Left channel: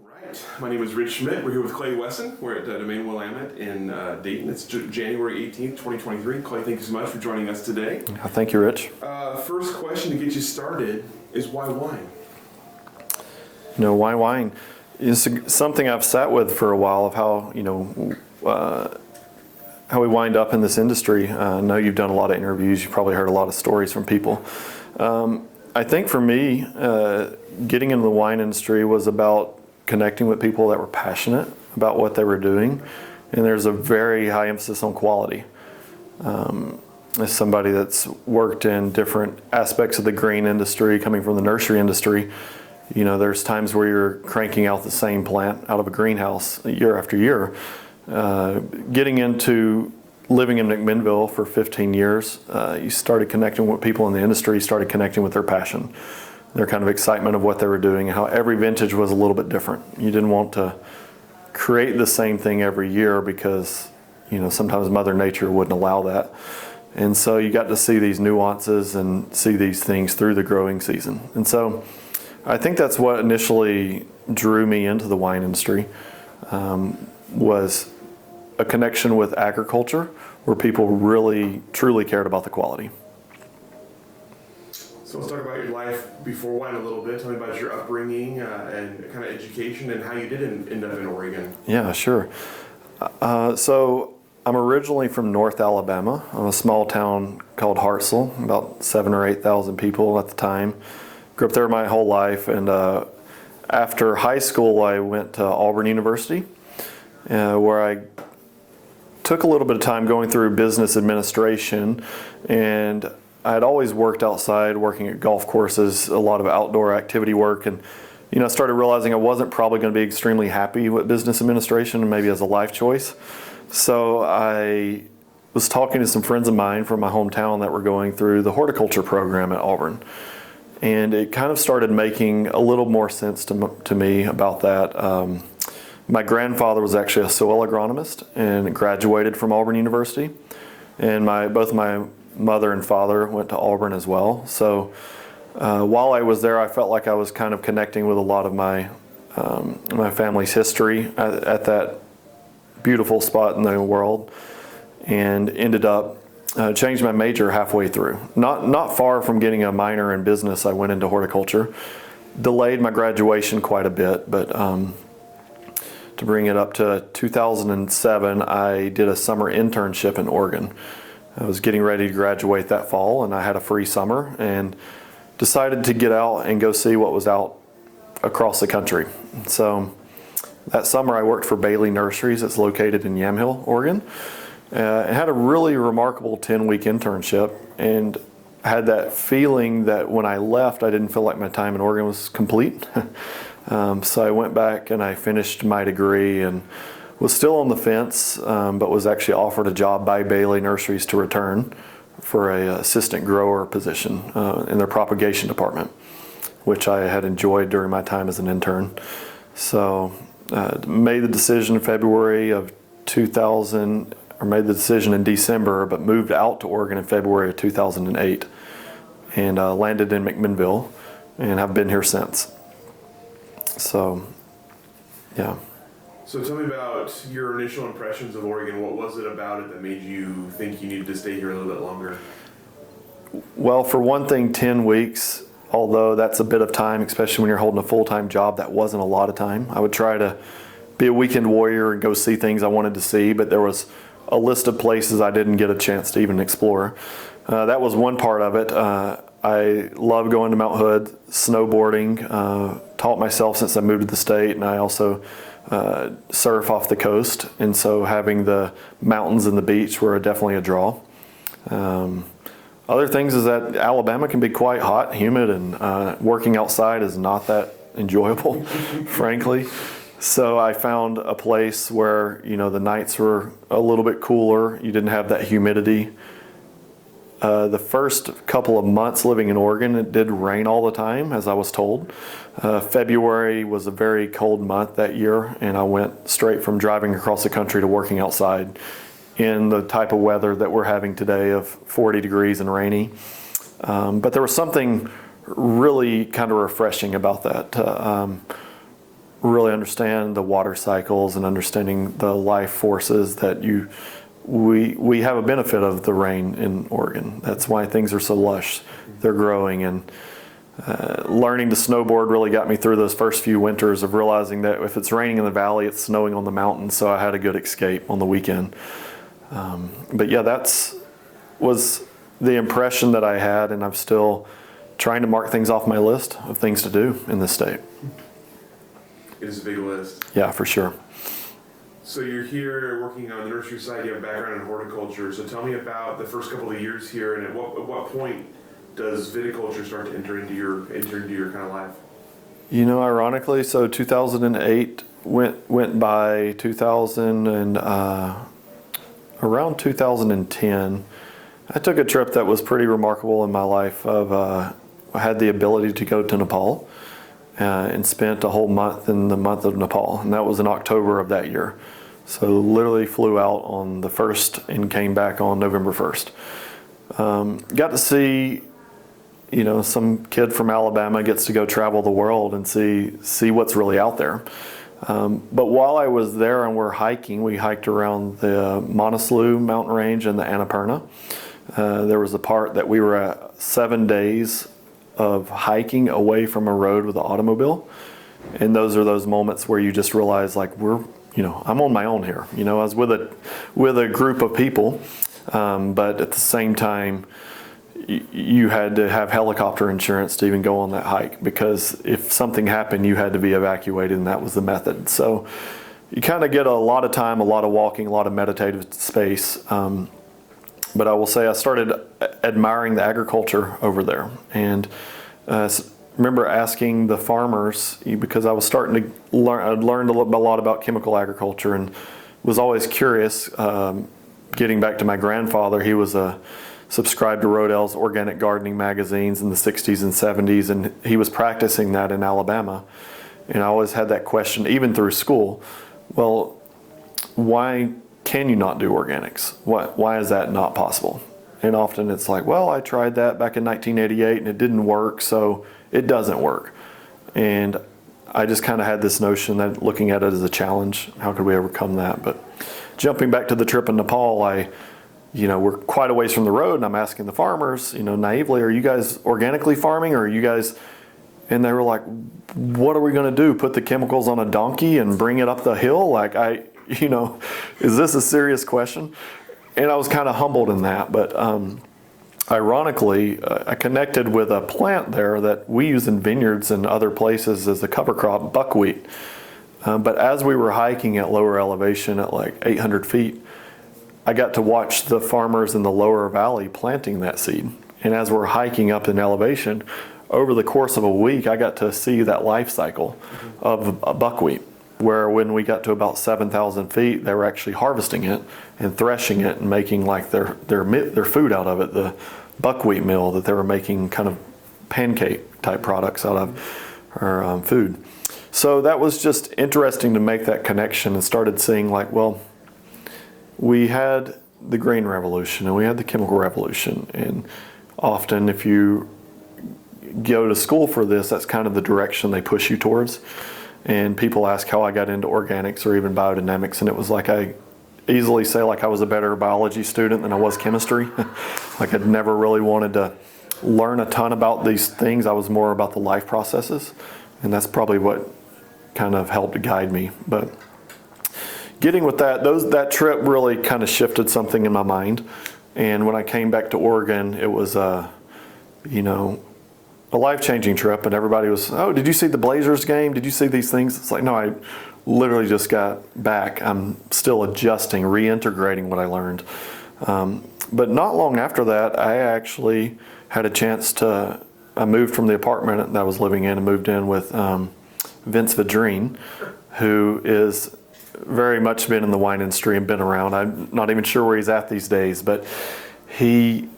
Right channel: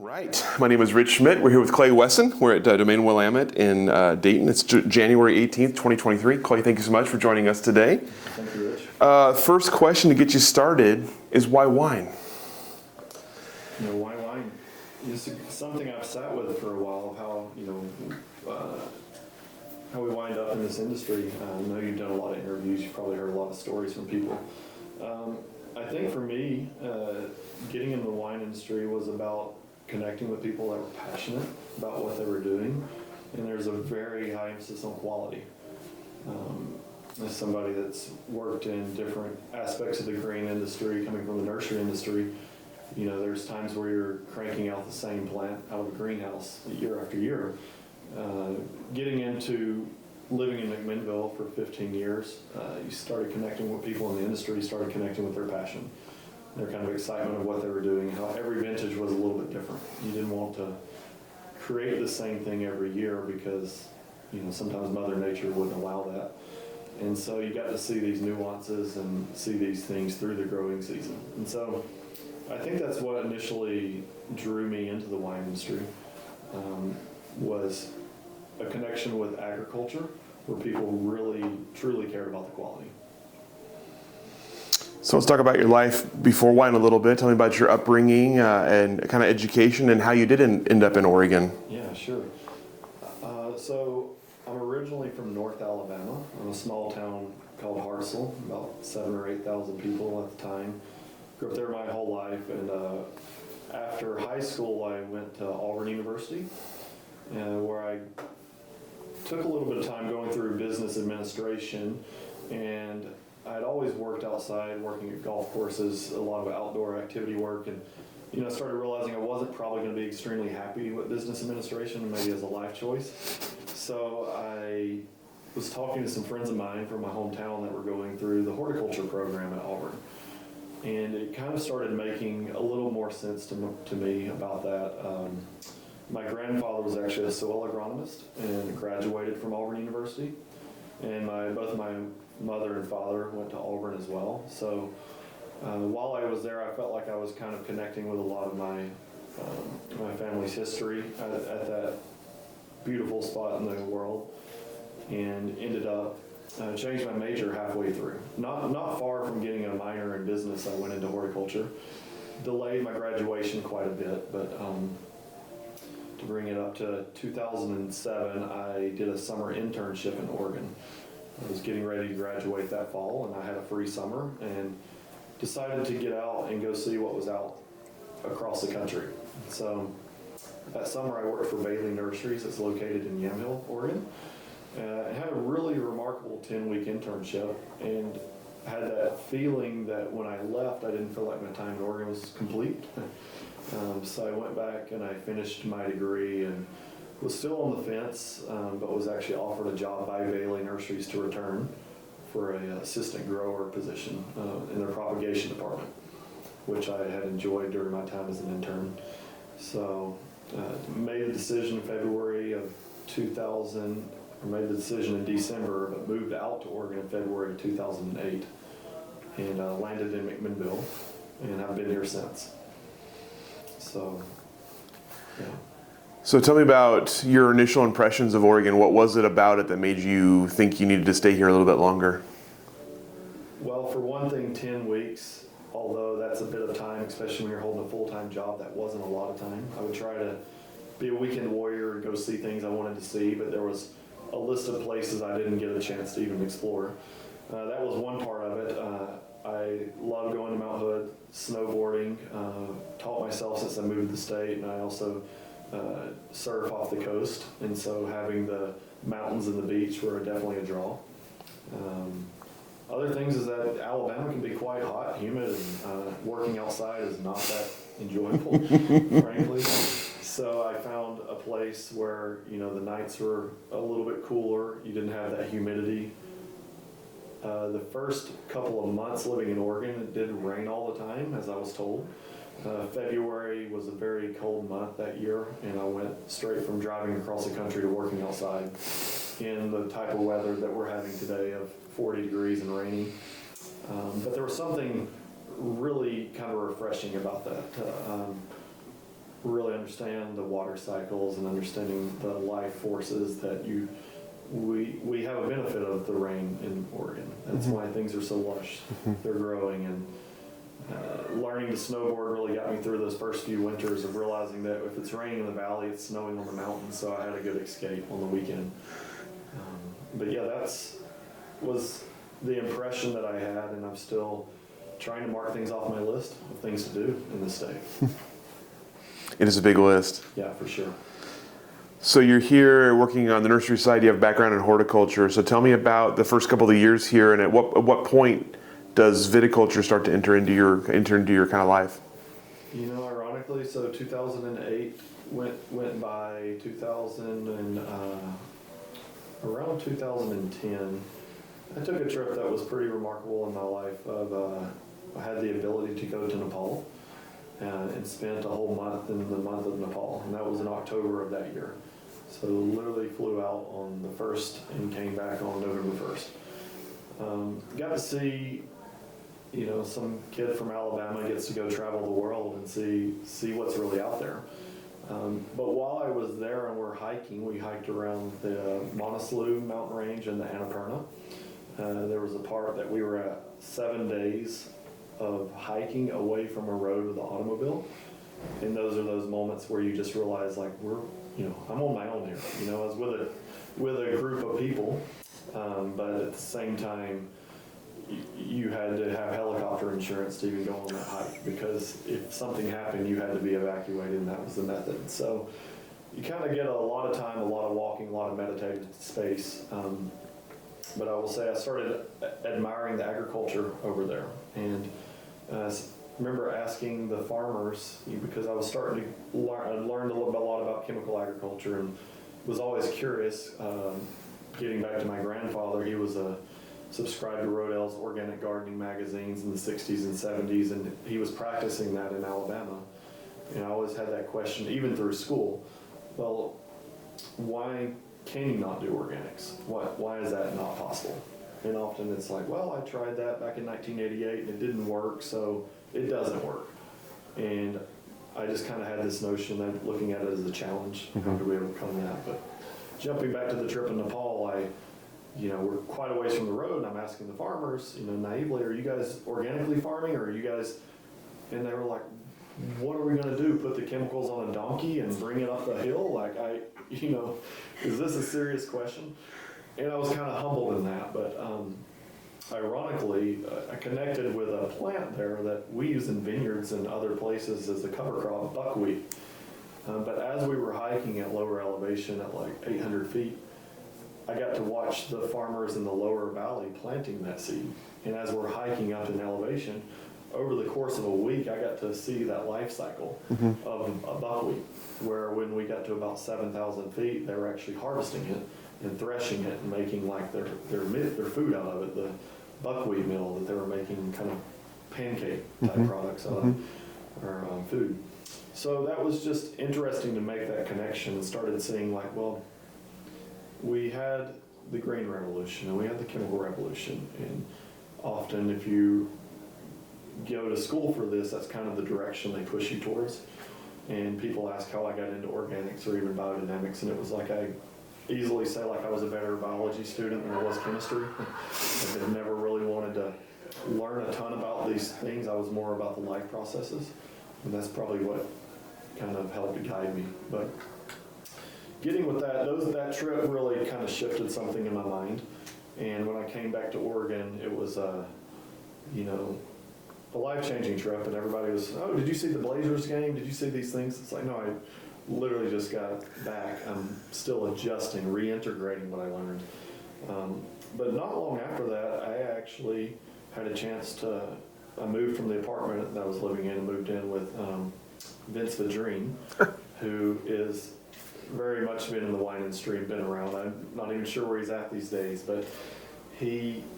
Right. My name is Rich Schmidt. We're here with Clay Wesson. We're at Domaine Willamette in Dayton. It's January 18th, 2023. Clay, thank you so much for joining us today. Thank you, Rich. First question to get you started is why wine? Why wine is something I've sat with for a while of how, how we wind up in this industry. I know you've done a lot of interviews. You've probably heard a lot of stories from people. I think for me, getting into the wine industry was about connecting with people that were passionate about what they were doing, and there's a very high emphasis on quality. As somebody that's worked in different aspects of the grain industry, coming from the nursery industry, there's times where you're cranking out the same plant out of a greenhouse year after year. Getting into living in McMinnville for 15 years, you started connecting with people in the industry, started connecting with their passion, their kind of excitement of what they were doing, and how every vintage was a little bit different. You didn't want to create the same thing every year because, sometimes Mother Nature wouldn't allow that. And so you got to see these nuances and see these things through the growing season. And so I think that's what initially drew me into the wine industry, was a connection with agriculture where people really, truly cared about the quality. So let's talk about your life before wine a little bit. Tell me about your upbringing and kind of education and how you did end up in Oregon. Yeah, sure. So I'm originally from North Alabama, a small town called Hartselle, about 7,000 or 8,000 people at the time. Grew up there my whole life, and after high school I went to Auburn University, where I took a little bit of time going through business administration, and I had always worked outside, working at golf courses, a lot of outdoor activity work, and I started realizing I wasn't probably going to be extremely happy with business administration, and maybe as a life choice. So I was talking to some friends of mine from my hometown that were going through the horticulture program at Auburn, and it kind of started making a little more sense to me about that. My grandfather was actually a soil agronomist and graduated from Auburn University, and both my mother and father went to Auburn as well. So while I was there, I felt like I was kind of connecting with a lot of my family's history at that beautiful spot in the world, and ended up changed my major halfway through. Not far from getting a minor in business, I went into horticulture. Delayed my graduation quite a bit, but to bring it up to 2007, I did a summer internship in Oregon. I was getting ready to graduate that fall, and I had a free summer and decided to get out and go see what was out across the country. So that summer I worked for Bailey Nurseries. It's located in Yamhill, Oregon. I had a really remarkable 10-week internship, and I had that feeling that when I left, I didn't feel like my time in Oregon was complete. So I went back and I finished my degree and was still on the fence, but was actually offered a job by Bailey Nurseries to return for a assistant grower position in their propagation department, which I had enjoyed during my time as an intern. So made the decision in February of 2000, or made the decision in December, but moved out to Oregon in February of 2008 and landed in McMinnville and have been here since. So, yeah. So tell me about your initial impressions of Oregon. What was it about it that made you think you needed to stay here a little bit longer? Well, for one thing, 10 weeks, although that's a bit of time, especially when you're holding a full-time job, that wasn't a lot of time. I would try to be a weekend warrior and go see things I wanted to see, but there was a list of places I didn't get a chance to even explore. That was one part of it. I love going to Mount Hood, snowboarding, taught myself since I moved to the state, and I also surf off the coast, and so having the mountains and the beach were definitely a draw. Other things is that Alabama can be quite hot, humid, and working outside is not that enjoyable, frankly. So I found a place where the nights were a little bit cooler. You didn't have that humidity. The first couple of months living in Oregon, it did rain all the time, as I was told. February was a very cold month that year, and I went straight from driving across the country to working outside in the type of weather that we're having today of 40 degrees and rainy. But there was something really kind of refreshing about that. really understand the water cycles and understanding the life forces that we have a benefit of the rain in Oregon. That's why things are so lush. They're growing, and learning to snowboard really got me through those first few winters of realizing that if it's raining in the valley, it's snowing on the mountains, so I had a good escape on the weekend. But yeah, was the impression that I had, and I'm still trying to mark things off my list of things to do in this state. It is a big list. Yeah, for sure. So you're here working on the nursery side. You have a background in horticulture. So tell me about the first couple of years here, and at what point does viticulture start to enter into your kind of life? You know, ironically, so 2008 went by. 2000 and around 2010, I took a trip that was pretty remarkable in my life. I had the ability to go to Nepal and spent a whole month in the month of Nepal, and that was in October of that year. So literally flew out on the 1st and came back on November 1st. Got to see, you know, some kid from Alabama gets to go travel the world and see what's really out there. But while I was there and we're hiking, we hiked around the Monaslu mountain range and the Annapurna. There was a part that we were at 7 days of hiking away from a road with an automobile. And those are those moments where you just realize, like, I'm on my own here. You know, I was with a group of people, but at the same time, you had to have helicopter insurance to even go on that hike, because if something happened, you had to be evacuated, and that was the method. So you kind of get a lot of time, a lot of walking, a lot of meditative space. But I will say I started admiring the agriculture over there, and remember asking the farmers, because I was starting to learn. I'd learned a lot about chemical agriculture, and was always curious. Getting back to my grandfather, he was subscribed to Rodell's organic gardening magazines in the 60s and 70s, and he was practicing that in Alabama. And I always had that question, even through school. Well, why can you not do organics? Why is that not possible? And often it's like, well, I tried that back in 1988 and it didn't work, so it doesn't work. And I just kind of had this notion that looking at it as a challenge, how could we overcome that? But jumping back to the trip in Nepal, we're quite a ways from the road, and I'm asking the farmers, naively, are you guys organically farming, or are you guys, and they were like, what are we going to do? Put the chemicals on a donkey and bring it up the hill? Like, is this a serious question? And I was kind of humbled in that, but ironically, I connected with a plant there that we use in vineyards and other places as a cover crop, buckwheat. But as we were hiking at lower elevation at like 800 feet, I got to watch the farmers in the lower valley planting that seed. And as we're hiking up in elevation, over the course of a week, I got to see that life cycle of a buckwheat, where when we got to about 7,000 feet, they were actually harvesting it and threshing it and making like their food out of it, the buckwheat meal that they were making, kind of pancake type products out of, or food. So that was just interesting to make that connection, and started seeing like, well, we had the green revolution and we had the chemical revolution, and often if you go to school for this, that's kind of the direction they push you towards. And people ask how I got into organics or even biodynamics, and it was like I easily say like I was a better biology student than I was chemistry. Like I'd never really wanted to learn a ton about these things. I was more about the life processes, and that's probably what kind of helped guide me. But getting with that trip really kind of shifted something in my mind. And when I came back to Oregon, it was a life-changing trip, and everybody was, oh, did you see the Blazers game? Did you see these things? It's like, no, I literally just got back. I'm still adjusting, reintegrating what I learned. But not long after that, I actually had a chance I moved from the apartment that I was living in and moved in with Vince Vidrine, who is very much been in the wine industry and been around. I'm not even sure where he's at these days, but he...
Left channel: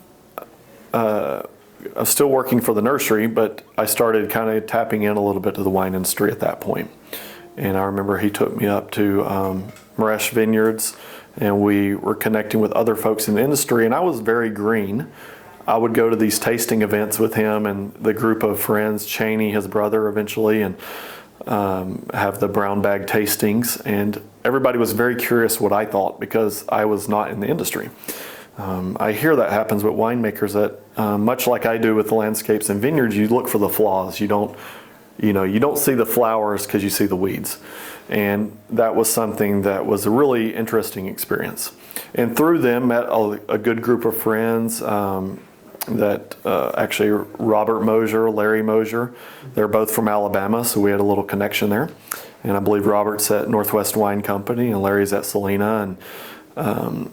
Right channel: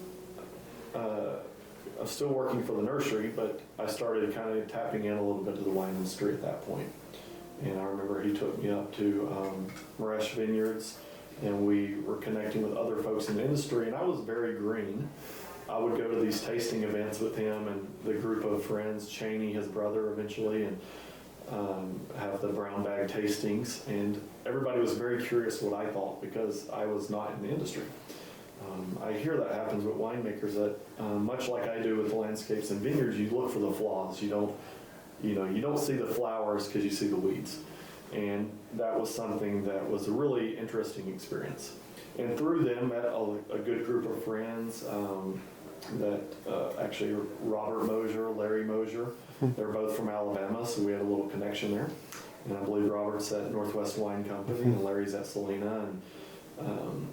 I was still working for the nursery, but I started kind of tapping in a little bit to the wine industry at that point. And I remember he took me up to Willamette Vineyards, and we were connecting with other folks in the industry, and I was very green. I would go to these tasting events with him and the group of friends, Cheney, his brother eventually, and have the brown bag tastings, and everybody was very curious what I thought because I was not in the industry. I hear that happens with winemakers that, much like I do with the landscapes and vineyards, you look for the flaws. You don't see the flowers because you see the weeds. And that was something that was a really interesting experience. And through them, met a good group of friends that actually Robert Mosier, Larry Mosier, they're both from Alabama, so we had a little connection there. And I believe Robert's at Northwest Wine Company and Larry's at Salina, and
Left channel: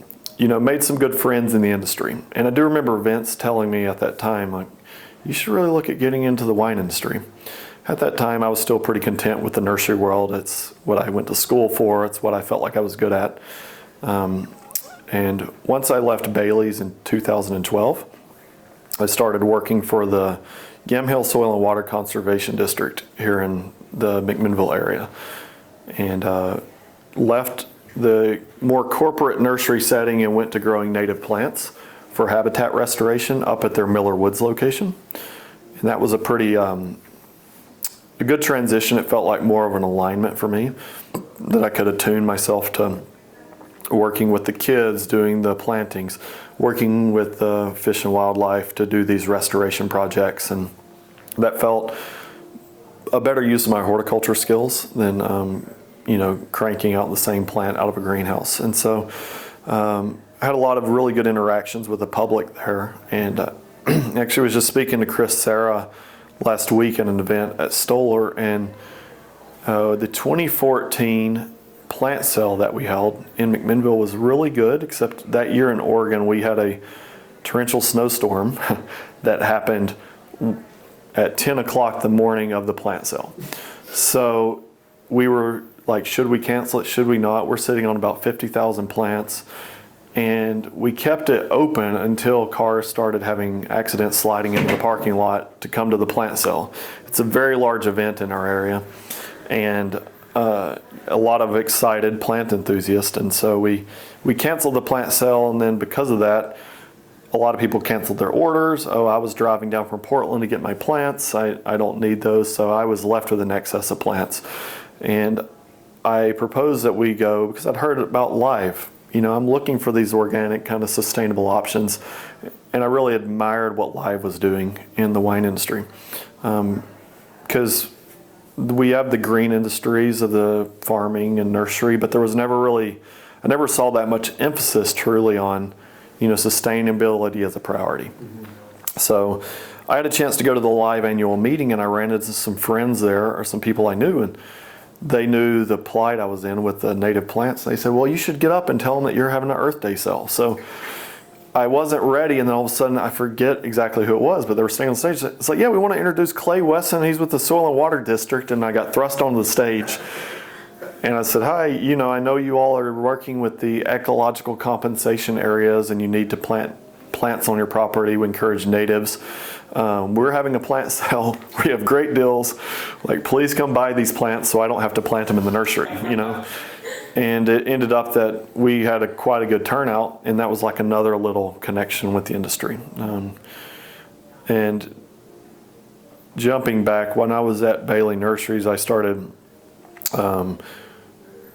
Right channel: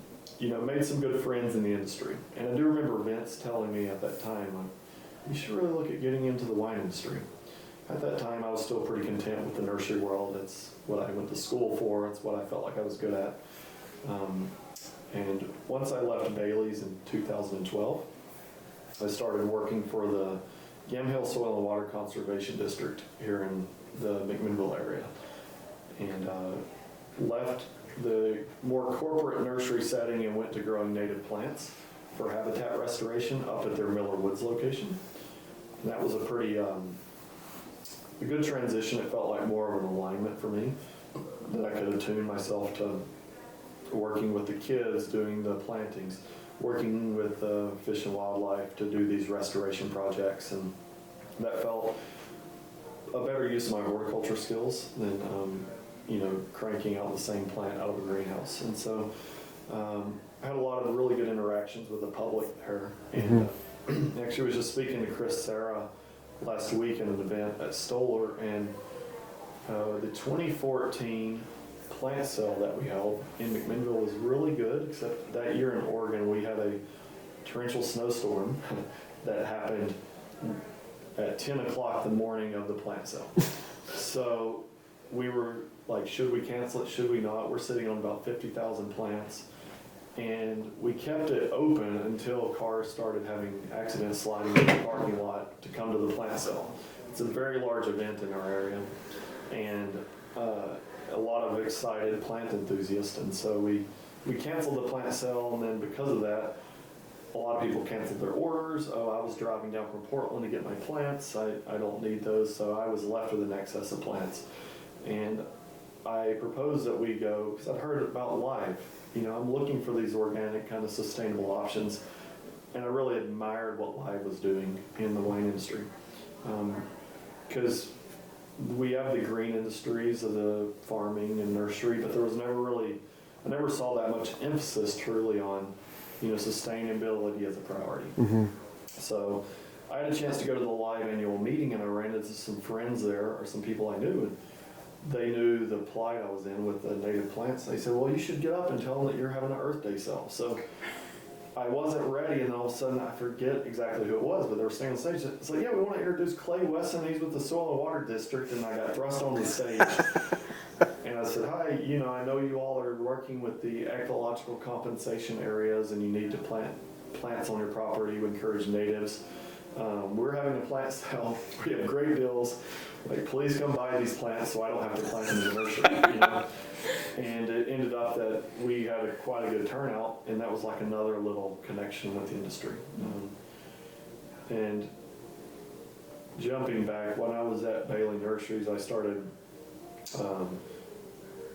made some good friends in the industry. And I do remember Vince telling me at that time, like, you should really look at getting into the wine industry. At that time, I was still pretty content with the nursery world. It's what I went to school for. It's what I felt like I was good at. And once I left Bailey's in 2012, I started working for the Yamhill Soil and Water Conservation District here in the McMinnville area. And left the more corporate nursery setting and went to growing native plants for habitat restoration up at their Miller Woods location. And that was a pretty a good transition. It felt like more of an alignment for me, that I could attune myself to working with the kids, doing the plantings, working with the fish and wildlife to do these restoration projects. And that felt a better use of my horticulture skills than cranking out the same plant out of a greenhouse. And so I had a lot of really good interactions with the public there. And actually was just speaking to Chris Sarah last week at an event at Stoller, and the 2014 plant sale that we held in McMinnville was really good, except that year in Oregon we had a torrential snowstorm that happened at 10 o'clock the morning of the plant sale. So we were like, should we cancel it? Should we not? We're sitting on about 50,000 plants. And we kept it open until cars started having accidents sliding into the parking lot to come to the plant sale. It's a very large event in our area, and a lot of excited plant enthusiasts. And so we canceled the plant sale, and then because of that, a lot of people canceled their orders. Oh, I was driving down from Portland to get my plants. I don't need those, so I was left with an excess of plants. And I proposed that we go, because I'd heard about Live. I'm looking for these organic kind of sustainable options, and I really admired what Live was doing in the wine industry, because we have the green industries of the farming and nursery, but there was I never saw that much emphasis truly on, sustainability as a priority. So I had a chance to go to the Live annual meeting, and I ran into some friends there, or some people I knew, and they knew the plight I was in with the native plants. They said, well, you should get up and tell them that you're having an Earth Day sale. So I wasn't ready, and then all of a sudden, I forget exactly who it was, but they were standing on stage. It's like, yeah, we want to introduce Clay Wesson. He's with the Soil and Water District, and I got thrust onto the stage. And I said, hi, I know you all are working with the ecological compensation areas, and you need to plant plants on your property. We encourage natives. We're having a plant sale. We have great deals. Like, please come buy these plants so I don't have to plant them in the nursery, And it ended up that we had quite a good turnout, and that was like another little connection with the industry. And jumping back, when I was at Bailey Nurseries, I started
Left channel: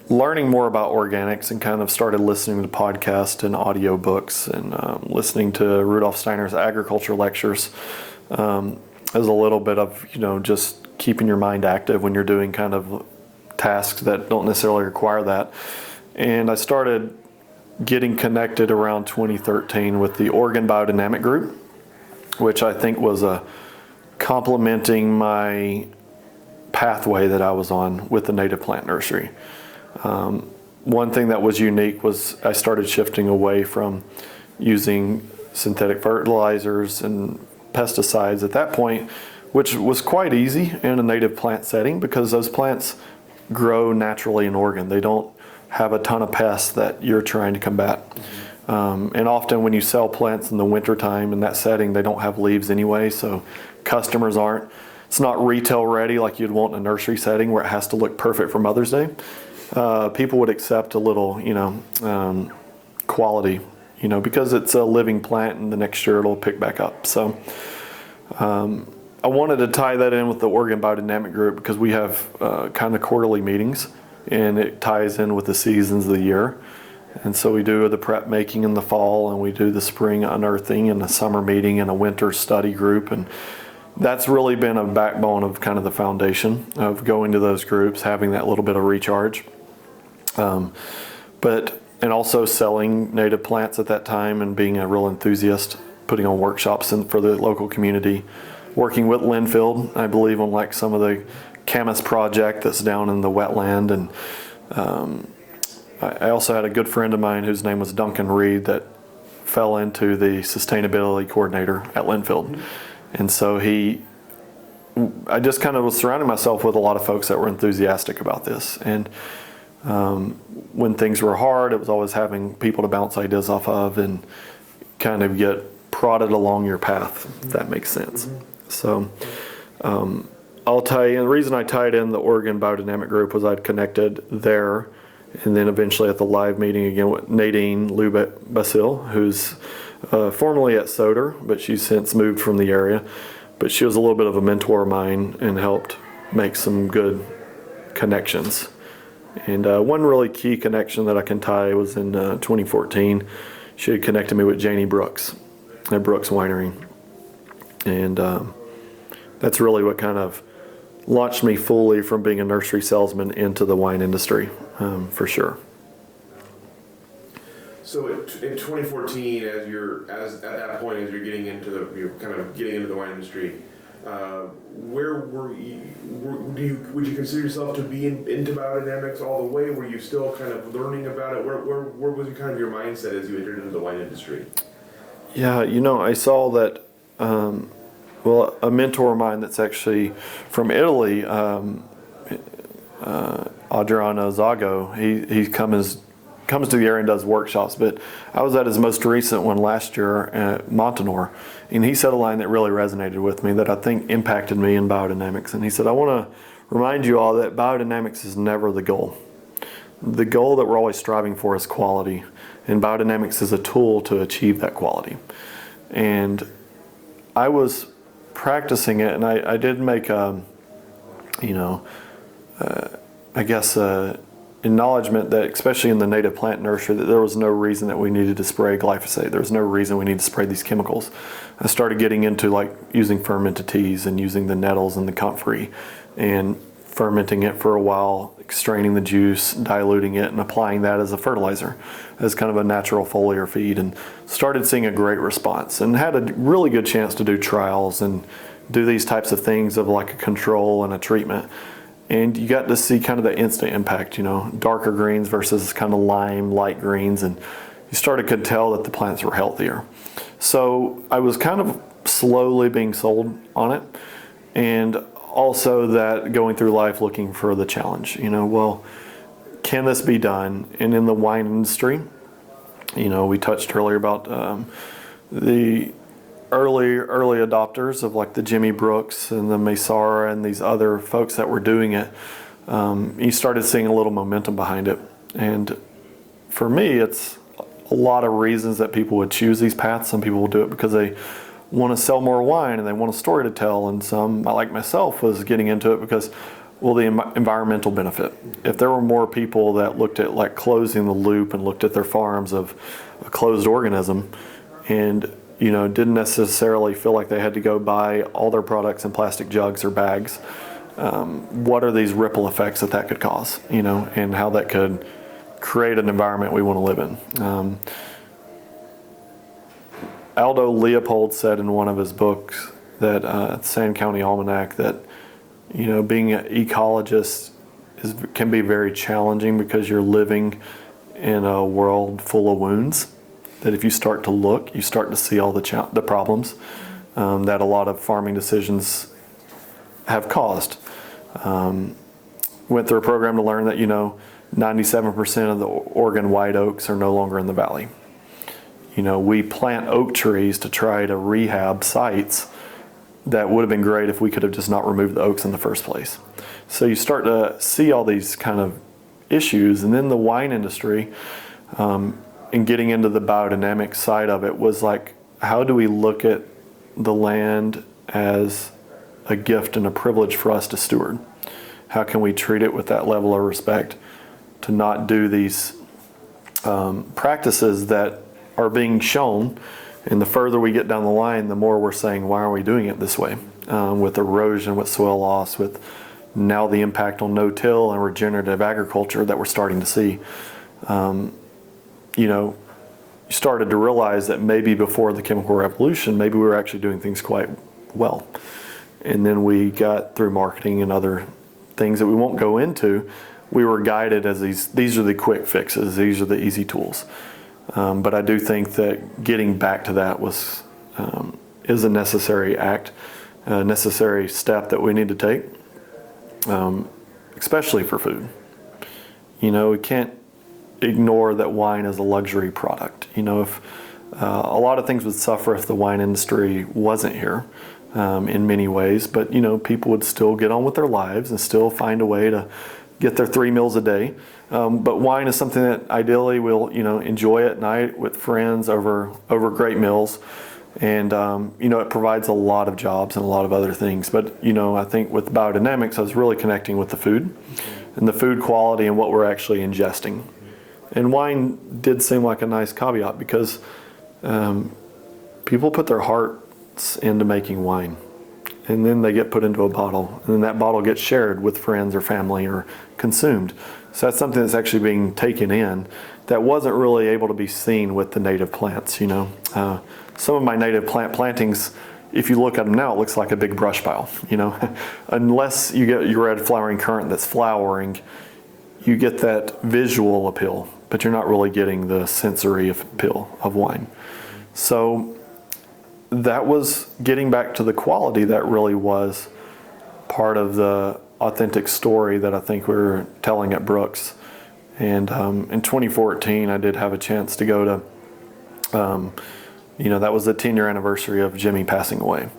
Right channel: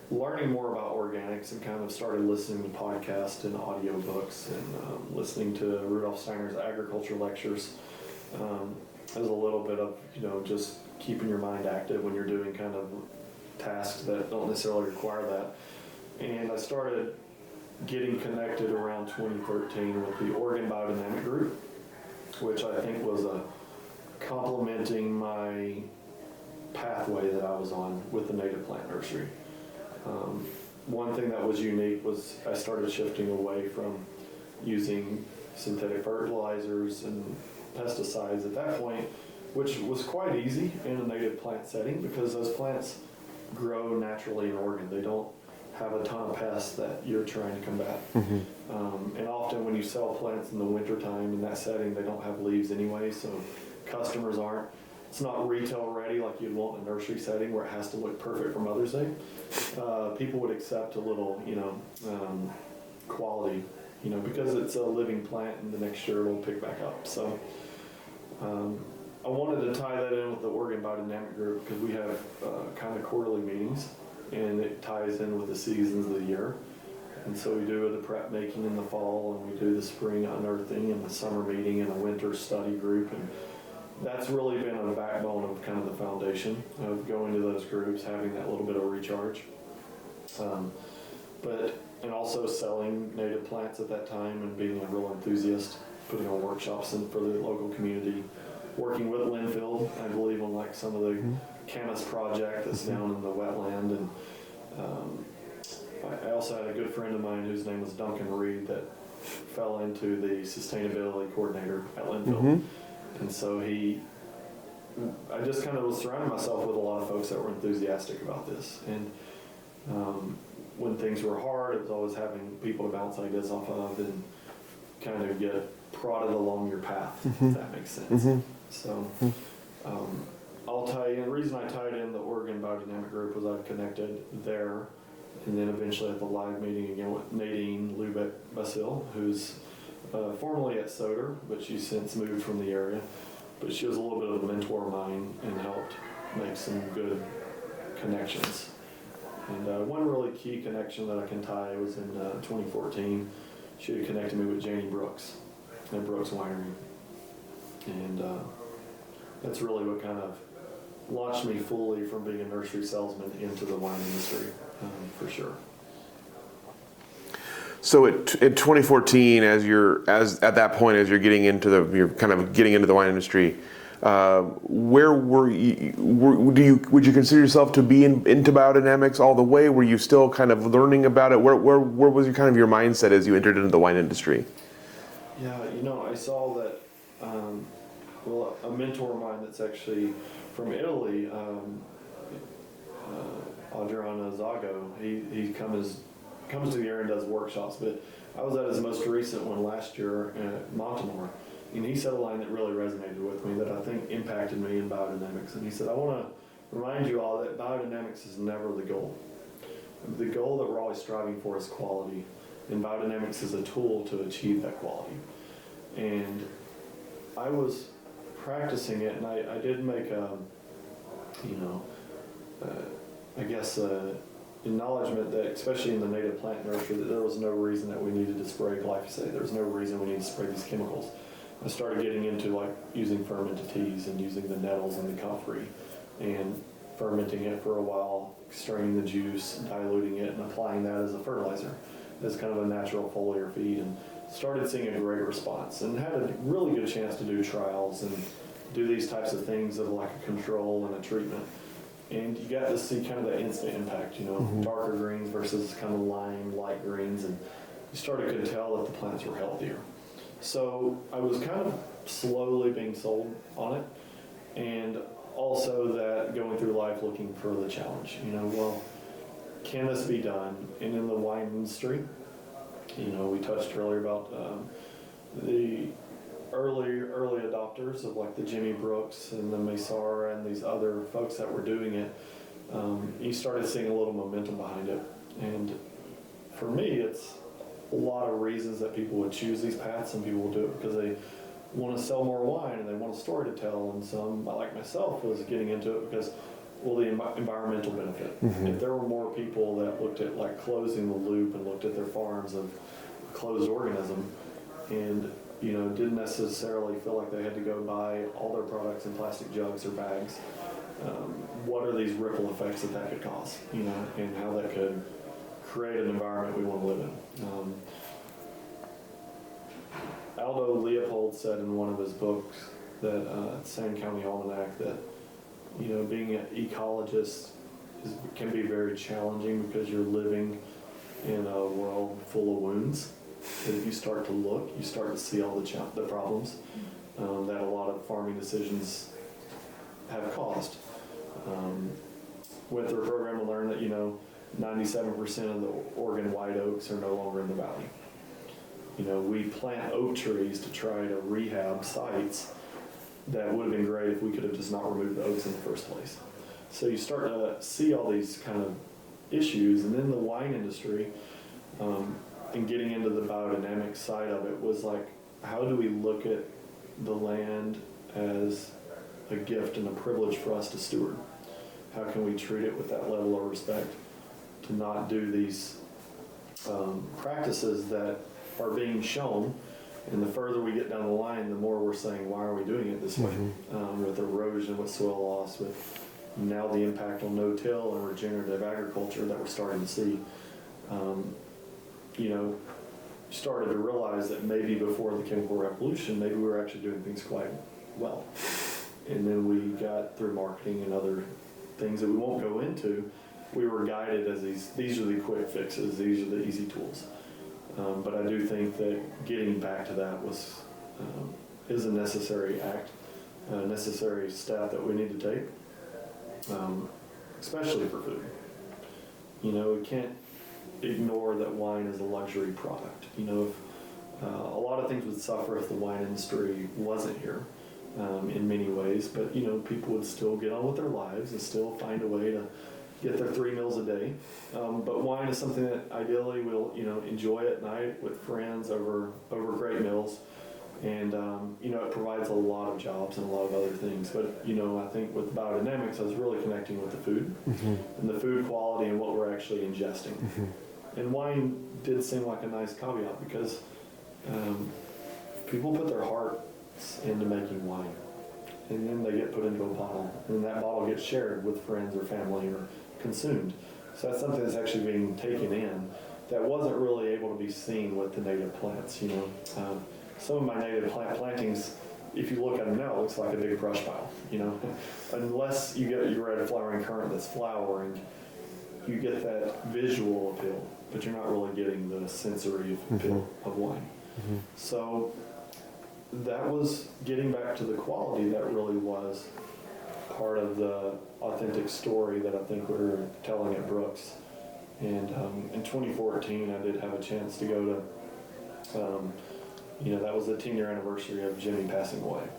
learning more about organics and kind of started listening to podcasts and audiobooks and listening to Rudolf Steiner's agriculture lectures as a little bit of, just keeping your mind active when you're doing kind of tasks that don't necessarily require that. And I started getting connected around 2013 with the Oregon Biodynamic Group, which I think was complementing my pathway that I was on with the native plant nursery. One thing that was unique was I started shifting away from using synthetic fertilizers and pesticides at that point, which was quite easy in a native plant setting because those plants grow naturally in Oregon. They don't have a ton of pests that you're trying to combat. And often when you sell plants in the wintertime in that setting, they don't have leaves anyway, so customers aren't. It's not retail ready like you'd want in a nursery setting where it has to look perfect for Mother's Day. People would accept a little, quality, because it's a living plant and the next year it'll pick back up. So I wanted to tie that in with the Oregon Biodynamic Group because we have kind of quarterly meetings, and it ties in with the seasons of the year. And so we do the prep making in the fall, and we do the spring unearthing and the summer meeting and a winter study group. And that's really been a backbone of kind of the foundation of going to those groups, having that little bit of recharge. And also selling native plants at that time and being a real enthusiast, putting on workshops for the local community, working with Linfield, I believe, on like some of the camas project that's down in the wetland. And I also had a good friend of mine whose name was Duncan Reed that fell into the sustainability coordinator at Linfield. Mm-hmm. And so I just kind of was surrounding myself with a lot of folks that were enthusiastic about this. And when things were hard, it was always having people to bounce ideas off of and kind of get prodded along your path, if that makes sense. Mm-hmm. So I'll tell you, the reason I tied in the Oregon Biodynamic Group was I'd connected there, and then eventually at the live meeting again with Nadine Lubeck-Basil, who's formerly at Soder, but she's since moved from the area. But she was a little bit of a mentor of mine and helped make some good connections. And one really key connection that I can tie was in 2014. She had connected me with Janie Brooks at Brooks Winery. And that's really what kind of launched me fully from being a nursery salesman into the wine industry, for sure. So in 2014, at that point, as you're getting into the wine industry, where were you? Would you consider yourself to be into biodynamics all the way? Were you still kind of learning about it? Where was your mindset as you entered into the wine industry? Yeah, I saw that. A mentor of mine that's actually from Italy, Adriano Zago, he comes to the area and does workshops, but I was at his most recent one last year at Montanore, and he said a line that really resonated with me that I think impacted me in biodynamics. And he said, I want to remind you all that biodynamics is never the goal. The goal that we're always striving for is quality, and biodynamics is a tool to achieve that quality. And I was practicing it, and I did make acknowledgement that, especially in the native plant nursery, that there was no reason that we needed to spray glyphosate. There was no reason we needed to spray these chemicals. I started getting into like using fermented teas and using the nettles and the comfrey and fermenting it for a while, straining the juice, diluting it, and applying that as a fertilizer, as kind of a natural foliar feed, and started seeing a great response and had a really good chance to do trials and do these types of things of like a control and a treatment. And you got to see kind of the instant impact, darker greens versus kind of lime, light greens, and you started to tell that the plants were healthier. So I was kind of slowly being sold on it, and also that going through life looking for the challenge, can this be done? And in the wine industry, we touched earlier about the early adopters of like the Jimmy Brooks and the Maysara and these other folks that were doing it. You started seeing a little momentum behind it. And for me, it's a lot of reasons that people would choose these paths. Some people will do it because they want to sell more wine and they want a story to tell. And some, like myself, was getting into it because, the environmental benefit. Mm-hmm. If there were more people that looked at like closing the loop and looked at their farms of a closed organism and, didn't necessarily feel like they had to go buy all their products in plastic jugs or bags, what are these ripple effects that could cause, and how that could create an environment we want to live in. Aldo Leopold said in one of his books that Sand County Almanac that being an ecologist can be very challenging because you're living in a world full of wounds. That if you start to look, you start to see all the problems that a lot of farming decisions have caused. Went through a program to learn that 97% of the Oregon white oaks are no longer in the valley. We plant oak trees to try to rehab sites that would have been great if we could have just not removed the oaks in the first place. So you start to see all these kind of issues. And then the wine industry, and getting into the biodynamic side of it was like, how do we look at the land as a gift and a privilege for us to steward. How can we treat it with that level of respect, to not do these practices that are being shown, and the further we get down the line, the more we're saying, why are we doing it this way? With erosion, with soil loss, with now the impact on no-till and regenerative agriculture that we're starting to see. You started to realize that maybe before the chemical revolution, maybe we were actually doing things quite well. And then we got through marketing and other things that we won't go into, we were guided as these are the quick fixes, these are the easy tools. But I do think that getting back to that is a necessary act, a necessary step that we need to take, especially for food. We can't ignore that wine is a luxury product. If a lot of things would suffer if the wine industry wasn't here in many ways, but people would still get on with their lives and still find a way to get their 3 meals a day. But wine is something that ideally we'll enjoy at night with friends over great meals, and it provides a lot of jobs and a lot of other things. But I think with biodynamics, I was really connecting with the food and the food quality and what we're actually ingesting. And wine did seem like a nice caveat because people put their hearts into making wine, and then they get put into a bottle, and then that bottle gets shared with friends or family or consumed. So that's something that's actually being taken in that wasn't really able to be seen with the native plants. Some of my native plant plantings, if you look at them now, it looks like a big brush pile. Unless you get your red flowering currant that's flowering, you get that visual appeal, but you're not really getting the sensory appeal of wine. So that was getting back to the quality that really was part of the authentic story that I think we were telling at Brooks. And in 2014, I did have a chance to go to, that was the 10-year anniversary of Jimmy passing away.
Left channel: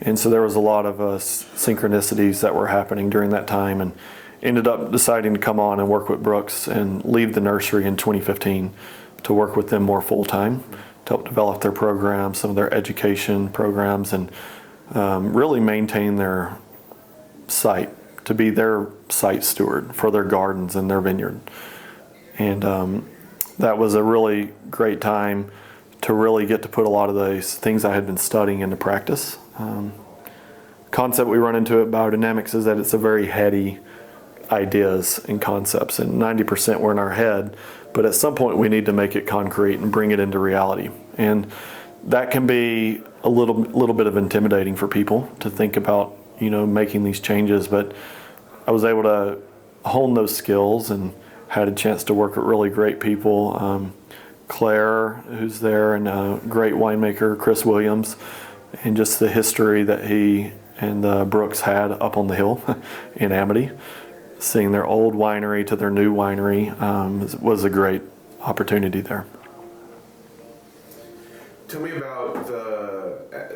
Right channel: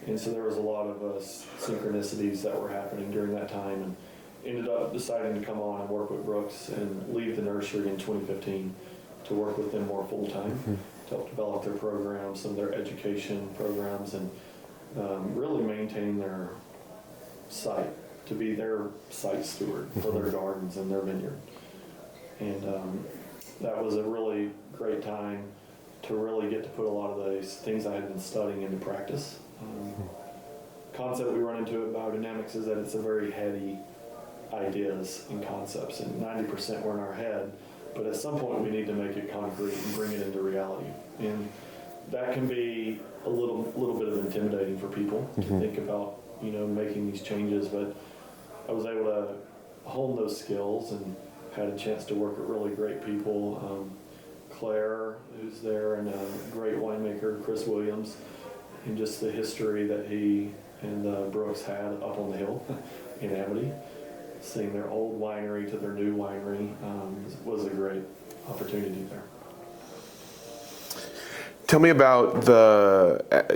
And so there was a lot of synchronicities that were happening during that time, and ended up deciding to come on and work with Brooks and leave the nursery in 2015 to work with them more full-time, to help develop their programs, some of their education programs, and really maintain their site, to be their site steward for their gardens and their vineyard. And that was a really great time to really get to put a lot of those things I had been studying into practice. Concept we run into at Biodynamics is that it's a very heady ideas and concepts, and 90% were in our head, but at some point we need to make it concrete and bring it into reality. And that can be a little bit of intimidating for people to think about, making these changes, but I was able to hone those skills and had a chance to work with really great people. Claire, who's there, and a great winemaker, Chris Williams, and just the history that he and Brooks had up on the hill in Amity. Seeing their old winery to their new winery was a great opportunity there. Tell me about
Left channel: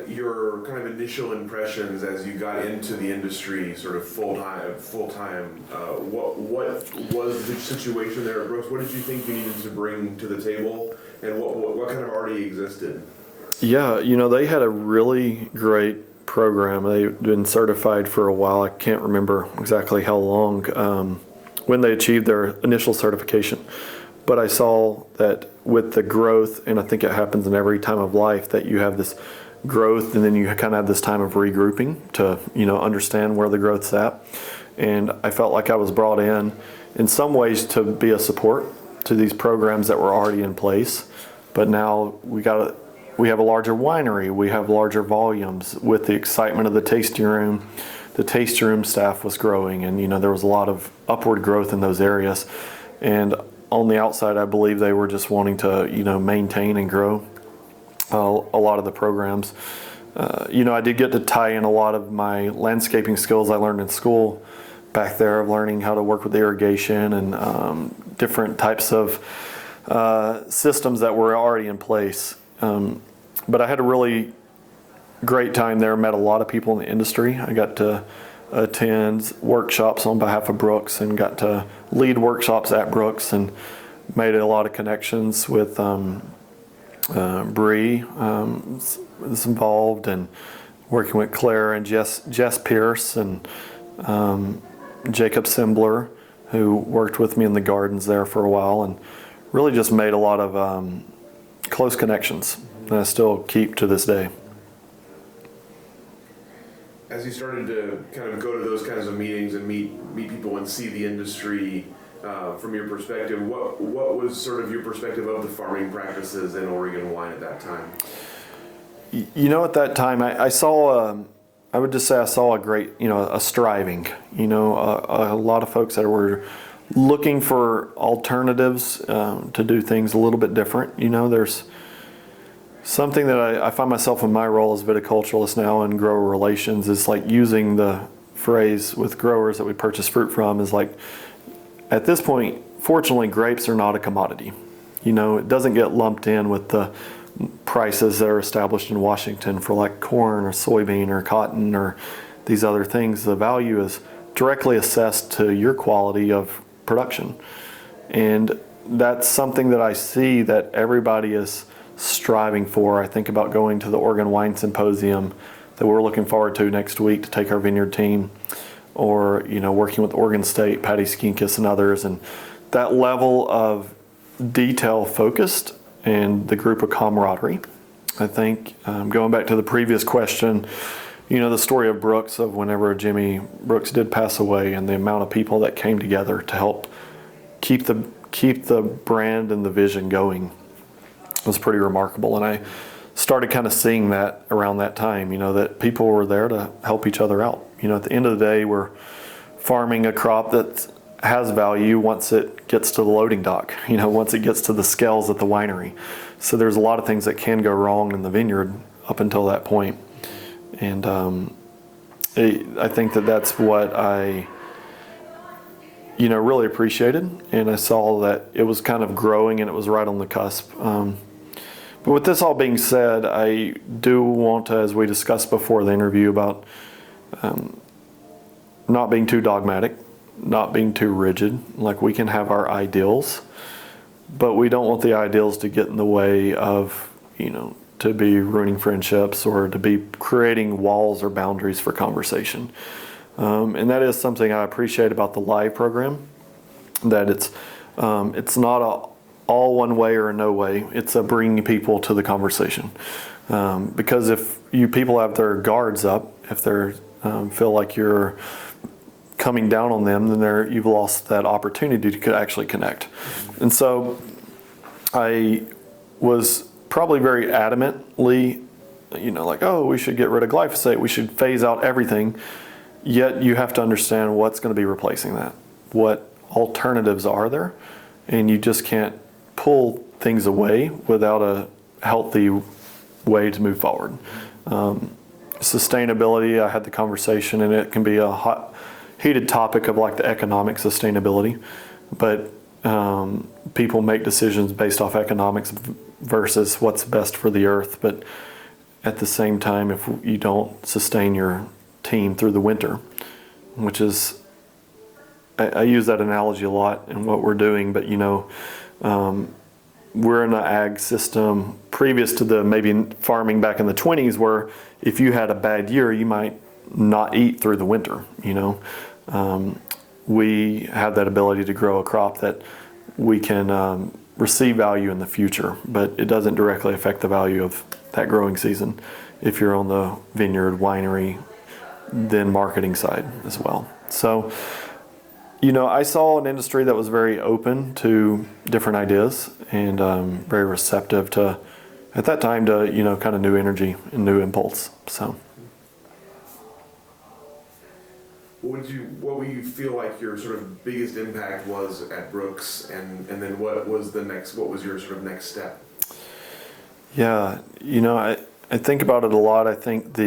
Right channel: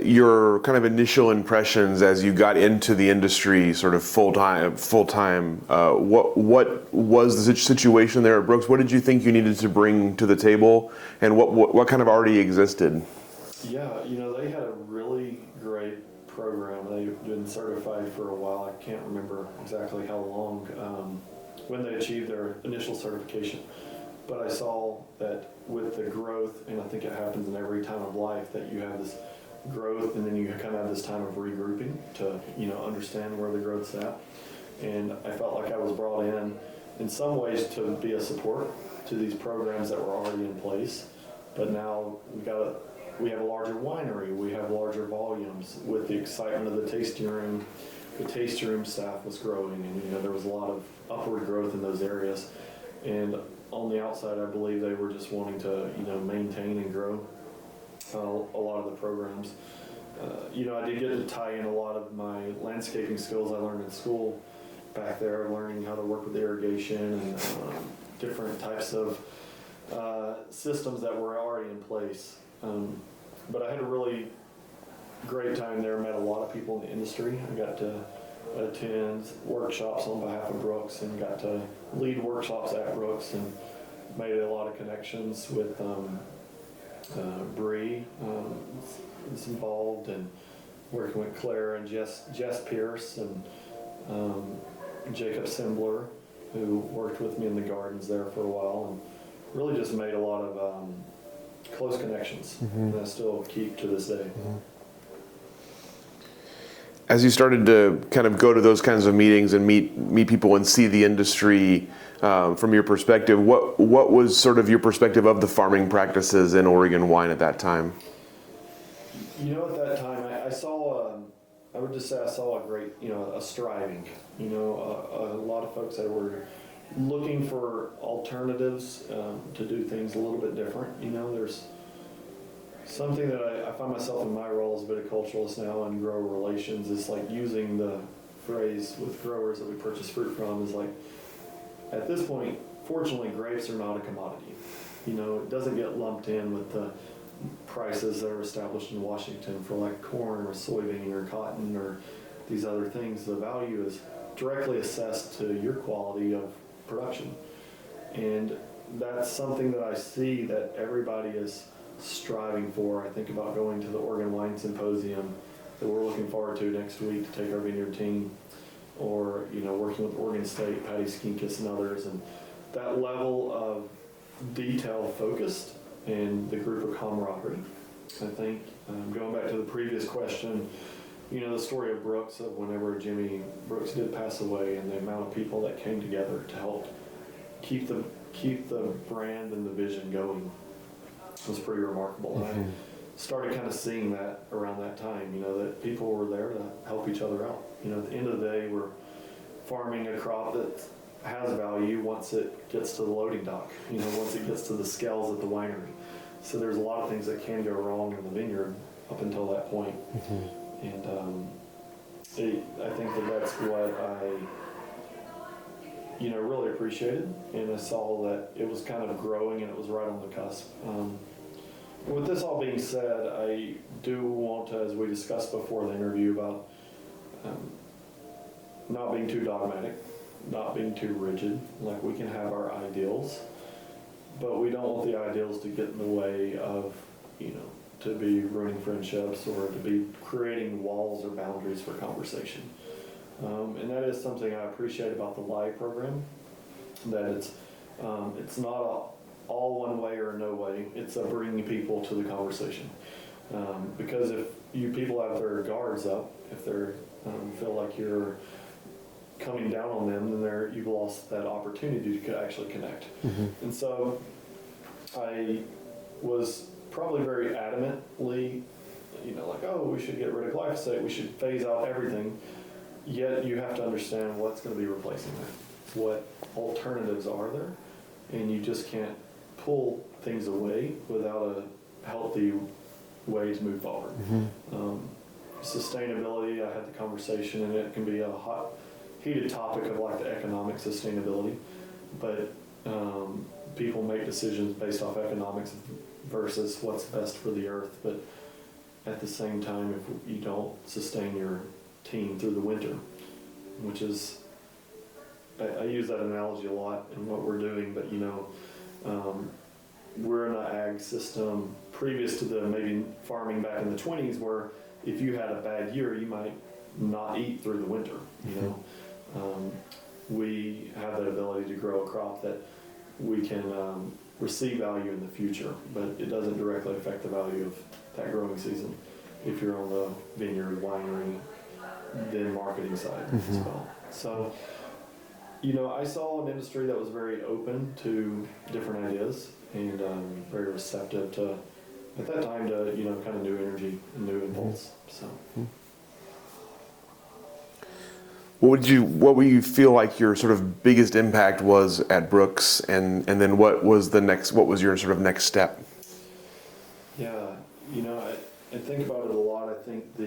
your kind of initial impressions as you got into the industry, sort of full time. What was the situation there at Brooks? What did you think you needed to bring to the table, and what kind of already existed? Yeah, they had a really great program. They've been certified for a while. I can't remember exactly how long when they achieved their initial certification. But I saw that with the growth, and I think it happens in every time of life, that you have this growth and then you kind of have this time of regrouping to, understand where the growth's at. And I felt like I was brought in some ways to be a support to these programs that were already in place. But now we have a larger winery, we have larger volumes. With the excitement of the tasting room staff was growing, and there was a lot of upward growth in those areas. And on the outside, I believe they were just wanting to, maintain and grow a lot of the programs. I did get to tie in a lot of my landscaping skills I learned in school back there, of learning how to work with irrigation and different types of systems that were already in place. But I had a really great time there, met a lot of people in the industry. I got to attend workshops on behalf of Brooks and got to lead workshops at Brooks, and made a lot of connections with Bree was involved, and working with Claire and Jess Pierce and Jacob Simbler, who worked with me in the gardens there for a while, and really just made a lot of close connections that I still keep to this day. As you started to kind of go to those kinds of meetings and meet people and see the industry from your perspective, what was sort of your perspective of the farming practices in Oregon wine at that time? You know, at that time, I saw, I would just say I saw a great, a striving, a lot of folks that were looking for alternatives to do things a little bit different. There's something that I find myself in my role as viticulturalist now in grower relations is like using the phrase with growers that we purchase fruit from is like, at this point, fortunately, grapes are not a commodity. It doesn't get lumped in with the prices that are established in Washington for like corn or soybean or cotton or these other things. The value is directly assessed to your quality of production. And that's something that I see that everybody is striving for. I think about going to the Oregon Wine Symposium that we're looking forward to next week to take our vineyard team, or working with Oregon State, Patty Skinkis and others, and that level of detail focused and the group of camaraderie. I think going back to the previous question, the story of Brooks, of whenever Jimmy Brooks did pass away, and the amount of people that came together to help keep the brand and the vision going was pretty remarkable. And I started kind of seeing that around that time, that people were there to help each other out. At the end of the day, we're farming a crop that has value once it gets to the loading dock, once it gets to the scales at the winery. So there's a lot of things that can go wrong in the vineyard up until that point. And I think that's what I, really appreciated. And I saw that it was kind of growing and it was right on the cusp. But with this all being said, I do want to, as we discussed before the interview, about not being too dogmatic, not being too rigid. Like, we can have our ideals, but we don't want the ideals to get in the way of, to be ruining friendships or to be creating walls or boundaries for conversation. And that is something I appreciate about the live program, that it's not a all one way or no way. It's a bringing people to the conversation. Because if you people have their guards up, if they feel like you're coming down on them, then you've lost that opportunity to actually connect. And so I was probably very adamantly, like, oh, we should get rid of glyphosate, we should phase out everything. Yet you have to understand what's going to be replacing that, what alternatives are there, and you just can't pull things away without a healthy way to move forward. Sustainability, I had the conversation, and it can be a heated topic of like the economic sustainability, but people make decisions based off economics versus what's best for the earth. But at the same time, if you don't sustain your team through the winter, which is, I use that analogy a lot in what we're doing, but we're in an ag system previous to the maybe farming back in the 20s, where if you had a bad year, you might not eat through the winter. We have that ability to grow a crop that we can receive value in the future, but it doesn't directly affect the value of that growing season if you're on the vineyard, winery, then marketing side as well. So, I saw an industry that was very open to different ideas and very receptive to, at that time, to, kind of new energy and new impulse. So. What would you feel like your sort of biggest impact was at Brooks, and then what was your sort of next step? Yeah, I think about it a lot. I think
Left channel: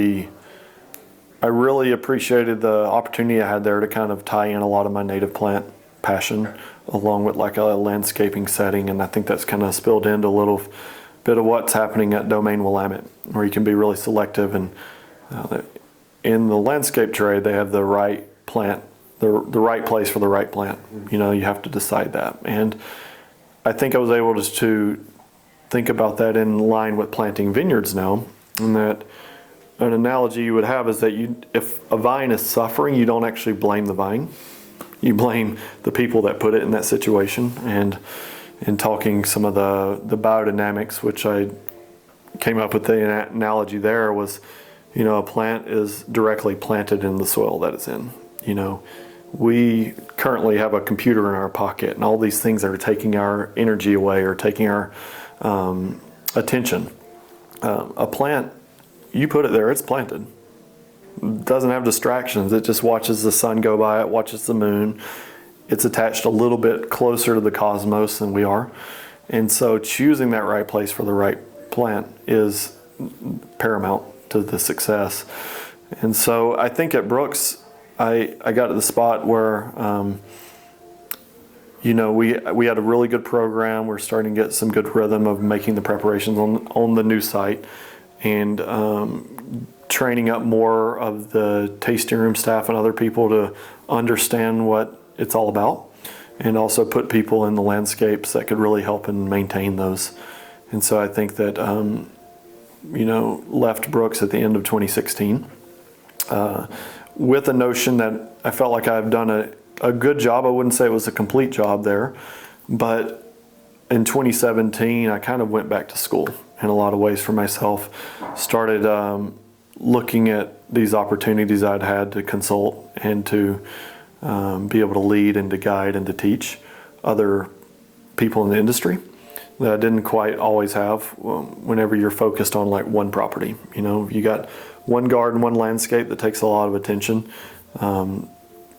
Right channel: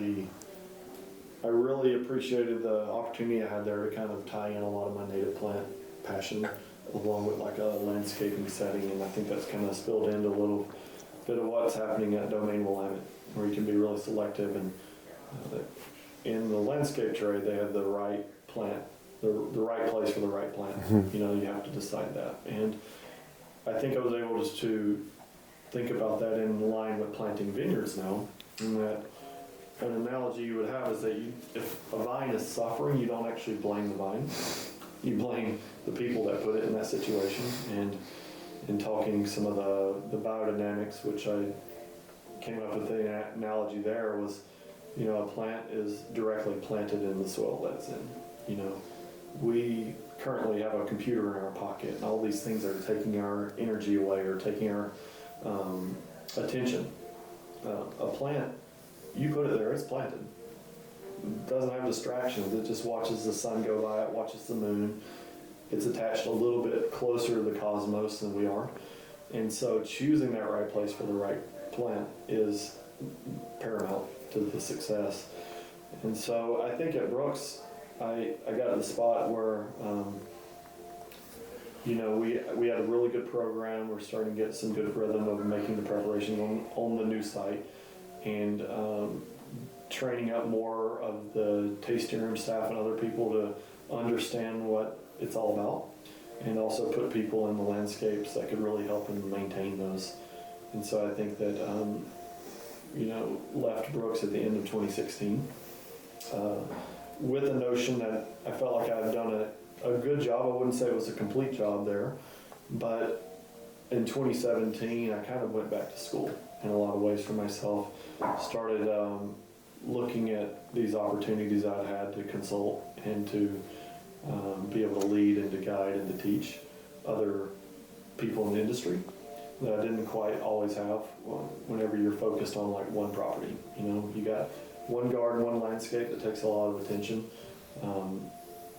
I really appreciated the opportunity I had there to kind of tie in a lot of my native plant passion along with like a landscaping setting, and I think that's kind of spilled into a little bit of what's happening at Domaine Willamette, where you can be really selective. And in the landscape trade, they have the right plant, the right place for the right plant. You have to decide that. And I think I was able to think about that in line with planting vineyards now, and that an analogy you would have is that if a vine is suffering, you don't actually blame the vine. You blame the people that put it in that situation. And in talking some of the biodynamics, which I came up with the analogy there was, a plant is directly planted in the soil that it's in. We currently have a computer in our pocket, and all these things that are taking our energy away or taking our attention. A plant, you put it there, it's planted. It doesn't have distractions. It just watches the sun go by, it watches the moon. It's attached a little bit closer to the cosmos than we are. And so choosing that right place for the right plant is paramount to the success. And so I think at Brooks, I got to the spot where, we had a really good program. We're starting to get some good rhythm of making the preparations on the new site, and training up more of the tasting room staff and other people to understand what it's all about, and also put people in the landscapes that could really help and maintain those. And so I think that, left Brooks at the end of 2016 with the notion that I felt like I've done a good job. I wouldn't say it was a complete job there, but in 2017, I kind of went back to school in a lot of ways for myself. Started looking at these opportunities I'd had to consult and to be able to lead and to guide and to teach other people in the industry that I didn't quite always have whenever you're focused on like one property. You got one garden, one landscape that takes a lot of attention.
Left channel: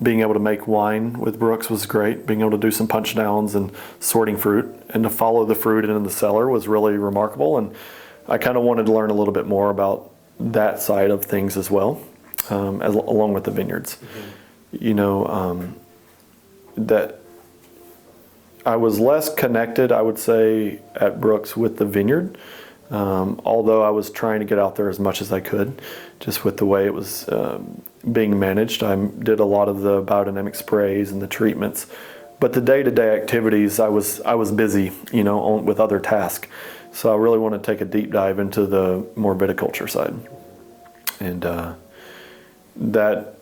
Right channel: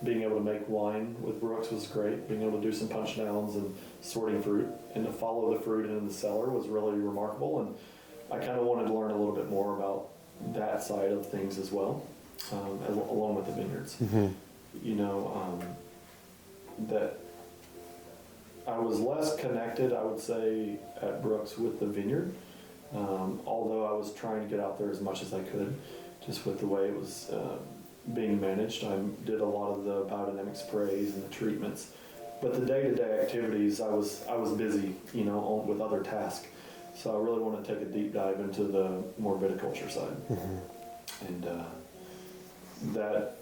Being able to make wine with Brooks was great. Being able to do some punch downs and sorting fruit and to follow the fruit into the cellar was really remarkable. And I kind of wanted to learn a little bit more about that side of things as well, along with the vineyards. Mm-hmm. That I was less connected, I would say, at Brooks with the vineyard, although I was trying to get out there as much as I could, just with the way it was being managed. I did a lot of the biodynamic sprays and the treatments, but the day-to-day activities, I was busy, with other tasks. So I really want to take a deep dive into the more viticulture side. Mm-hmm. And that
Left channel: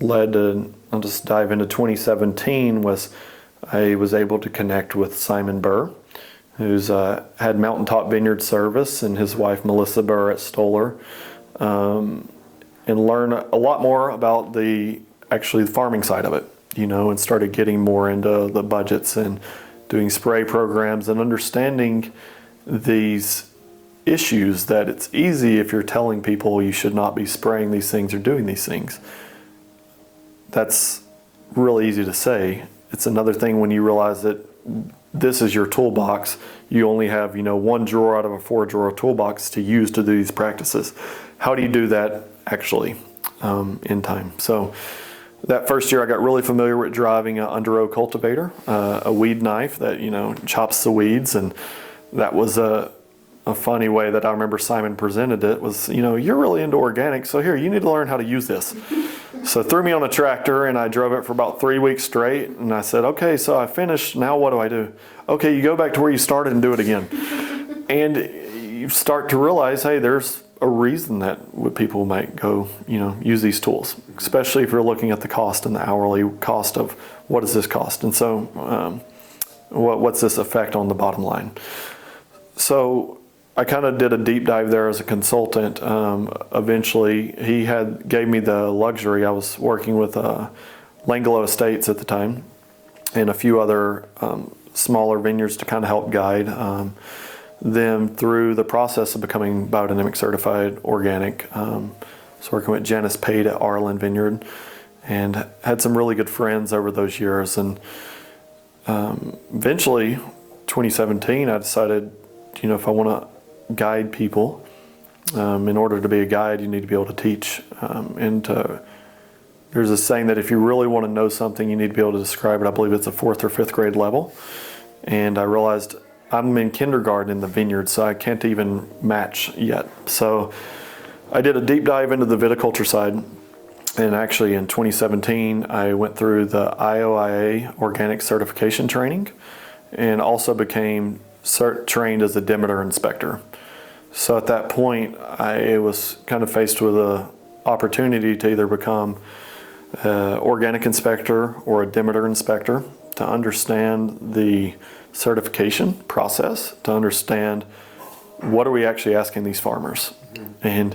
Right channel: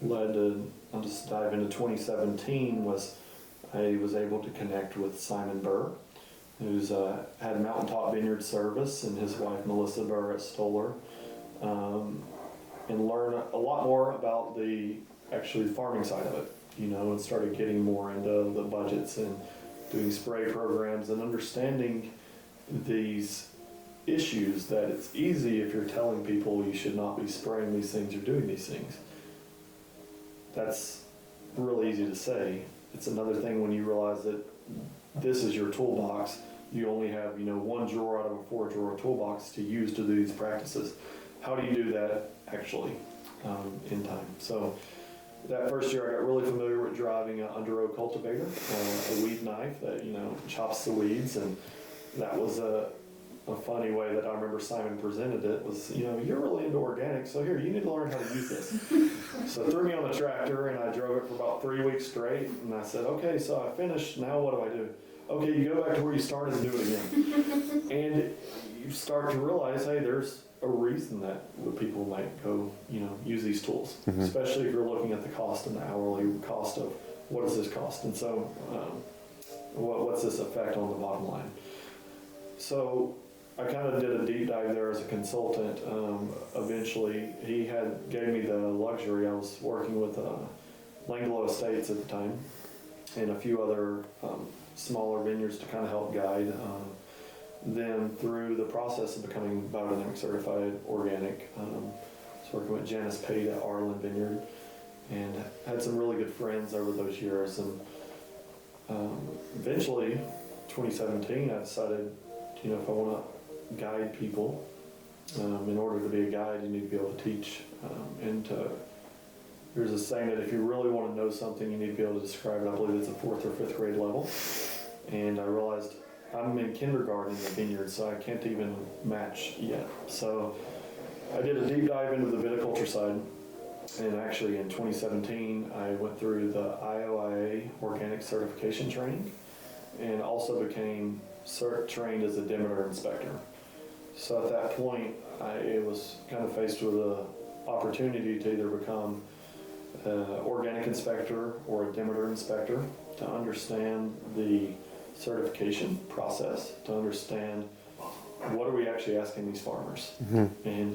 led to, I'll just dive into 2017, I was able to connect with Simon Burr, who's had Mountaintop Vineyard Service, and his wife Melissa Burr at Stoller, and learn a lot more about the farming side of it, and started getting more into the budgets and doing spray programs and understanding these issues that it's easy if you're telling people you should not be spraying these things or doing these things. That's really easy to say. It's another thing when you realize that this is your toolbox. You only have, one drawer out of a 4-drawer toolbox to use to do these practices. How do you do that actually in time? So that first year I got really familiar with driving an under-row cultivator, a weed knife that, chops the weeds. And that was a funny way that I remember Simon presented it was, you're really into organics, so here, you need to learn how to use this. So threw me on a tractor and I drove it for about 3 weeks straight. And I said, okay, so I finished, now what do I do? Okay, you go back to where you started and do it again. And you start to realize, hey, there's a reason that people might go, use these tools, mm-hmm. especially if you're looking at the cost and the hourly cost of what does this cost? And so what's this effect on the bottom line? So I kind of did a deep dive there as a consultant. Eventually, he gave me the luxury. I was working with Langlo Estates at the time and a few other smaller vineyards to kind of help guide them through the process of becoming biodynamic certified organic. I was working with Janice Pate at Arlen Vineyard and had some really good friends over those years. And eventually, 2017, I decided, if I want to guide people, in order to be a guide, you need to be able to teach. There's a saying that if you really want to know something, you need to be able to describe it. I believe it's a 4th or 5th grade level. And I realized I'm in kindergarten in the vineyard, so I can't even match yet. So I did a deep dive into the viticulture side. And actually in 2017, I went through the IOIA organic certification training and also became trained as a Demeter inspector. So at that point, I was kind of faced with a opportunity to either become an organic inspector or a Demeter inspector, to understand the certification process, to understand what are we actually asking these farmers. And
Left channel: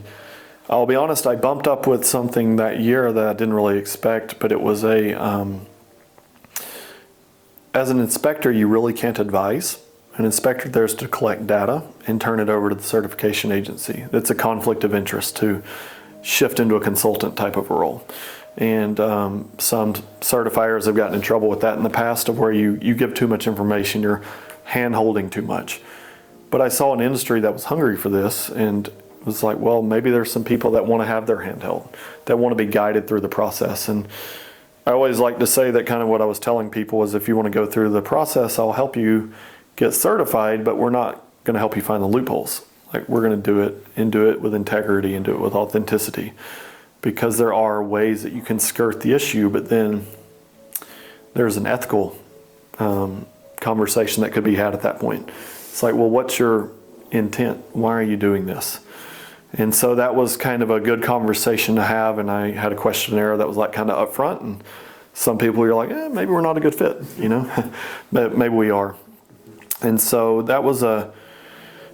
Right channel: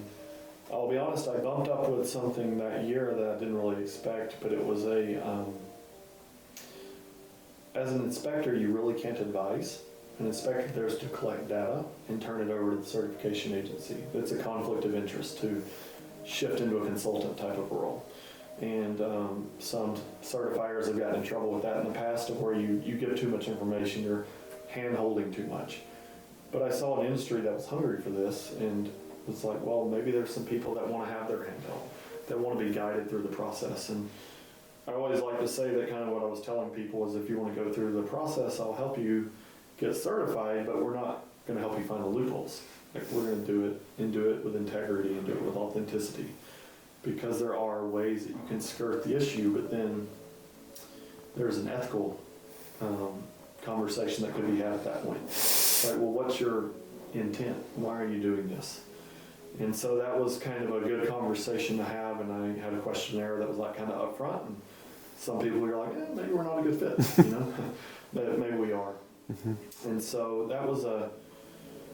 I'll be honest, I bumped up with something that year that I didn't really expect, but it was as an inspector, you really can't advise. An inspector there's to collect data and turn it over to the certification agency. It's a conflict of interest to shift into a consultant type of a role. And some certifiers have gotten in trouble with that in the past, of where you give too much information, you're hand-holding too much. But I saw an industry that was hungry for this, and was like, well, maybe there's some people that want to have their hand held, that want to be guided through the process. And I always like to say that kind of what I was telling people was, if you want to go through the process, I'll help you get certified, but we're not going to help you find the loopholes. Like, we're going to do it, and do it with integrity, and do it with authenticity. Because there are ways that you can skirt the issue, but then there's an ethical conversation that could be had at that point. It's like, well, what's your intent? Why are you doing this? And so that was kind of a good conversation to have, and I had a questionnaire that was like kind of upfront, and some people were like, maybe we're not a good fit, but maybe we are. And so that was a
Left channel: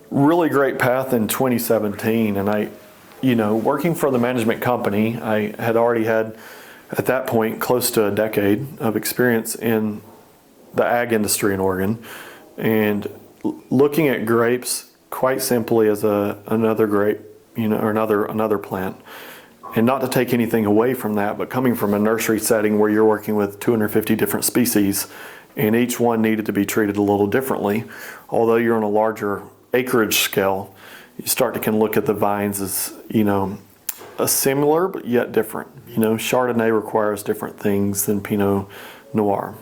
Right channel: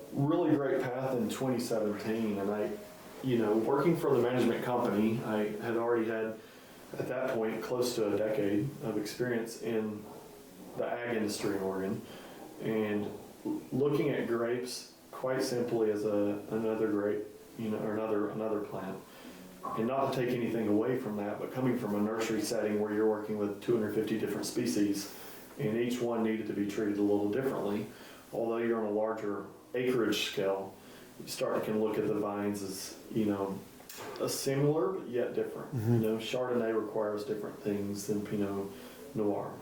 really great path in 2017, and I, working for the management company, I had already had, at that point, close to a decade of experience in the ag industry in Oregon, and looking at grapes quite simply as another grape, or another plant. And not to take anything away from that, but coming from a nursery setting where you're working with 250 different species, and each one needed to be treated a little differently. Although you're on a larger acreage scale, you start to can look at the vines as, a similar but yet different. Chardonnay requires different things than Pinot Noir.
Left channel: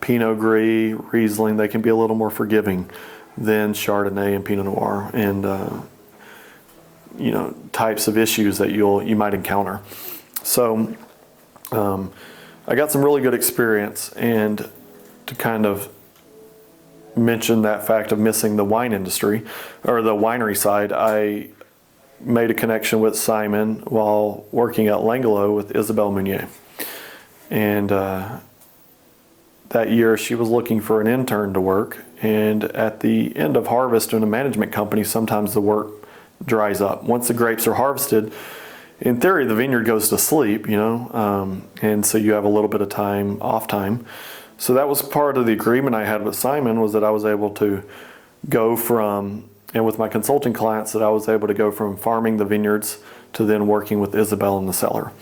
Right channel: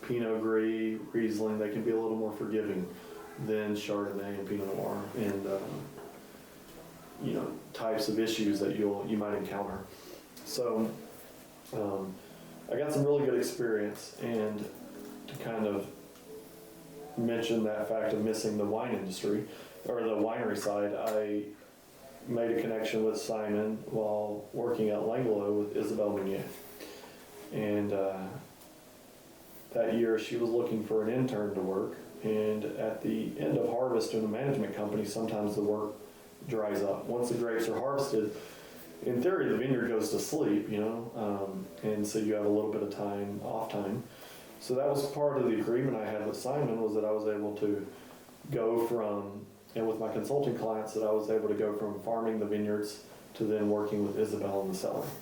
Pinot Gris, Riesling, they can be a little more forgiving than Chardonnay and Pinot Noir, and types of issues that you might encounter. So I got some really good experience, and to kind of mention that fact of missing the wine industry, or the winery side, I made a connection with Simon while working at Langelo with Isabelle Meunier. And that year she was looking for an intern to work, and at the end of harvest in a management company, sometimes the work dries up. Once the grapes are harvested, in theory the vineyard goes to sleep, and so you have a little bit of time, off time. So that was part of the agreement I had with Simon, was that I was able to go from, and with my consulting clients, that I was able to go from farming the vineyards to then working with Isabelle in the cellar.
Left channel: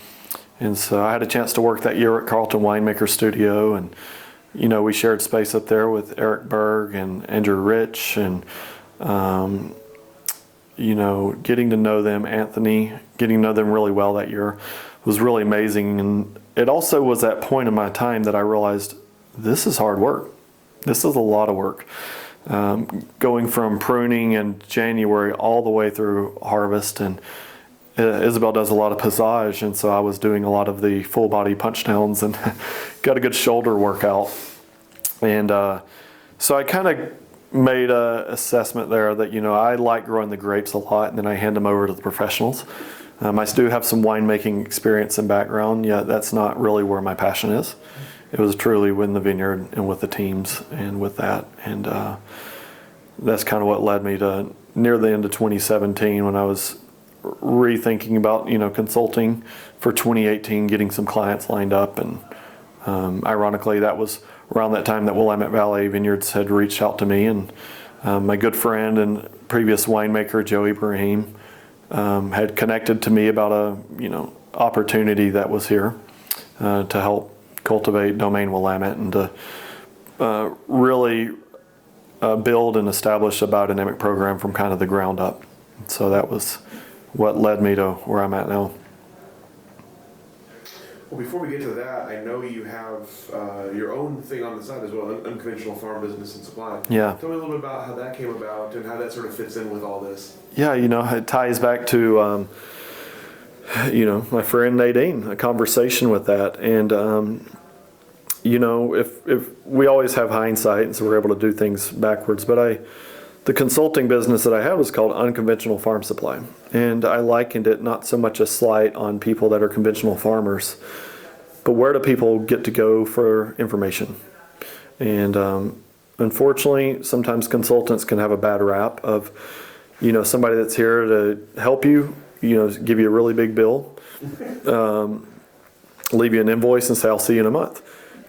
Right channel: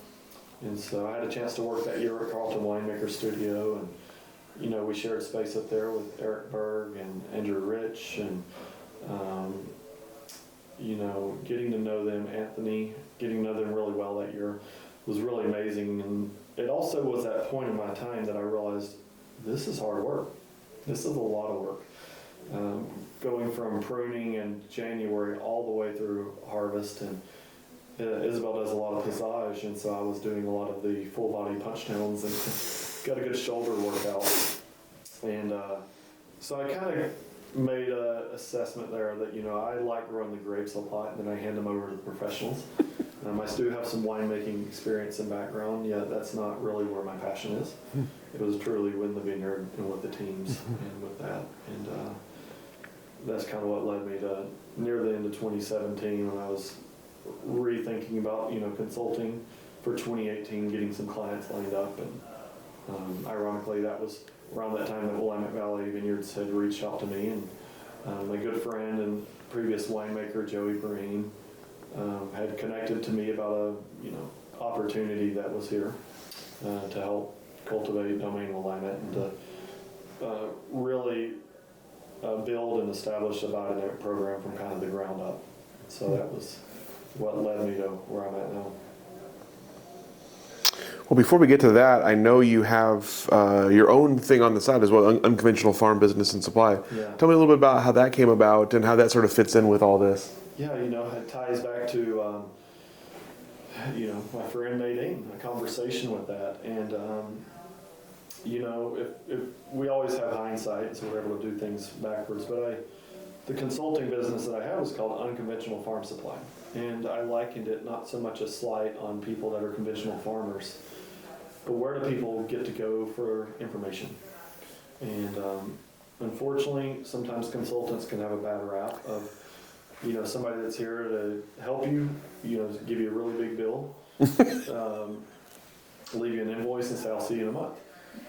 And so I had a chance to work that year at Carlton Winemaker Studio, and we shared space up there with Eric Berg and Andrew Rich, and getting to know them, Anthony, getting to know them really well that year was really amazing. And it also was that point in my time that I realized, this is hard work. This is a lot of work. Going from pruning in January all the way through harvest, and Isabelle does a lot of passage, and so I was doing a lot of the full body punch downs and got a good shoulder workout. And so I kind of made an assessment there that, I like growing the grapes a lot, and then I hand them over to the professionals. I do have some winemaking experience and background, yet that's not really where my passion is. It was truly in the vineyard and with the teams and with that. And that's kind of what led me to near the end of 2017, when I was rethinking about, consulting for 2018, getting some clients lined up. And ironically, that was around that time that Willamette Valley Vineyards had reached out to me, and my good friend and previous winemaker, Joe Ibrahim, had connected to me about a opportunity that was here to help cultivate Domaine Willamette, and to really build and establish a biodynamic program from kind of the ground up. So that was what led me to where I'm at now. Well, before we get to that, I know you have your own thing on the side as well, Unconventional Farm Business and Supply. Yeah. Tell me a little bit about how that came about and how that sort of fits in with all this. Yeah, it ties back to, my friend Nadine, a conversation with that. And, if we always have hindsight, and so we're able to do things backwards. But I The consulting business that I had was called Unconventional Farm Supply. And I likened it not so much a slight on people that are conventional farmers, but where do people get to go for information? And unfortunately, sometimes consultants can have a bad rap of, somebody that's here to help you, give you a really big bill, leave you an invoice and say, I'll see you in a month.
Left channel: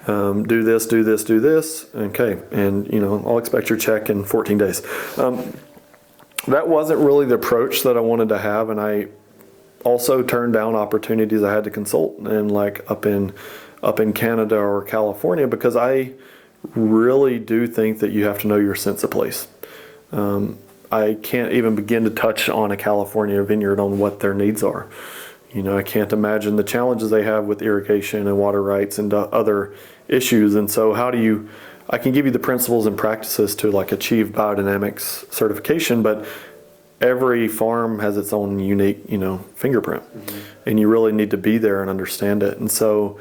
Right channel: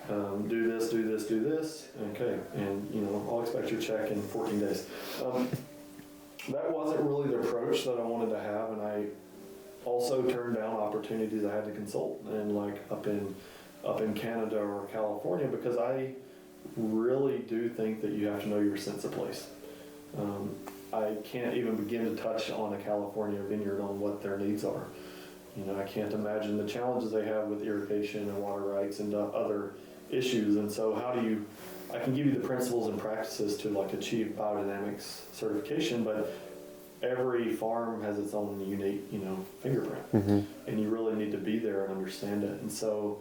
Do this, do this, do this. Okay. And, I'll expect your check in 14 days. That wasn't really the approach that I wanted to have. And I also turned down opportunities I had to consult and up in Canada or California, because I really do think that you have to know your sense of place. I can't even begin to touch on a California vineyard on what their needs are. I can't imagine the challenges they have with irrigation and water rights and other issues. And so I can give you the principles and practices to achieve biodynamics certification, but every farm has its own unique, fingerprint. And you really need to be there and understand it. And so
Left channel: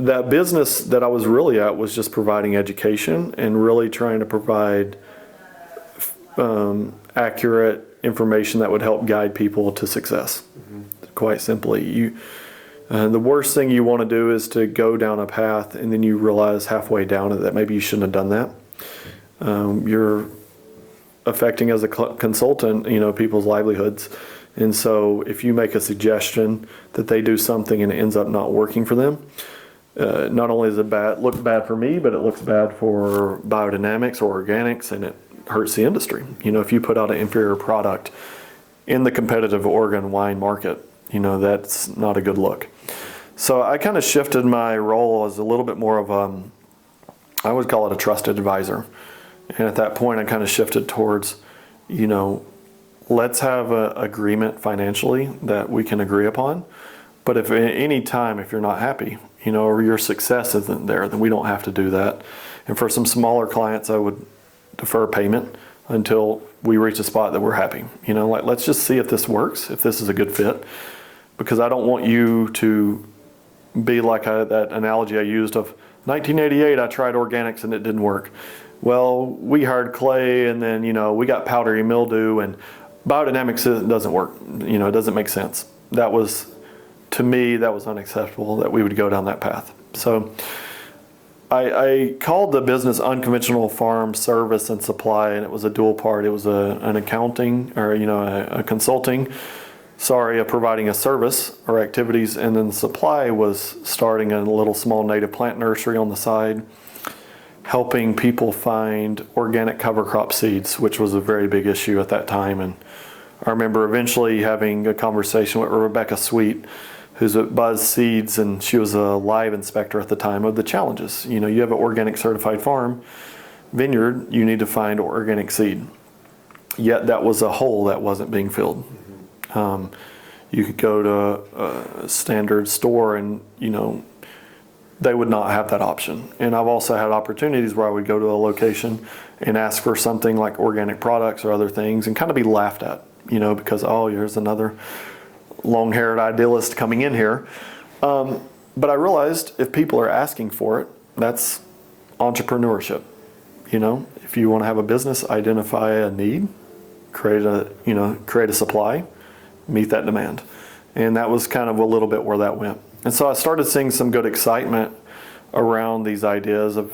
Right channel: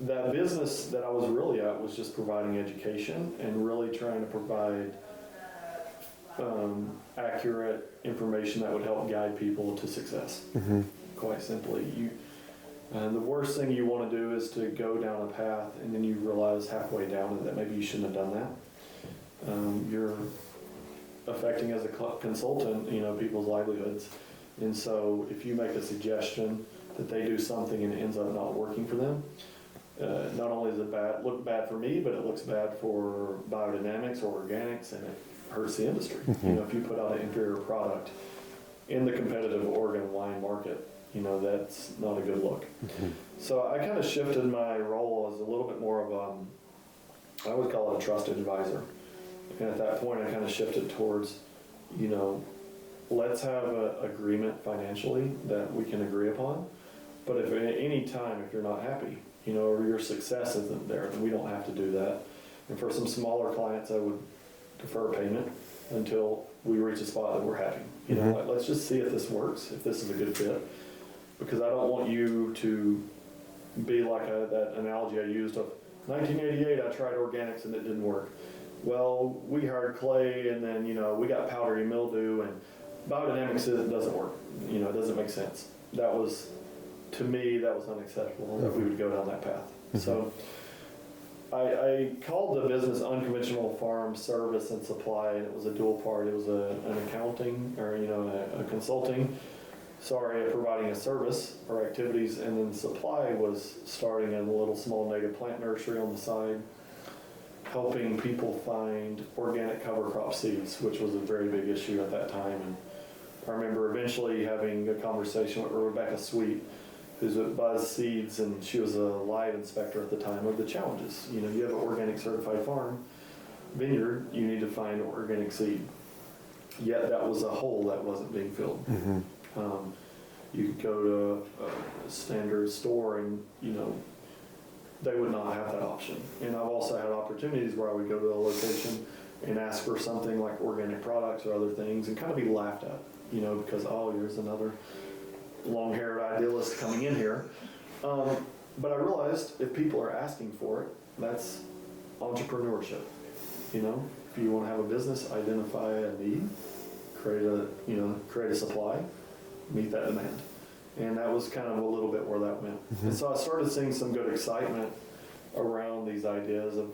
that business that I was really at was just providing education and really trying to provide accurate information that would help guide people to success. Quite simply, the worst thing you want to do is to go down a path and then you realize halfway down it that maybe you shouldn't have done that. You're affecting, as a consultant, people's livelihoods. And so if you make a suggestion that they do something and it ends up not working for them, not only does it look bad for me, but it looks bad for biodynamics or organics, and it hurts the industry. If you put out an inferior product in the competitive Oregon wine market, that's not a good look. So I kind of shifted my role as a little bit more of I would call it a trusted advisor. And at that point, I kind of shifted towards, let's have an agreement financially that we can agree upon. But if at any time, if you're not happy, or your success isn't there, then we don't have to do that. And for some smaller clients, I would defer payment until we reach a spot that we're happy. Let's just see if this works, if this is a good fit. Because I don't want you to be like that analogy I used of 1988, I tried organics and it didn't work. Well, we hired clay and then, we got powdery mildew, and biodynamics doesn't work. It doesn't make sense. To me, that was unacceptable that we would go down that path. So I called the business Unconventional Farm Service and Supply, and it was a dual part. It was an accounting or, a consulting, providing a service or activities, and then the supply was starting a little small native plant nursery on the side, helping people find organic cover crop seeds, which was a very big issue at that time. And I remember eventually having a conversation with Rebecca Sweet, who's at Buzz Seeds, and she was a live inspector at the time, of the challenges. You have an organic certified farm vineyard, you need to find organic seed. Yet that was a hole that wasn't being filled. You could go to a standard store and, they would not have that option. And I've also had opportunities where I would go to a location and ask for something like organic products or other things and kind of be laughed at, because, here's another long-haired idealist coming in here. But I realized if people are asking for it, that's entrepreneurship. If you want to have a business, identify a need, create a supply, meet that demand. And that was kind of a little bit where that went. And so I started seeing some good excitement around these ideas of,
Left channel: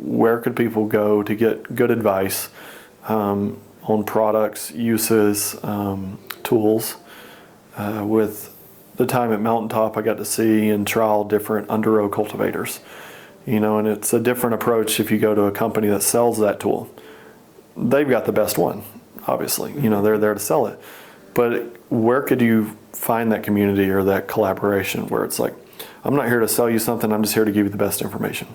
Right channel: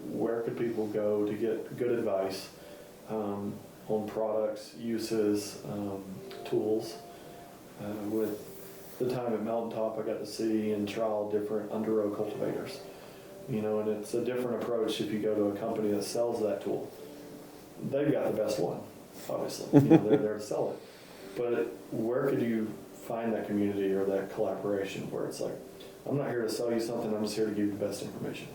where could people go to get good advice on products, uses, tools. With the time at Mountaintop, I got to see and trial different under-row cultivators. And it's a different approach if you go to a company that sells that tool. They've got the best one, obviously. They're there to sell it. But where could you find that community or that collaboration where it's like, I'm not here to sell you something, I'm just here to give you the best information.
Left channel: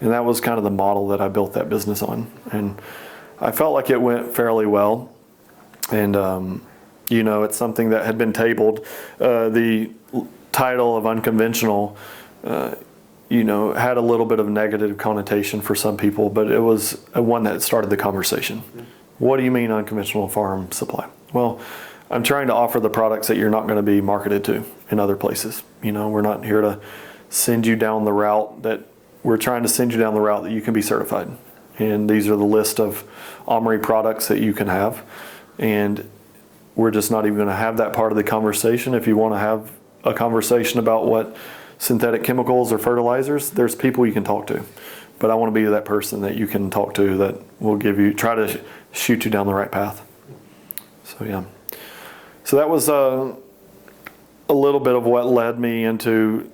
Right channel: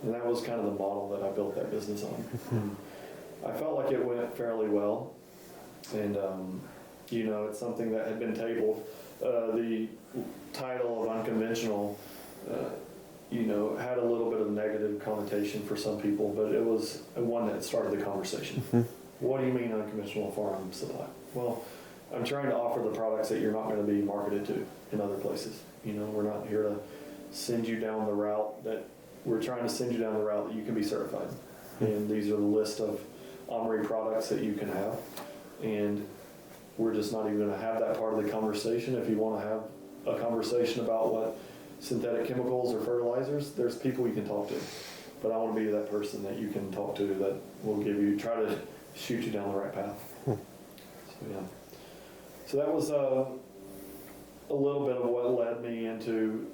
And that was kind of the model that I built that business on. And I felt like it went fairly well. And, it's something that had been tabled. The title of Unconventional, had a little bit of negative connotation for some people, but it was one that started the conversation. What do you mean unconventional farm supply? Well, I'm trying to offer the products that you're not going to be marketed to in other places. We're not here to send you down the route that we're trying to send you down the route that you can be certified. and these are the list of OMRI products that you can have. And we're just not even going to have that part of the conversation. If you want to have a conversation about what synthetic chemicals or fertilizers, there's people you can talk to. But I want to be that person that you can talk to that will try to shoot you down the right path. So yeah. So that was a little bit of what led me into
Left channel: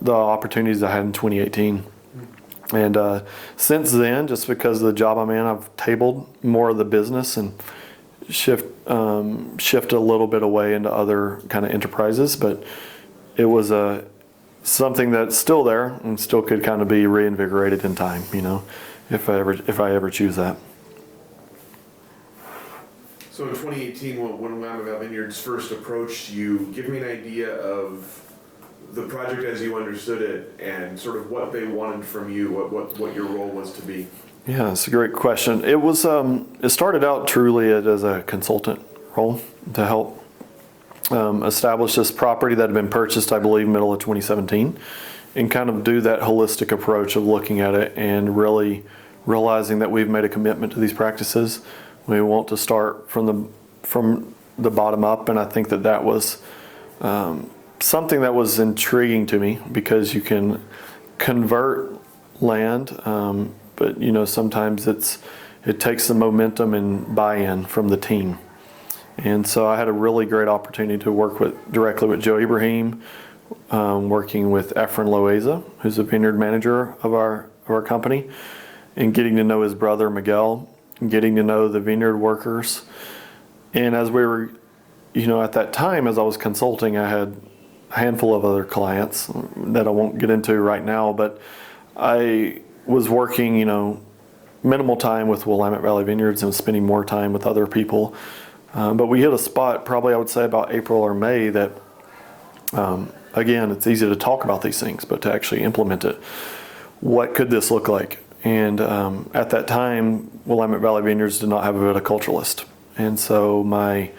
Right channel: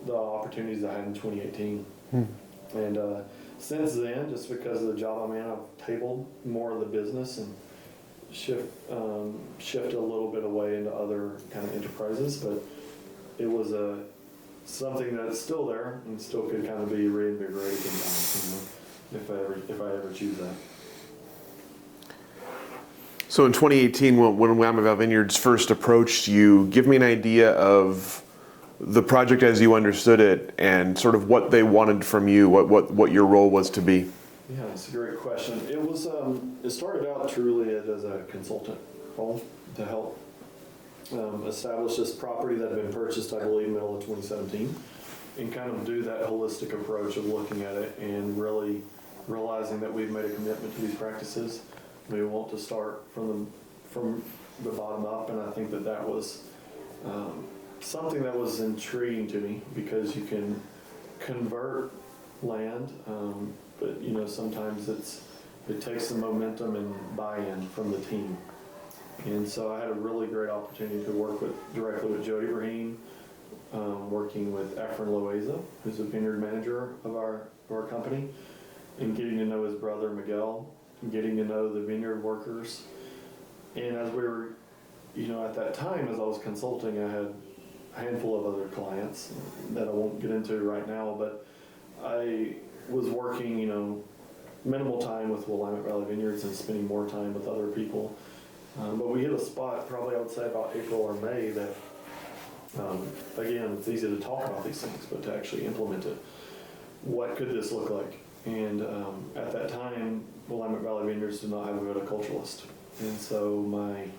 the opportunities I had in 2018. And since then, just because of the job I'm in, I've tabled more of the business and shift a little bit away into other kind of enterprises. But it was something that's still there and still could kind of be reinvigorated in time, if I ever choose that. So in 2018, when Willamette Valley Vineyards first approached you, give me an idea of the project as you understood it and sort of what they wanted from you, what your role was to be. Yeah, that's a great question. It was it started out truly as a consultant role to help establish this property that had been purchased, I believe, middle of 2017, and kind of do that holistic approach of looking at it and really realizing that we've made a commitment to these practices. We want to start from the bottom up, and I think that was something that was intriguing to me, because you can convert land, but sometimes it takes the momentum and buy-in from the team. And so I had a really great opportunity to work directly with Joe Ibrahim, working with Efren Loaiza, who's the vineyard manager of our company, and getting to know his brother Miguel, and getting to know the vineyard workers. And as we were, at that time, as I was consulting, I had a handful of other clients that I won't get into right now, but I was working, minimal time with Willamette Valley Vineyards and spending more time with other people. But we hit a spot, probably I would say about April or May, that, again, it's easy to talk about these things, but to actually implement it, what could this look like? And at that time, Willamette Valley Vineyards did not have a viticulturalist. And so my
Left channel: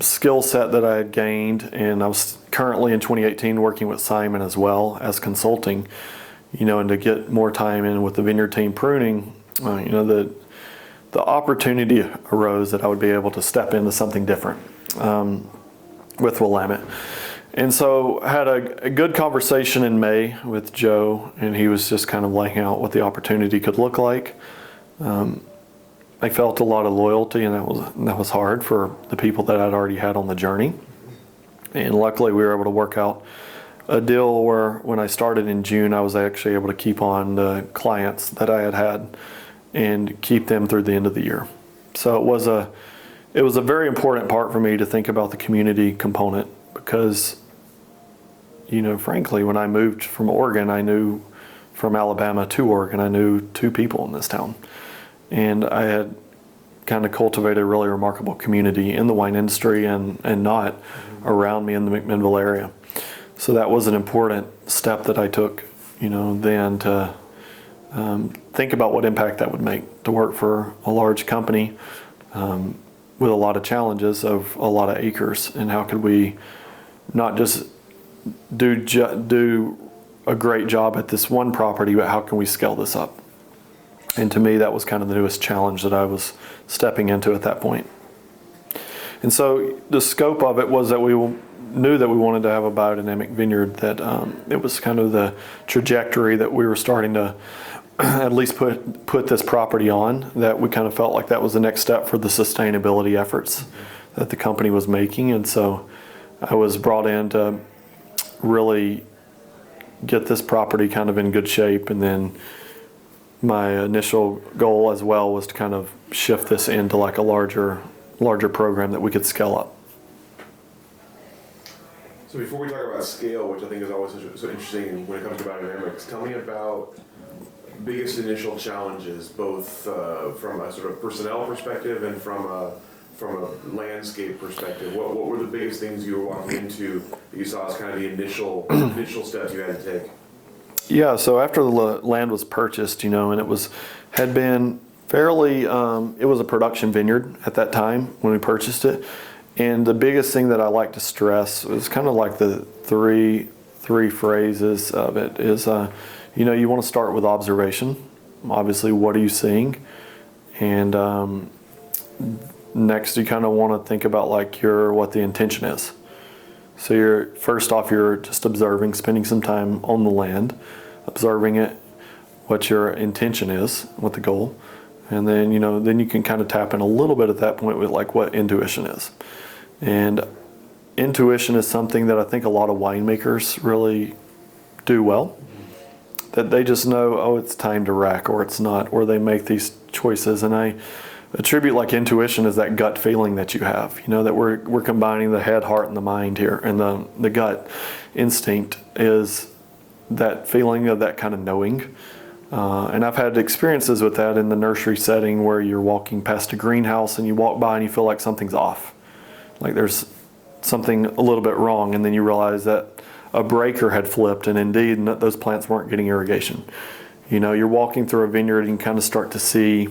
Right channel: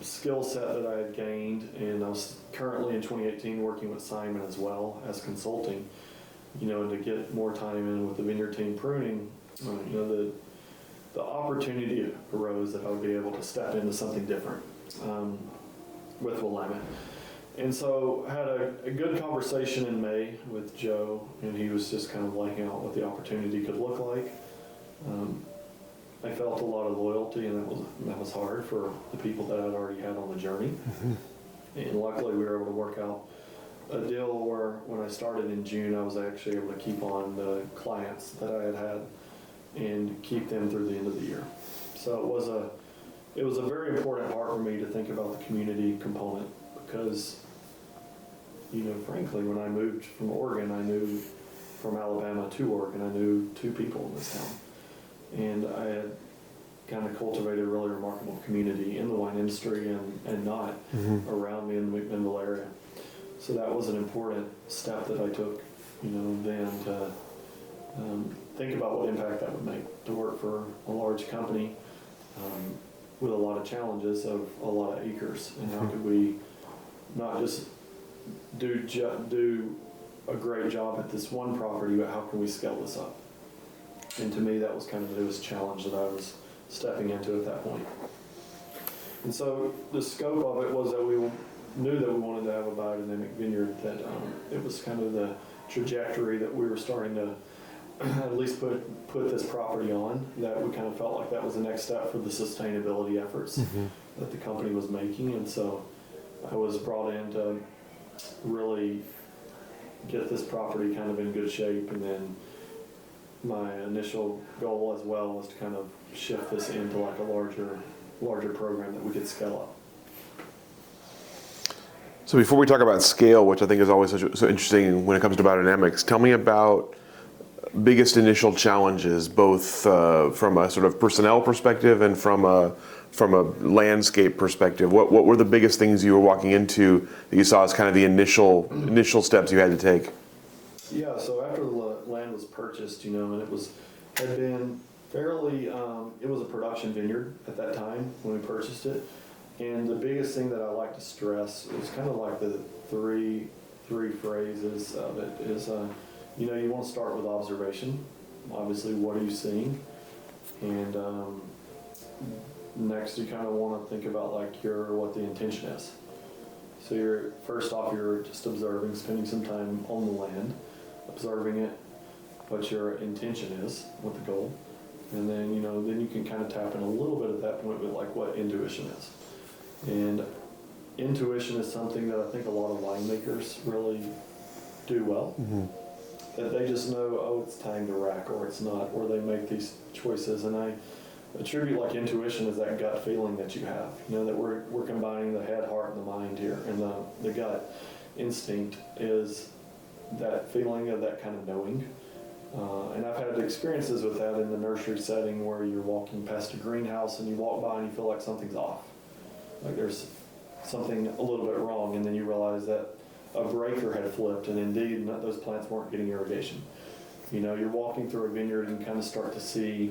skill set that I had gained, and I was currently in 2018 working with Simon as well as consulting, and to get more time in with the vineyard team pruning, the opportunity arose that I would be able to step into something different with Willamette. And so I had a good conversation in May with Joe, and he was just kind of laying out what the opportunity could look like. I felt a lot of loyalty, and that was hard for the people that I'd already had on the journey. Mm-hmm. And luckily we were able to work out a deal where when I started in June, I was actually able to keep on the clients that I had and keep them through the end of the year. So it was a very important part for me to think about the community component, because, frankly, when I moved from Oregon, I knew from Alabama to Oregon, I knew 2 people in this town. And I had kind of cultivated a really remarkable community in the wine industry and not around me in the McMinnville area. So that was an important step that I took, then to think about what impact that would make to work for a large company with a lot of challenges of a lot of acres, and how could we not just do a great job at this one property, but how can we scale this up? And to me, that was kind of the newest challenge that I was stepping into at that point. And so the scope of it was that we knew that we wanted to have a biodynamic vineyard, that it was kind of the trajectory that we were starting to at least put this property on, that we kind of felt like that was the next step for the sustainability efforts that the company was making. And so I was brought in to really get this property kind of in good shape, and then my initial goal as well was to kind of shift this into like a larger program that we could scale up. So before we talk about scale, which I think is always so interesting when it comes to biodynamics, tell me about biggest initial challenges, both from a sort of personnel perspective and from a landscape perspective. What were the biggest things you were walking into that you saw as kind of the initial steps you had to take? Yeah, so after the land was purchased, and it had been fairly, it was a production vineyard at that time when we purchased it. And the biggest thing that I like to stress was kind of like the three phrases of it is, you want to start with observation. obviously, what are you seeing? And next, you kind of want to think about like what the intention is. So you're just observing, spending some time on the land, observing it, what your intention is, what the goal, and then then you can kind of tap in a little bit at that point with like what intuition is. And intuition is something that I think a lot of winemakers really do well. That they just know, oh, it's time to rack, or it's not, or they make these choices. And I attribute like intuition as that gut feeling that you have, that we're combining the head, heart, and the mind here. And the gut instinct is that feeling of that kind of knowing. And I've had experiences with that in the nursery setting where you're walking past a greenhouse and you walk by and you feel like something's off. Like there's something a little bit wrong, and then you realize that a breaker had flipped, and indeed those plants weren't getting irrigation. You're walking through a vineyard and you kind of start to see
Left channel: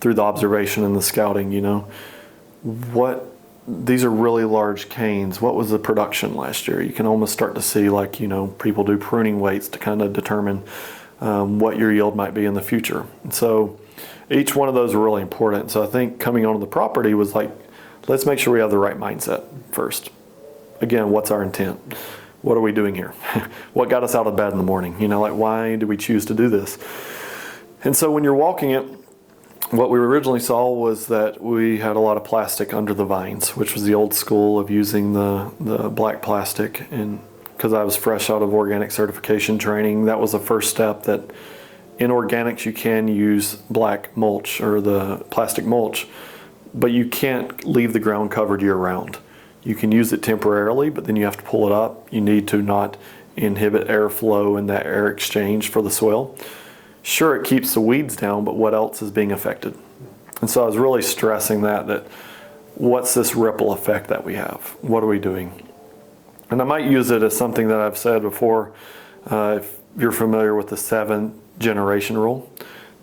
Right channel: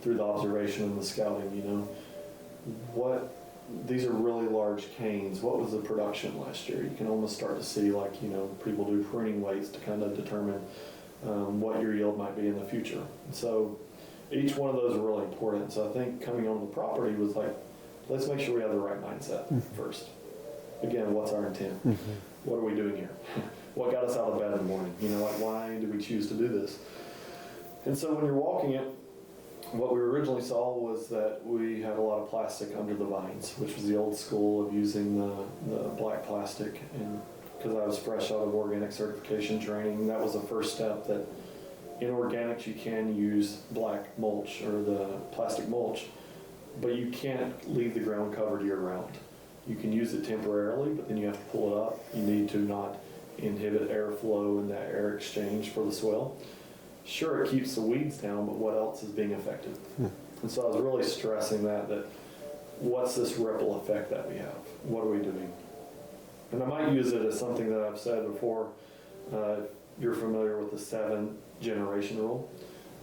through the observation and the scouting, these are really large canes. What was the production last year? You can almost start to see like, people do pruning weights to kind of determine what your yield might be in the future. And so each one of those are really important. So I think coming onto the property was like, let's make sure we have the right mindset first. Again, what's our intent? What are we doing here? What got us out of bed in the morning? Like why do we choose to do this? And so when you're walking it, what we originally saw was that we had a lot of plastic under the vines, which was the old school of using the black plastic. And because I was fresh out of organic certification training, that was the first step, that in organics you can use black mulch or the plastic mulch, but you can't leave the ground covered year round. You can use it temporarily, but then you have to pull it up. You need to not inhibit airflow and that air exchange for the soil. Sure, it keeps the weeds down, but what else is being affected? And so I was really stressing that what's this ripple effect that we have? What are we doing? And I might use it as something that I've said before. If you're familiar with the 7-generation rule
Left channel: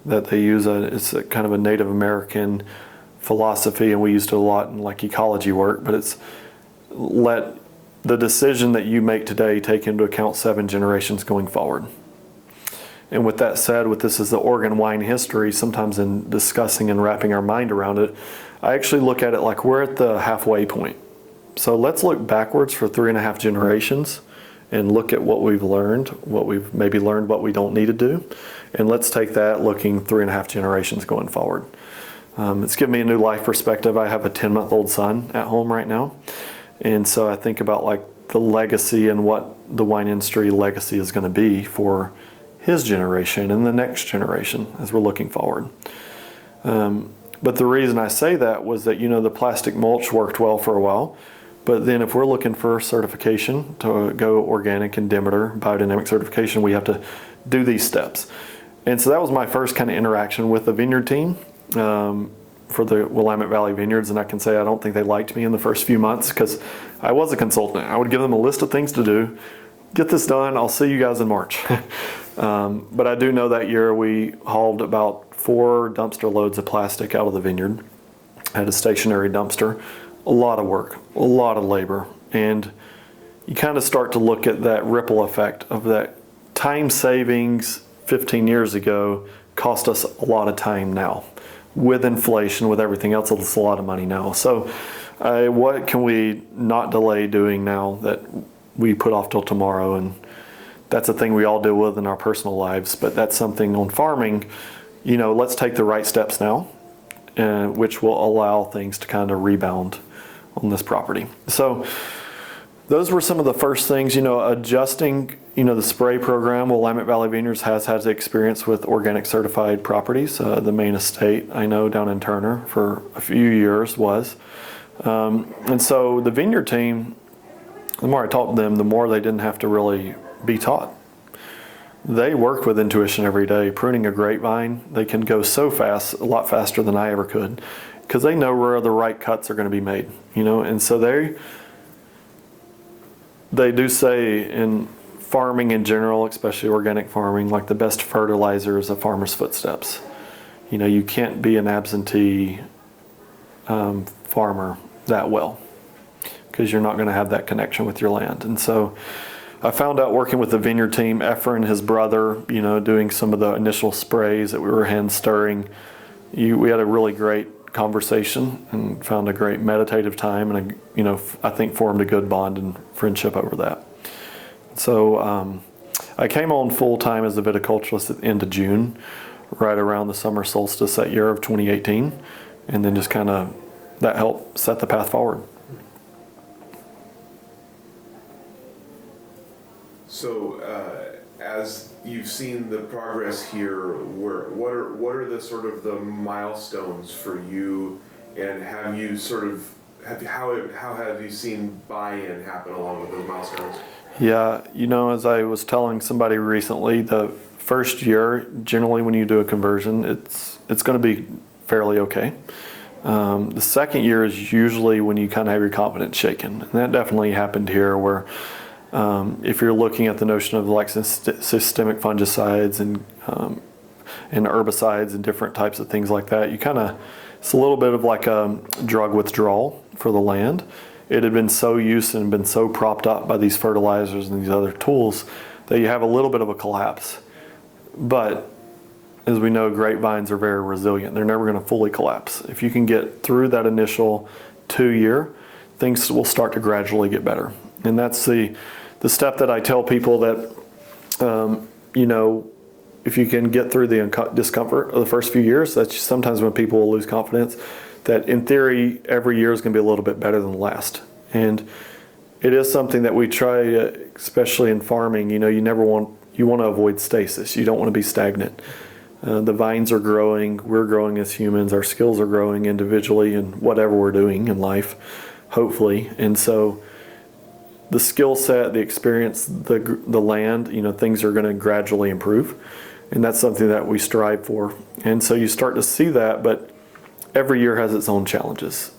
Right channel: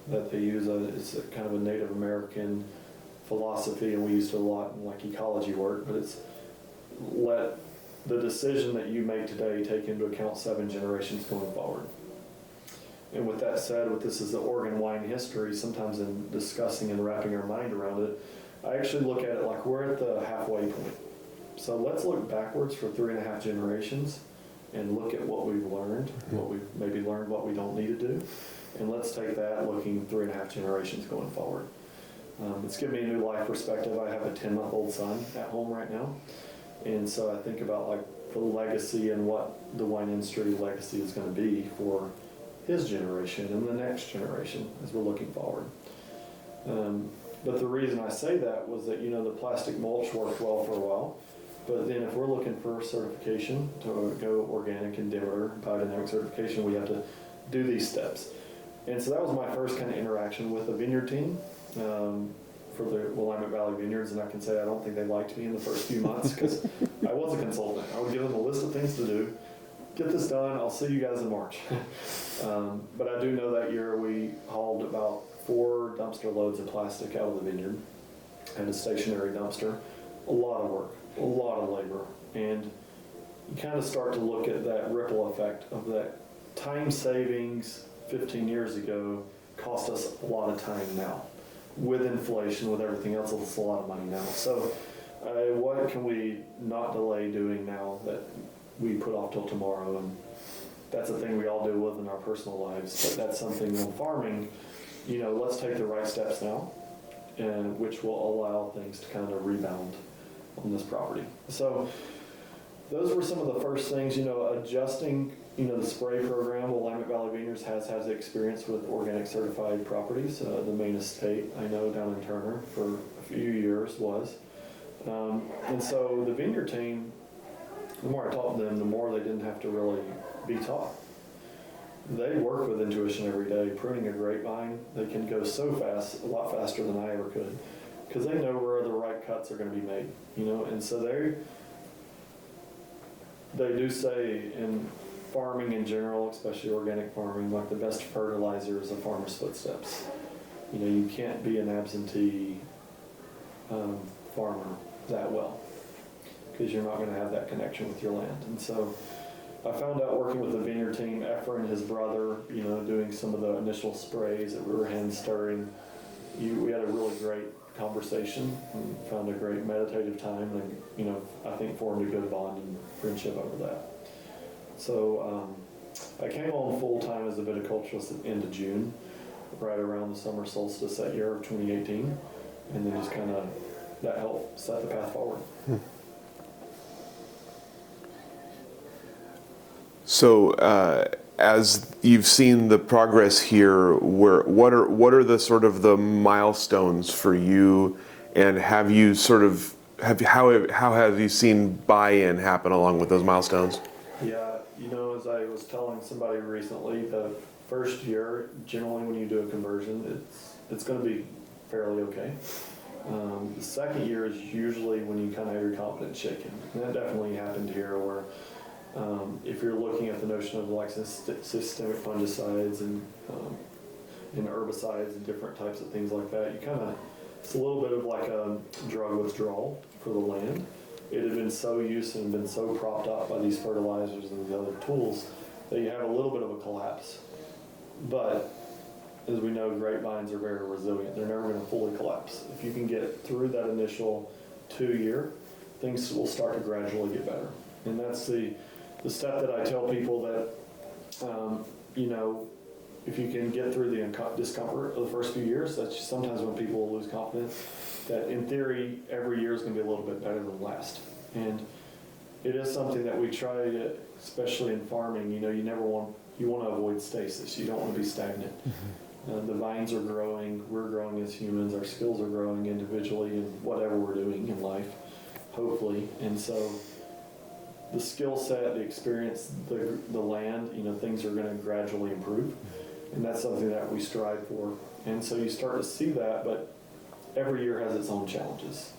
that they use, it's a kind of a Native American philosophy, and we used it a lot in like ecology work, but it's let the decision that you make today take into account 7 generations going forward. And with that said, with this as the Oregon wine history, sometimes in discussing and wrapping our mind around it, I actually look at it like we're at the halfway point. So let's look backwards for 3.5 generations and look at what we've learned, what we don't need to do. And let's take that looking 3.5 generations going forward. It's given me a new life perspective. I have a 10-month-old son at home right now. And so I think about like the legacy and what the wine industry legacy is going to be for his generation and the next generation as we're looking forward. But the reason I say that was that, the plastic mulch worked well for a while. But then if we're looking for certification to go organic and Demeter, biodynamic certification, we have to do these steps. And so that was my first kind of interaction with the vineyard team. For the Willamette Valley Vineyards, and I can say I don't think they liked me in the first few months because I was a consultant. I would give them a list of things to do. Get this done, I'll see you guys in March. But I do know that year we hauled about 4 dumpster loads of plastic out of the vineyard. Had a stationary dumpster. A lot of work, a lot of labor. And you kind of start to look at that ripple effect of that time savings 15 years ago cost us a lot of time now. With inflation, with everything else, it's a lot of money now. So what can we not delay doing now that we put off till tomorrow? And that's a thing we all deal with in our personal lives, but that's something on farming, let's take the right steps now, which will allow things to kind of rebound on this property. So those were some of the first things, adjusting, the spray program. Willamette Valley Vineyards has had experience with organic certified properties. The main estate, I know, down in Turner for a few years was. And so the vineyard team, the more I taught them, the more they didn't have to really be taught. They work with intuition every day. Pruning a grapevine, they can go so fast, a lot faster than I ever could, because they know where the right cuts are going to be made, and so they do say in farming in general, especially organic farming, like the best fertilizer is a farmer's footsteps. You can't be an absentee farmer that well because you're not going to have that connection with your land. And so I found out working with the vineyard team, Efren, his brother, doing some of the initial sprays that we were hand stirring. We had a really great conversation and found a great meditative time, and I think formed a good bond and friendship over that. So I came on full time as a viticulturist at the end of June, right around the summer solstice that year of 2018, and then just kind of that helped set the path forward. So as you've seen the progress here, what are the sort of the milestones for you, and how have you seen buy-in happen along with those milestones? Yeah, as I was telling somebody recently, the first year, generally when you do a conversion, it's going to be fairly okay. The second year is usually when you kind of have your confidence shaken, and that definitely happened here, where if you're looking at the notion of like systemic fungicides and herbicides and different types of things like that, it's a little bit of like a drug withdrawal for the land. It had been so used and been so propped up by these fertilizers and these other tools that you have a little bit of a collapse. But as we know, grapevines are very resilient. They're never going to fully collapse. If you can get through that initial 2 year, things will start to gradually get better. And that's the step that I tell people that, if you can get through the discomfort of the first few years, that's sometimes when people will lose confidence, that in theory, every year is going to be a little bit better than the last. And it is something that we try, especially in farming, you want to avoid stasis. You don't want to be stagnant. The vines are growing, we're growing as humans, our skills are growing individually in whatever we're doing in life, hopefully. And so the skill set, the experience, the land, things are going to gradually improve. And that's something that we strive for. And so you start to see that, but every year has its own challenges.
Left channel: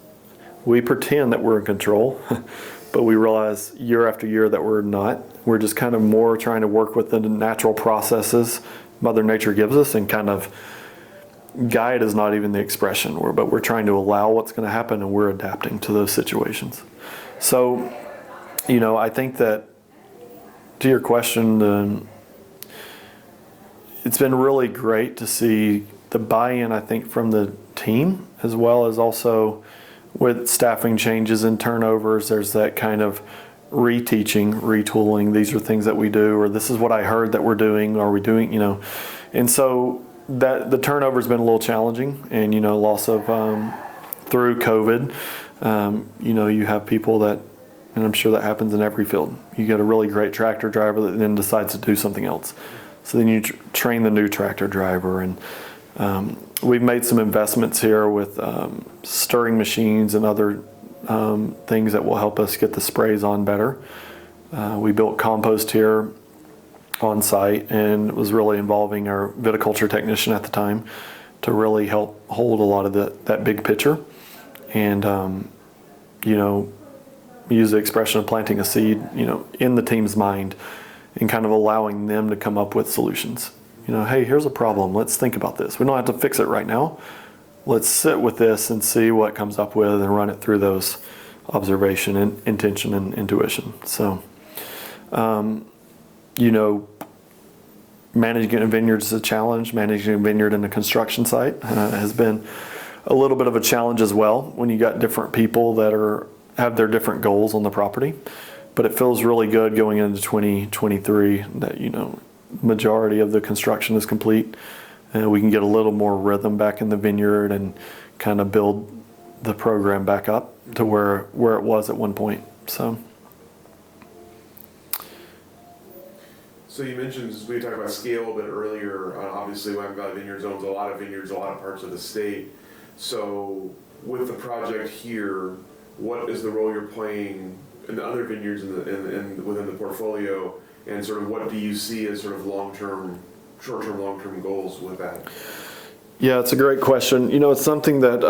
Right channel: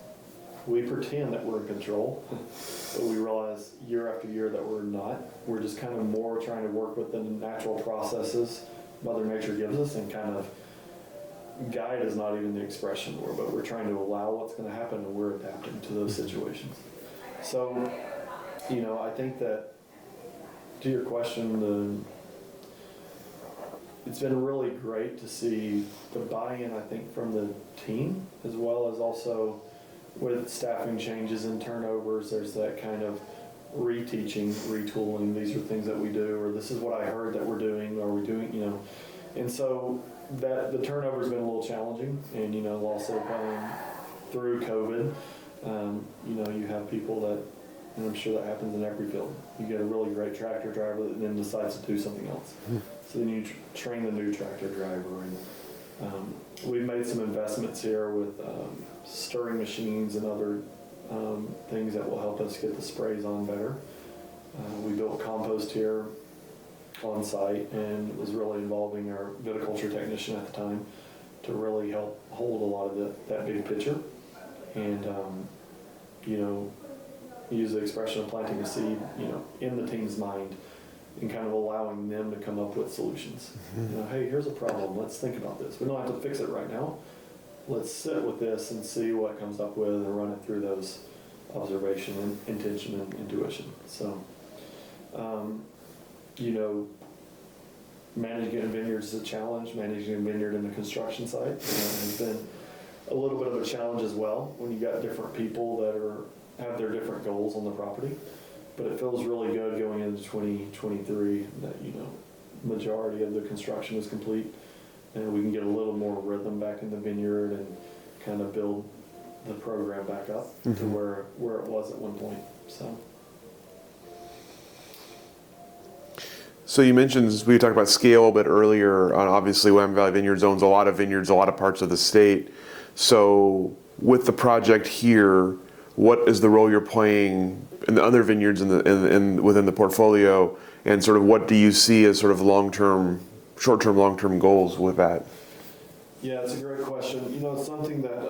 We pretend that we're in control, but we realize year after year that we're not. We're just kind of more trying to work with the natural processes Mother Nature gives us, and kind of guide is not even the expression, but we're trying to allow what's going to happen, and we're adapting to those situations. So, I think that, to your question, it's been really great to see the buy-in, I think, from the team, as well as also with staffing changes and turnovers. There's that kind of reteaching, retooling. These are things that we do, or this is what I heard that we're doing. Are we doing, And so that the turnover has been a little challenging, and loss of through COVID. You have people that, and I'm sure that happens in every field. You get a really great tractor driver that then decides to do something else. Mm-hmm. So then you train the new tractor driver, and we've made some investments here with stirring machines and other things that will help us get the sprays on better. We built compost here on site, and it was really involving our viticulture technician at the time to really help hold a lot of that big picture, and use the expression of planting a seed, in the team's mind, and kind of allowing them to come up with solutions. Mm-hmm. Hey, here's a problem. Let's think about this. We don't have to fix it right now. Let's sit with this and see what comes up with, and run it through those observation and intention and intuition. So, managing a vineyard is a challenge. Managing a vineyard in a construction site has been a little bit of a challenge as well, when you got different people that have their different goals on the property. But it feels really good going into 2023 that, majority of the construction is complete, and we can get a little more rhythm back in the vineyard and kind of build the program back up to where it was at one point. So you mentioned, we talked about scale a bit earlier. Obviously, Willamette Valley Vineyards owns a lot of vineyards, a lot of parts of the state. So with the project here, what is the role you're playing in the other vineyards within the portfolio, and sort of what do you see as sort of short-term, long-term goals with that? Yeah, it's a great question. It's something that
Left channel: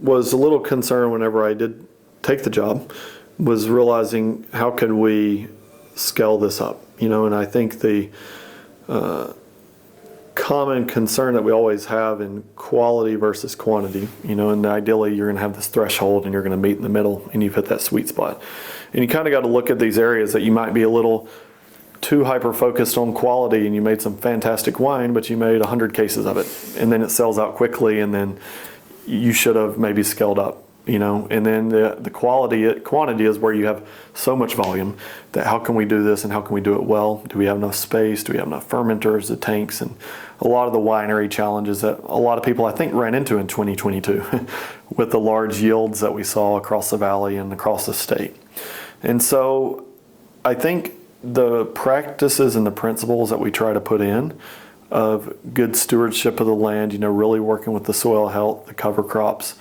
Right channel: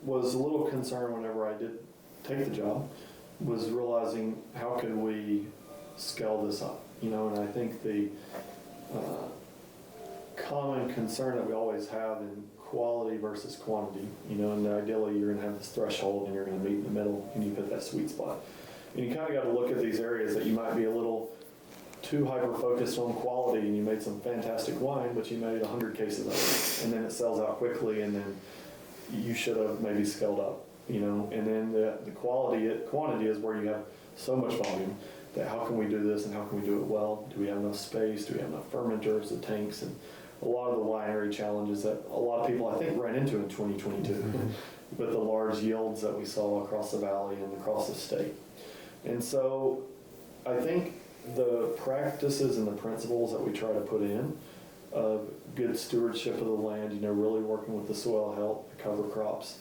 was a little concern whenever I did take the job, was realizing how could we scale this up, and I think the common concern that we always have in quality versus quantity, and ideally you're going to have this threshold and you're going to meet in the middle and you've hit that sweet spot. And you kind of got to look at these areas that you might be a little too hyper-focused on quality and you made some fantastic wine, but you made 100 cases of it, and then it sells out quickly, and then you should have maybe scaled up, and then the quantity is where you have so much volume that how can we do this and how can we do it well? Do we have enough space? Do we have enough fermenters, the tanks, and a lot of the winery challenges that a lot of people I think ran into in 2022 with the large yields that we saw across the valley and across the state. And so I think the practices and the principles that we try to put in of good stewardship of the land, really working with the soil health, the cover crops,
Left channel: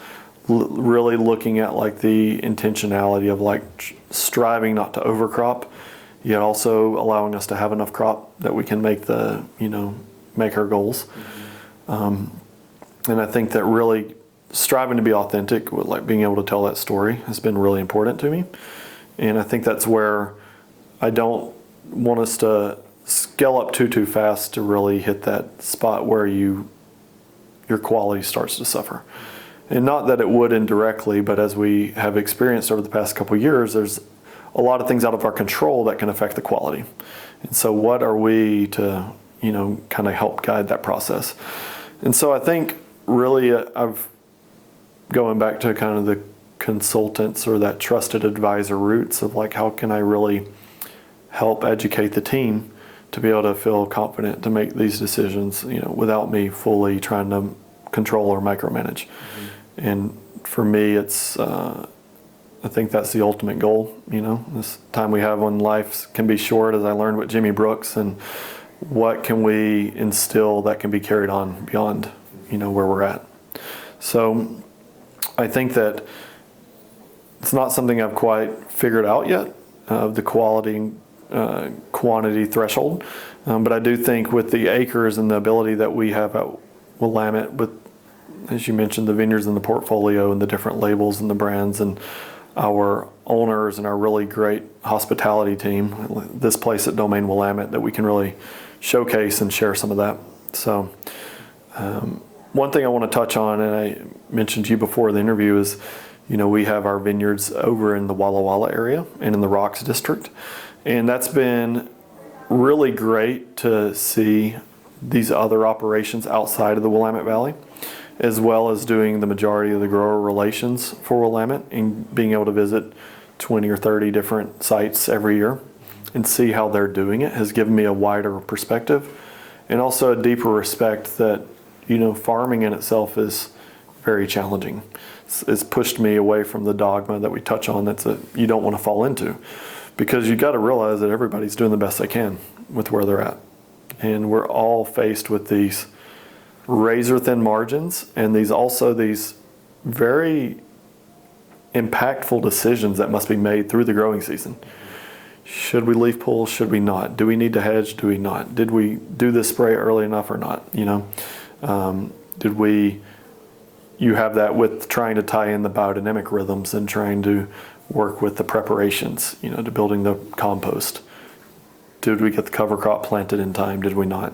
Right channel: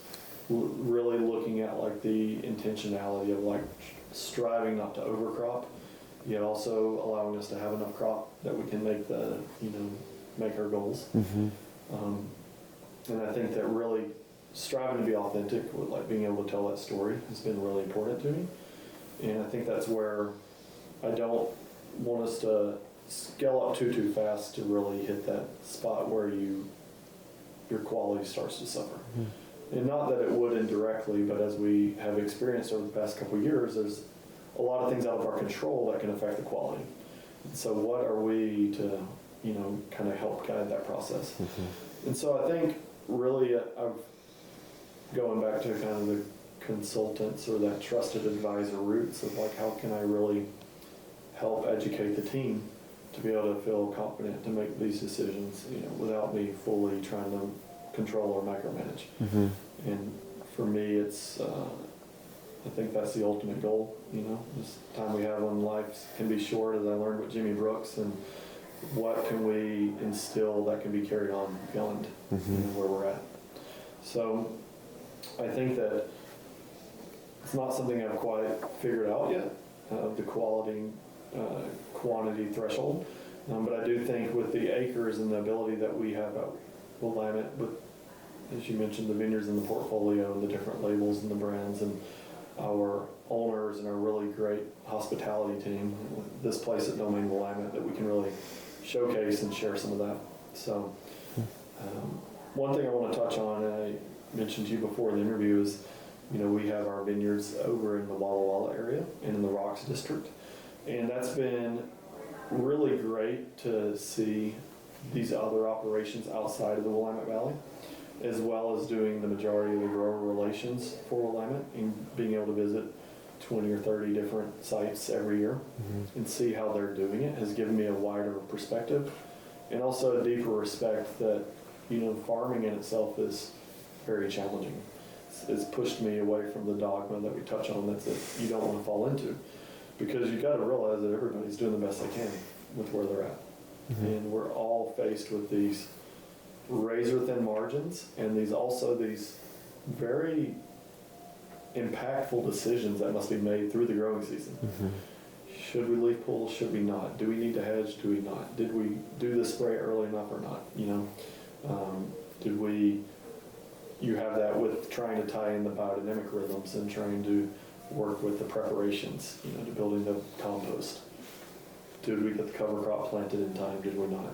really looking at like the intentionality of like striving not to overcrop, yet also allowing us to have enough crop that we can make make our goals. And I think that really striving to be authentic, with like being able to tell that story, has been really important to me. And I think that's where I don't want us to scale up too fast to really hit that spot where your quality starts to suffer. And not that it would indirectly, but as we have experienced over the past couple of years, there's a lot of things out of our control that can affect the quality. And so what are we to, kind of help guide that process? And so I think really I've going back to kind of the consultants or that trusted advisor roots of like, how can I really help educate the team to be able to feel confident to make these decisions, without me fully trying to control or micromanage. And for me, it's, I think that's the ultimate goal. This time we have when life can be short, as I learned with Jimmy Brooks, and what can we instill that can be carried on beyond, where we're at. So I think that it's not something I've quite figured out yet, the quality, quantity threshold. But I do think with the acres and the ability that we have at Willamette, with, as you mentioned, the vineyards and the portfolio and the different labels and the brands and our owners and our really great hospitality team, this place at Domaine Willamette, that we can really showcase and share some of that. So one thing I want to touch on, and I mentioned to you before the interview, is we have our vineyards over in the Walla Walla area and in the Rocks District. And that's been really great to see these other operations outside of the Willamette Valley, as well as doing the majority of the grower relations for Willamette and being able to visit 20 or 30 different sites every year and see how they're doing it has given me a wider perspective and also a deeper respect that, farming in itself is very challenging. It's pushed me away from the dogma that we touch on that you don't want to fall into, because you got to realize that everybody's doing the best they can with where they're at. And we're all faced with these razor thin margins and these very impactful decisions that must be made through the growing season. Should we leaf pull? Should we not? Do we need to hedge? Do we not? Did we do this spray early enough or not? You have that with trying to tie in the biodynamic rhythms and trying to work with the preparations, to building the compost. Did we get the cover crop planted in time? Did we not?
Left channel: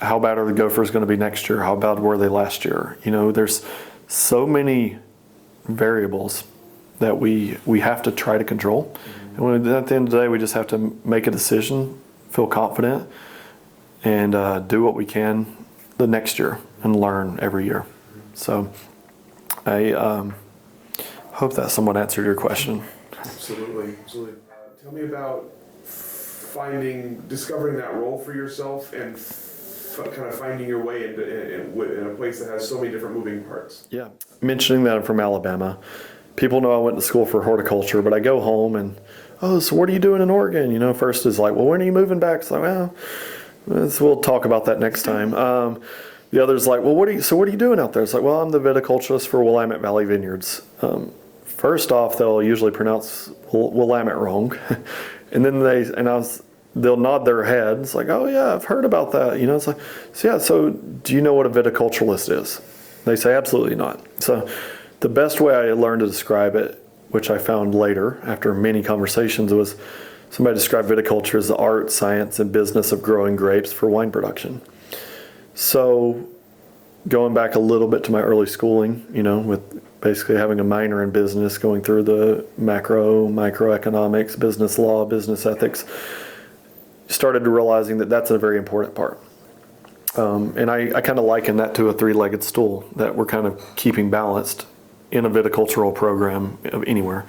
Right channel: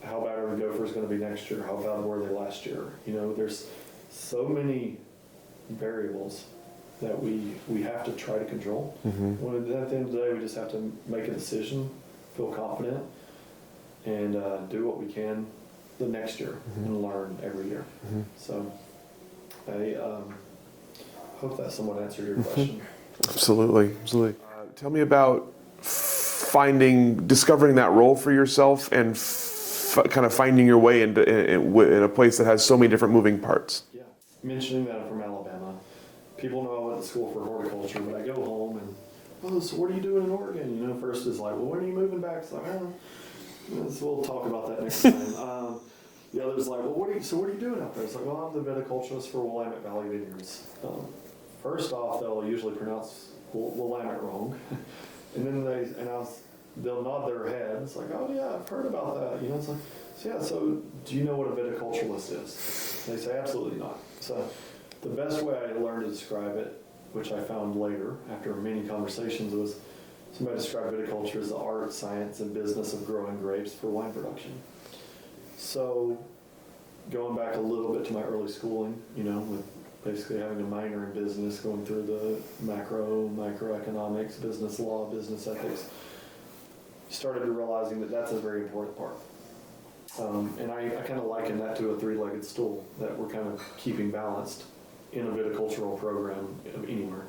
How bad are the gophers going to be next year? How bad were they last year? There's so many variables that we have to try to control. And at the end of the day, we just have to make a decision, feel confident, and do what we can the next year and learn every year. So I hope that somewhat answered your question. Absolutely. Tell me about discovering that role for yourself and kind of finding your way in a place that has so many different moving parts. Yeah. Mentioning that I'm from Alabama, people know I went to school for horticulture, but I go home and, so what are you doing in Oregon? First is like, well, when are you moving back? It's like, well, we'll talk about that next time. The other's like, well, what are you doing out there? It's like, well, I'm the viticulturist for Willamette Valley Vineyards. First off, they'll usually pronounce Willamette wrong. And then they'll nod their head. It's like, oh yeah, I've heard about that. It's like, so do you know what a viticulturalist is? They say, absolutely not. So the best way I learned to describe it, which I found later after many conversations, was somebody described viticulture as the art, science, and business of growing grapes for wine production. So going back a little bit to my early schooling, with basically having a minor in business, going through the microeconomics, business law, business ethics, started realizing that that's a very important part. And I kind of liken that to a three-legged stool that we're kind of keeping balanced in a viticultural program of anywhere.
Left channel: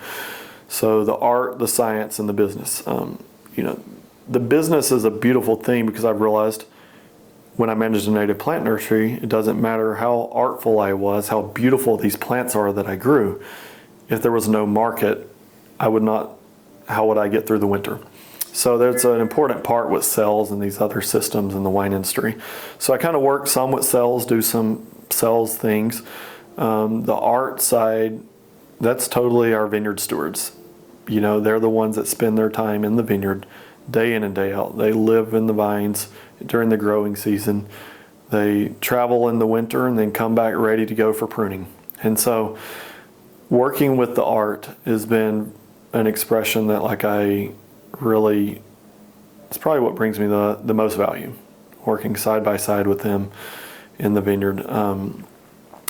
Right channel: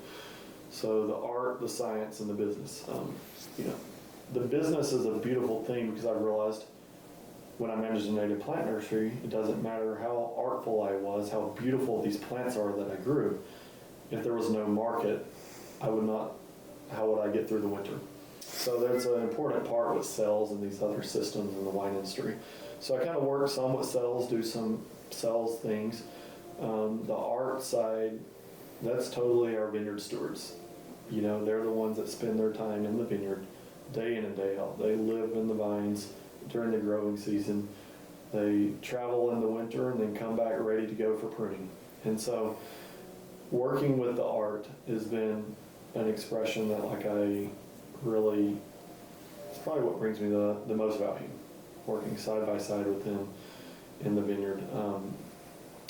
So the art, the science, and the business. The business is a beautiful thing because I've realized when I managed a native plant nursery, it doesn't matter how artful I was, how beautiful these plants are that I grew. If there was no market, how would I get through the winter? So there's an important part with sales and these other systems in the wine industry. So I kind of work some with sales, do some sales things. The art side, that's totally our vineyard stewards. They're the ones that spend their time in the vineyard day in and day out. They live in the vines during the growing season. They travel in the winter and then come back ready to go for pruning. And so working with the art has been an expression that it's probably what brings me the most value, working side by side with them in the vineyard.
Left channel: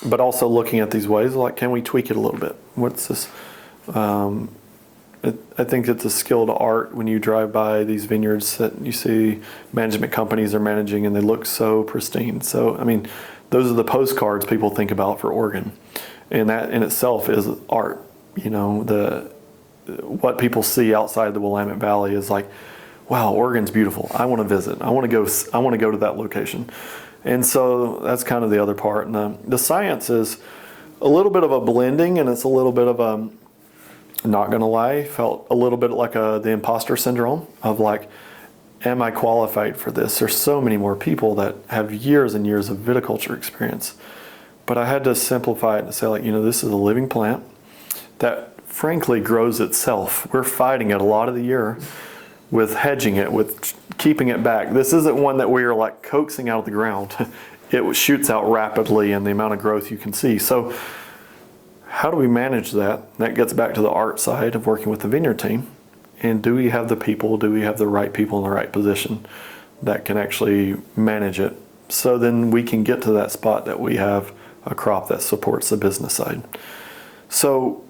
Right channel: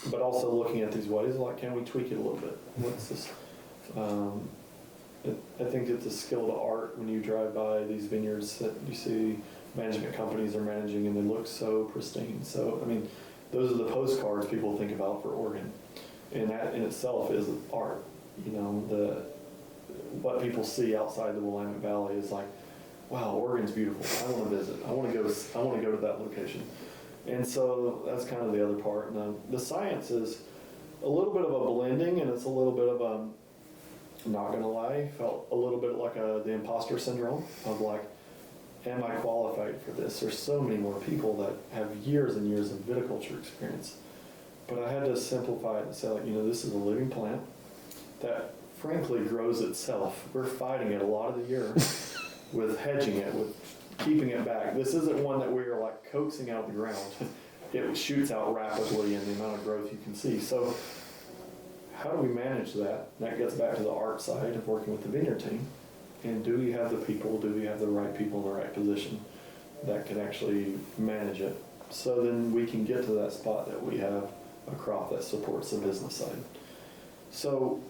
But also looking at these ways, can we tweak it a little bit? What's this? I think it's a skilled art when you drive by these vineyards that you see management companies are managing and they look so pristine. So, those are the postcards people think about for Oregon. And that in itself is art. What people see outside the Willamette Valley is like, wow, Oregon's beautiful. I want to visit. I want to go to that location. And so that's kind of the other part. And the science is a little bit of a blending, and it's a little bit of not going to lie, felt a little bit like the imposter syndrome of am I qualified for this? There's so many more people that have years and years of viticulture experience. But I had to simplify it and say this is a living plant that frankly grows itself. We're fighting it a lot of the year with hedging it, with keeping it back. This isn't one that we are coaxing out of the ground. It shoots out rapidly in the amount of growth you can see. So how do we manage that? That gets back to the art side of working with the vineyard team. And do we have the people, do we have the right people in the right position that can actually manage it? So then we can get to that spot that we have a crop that supports the business side. So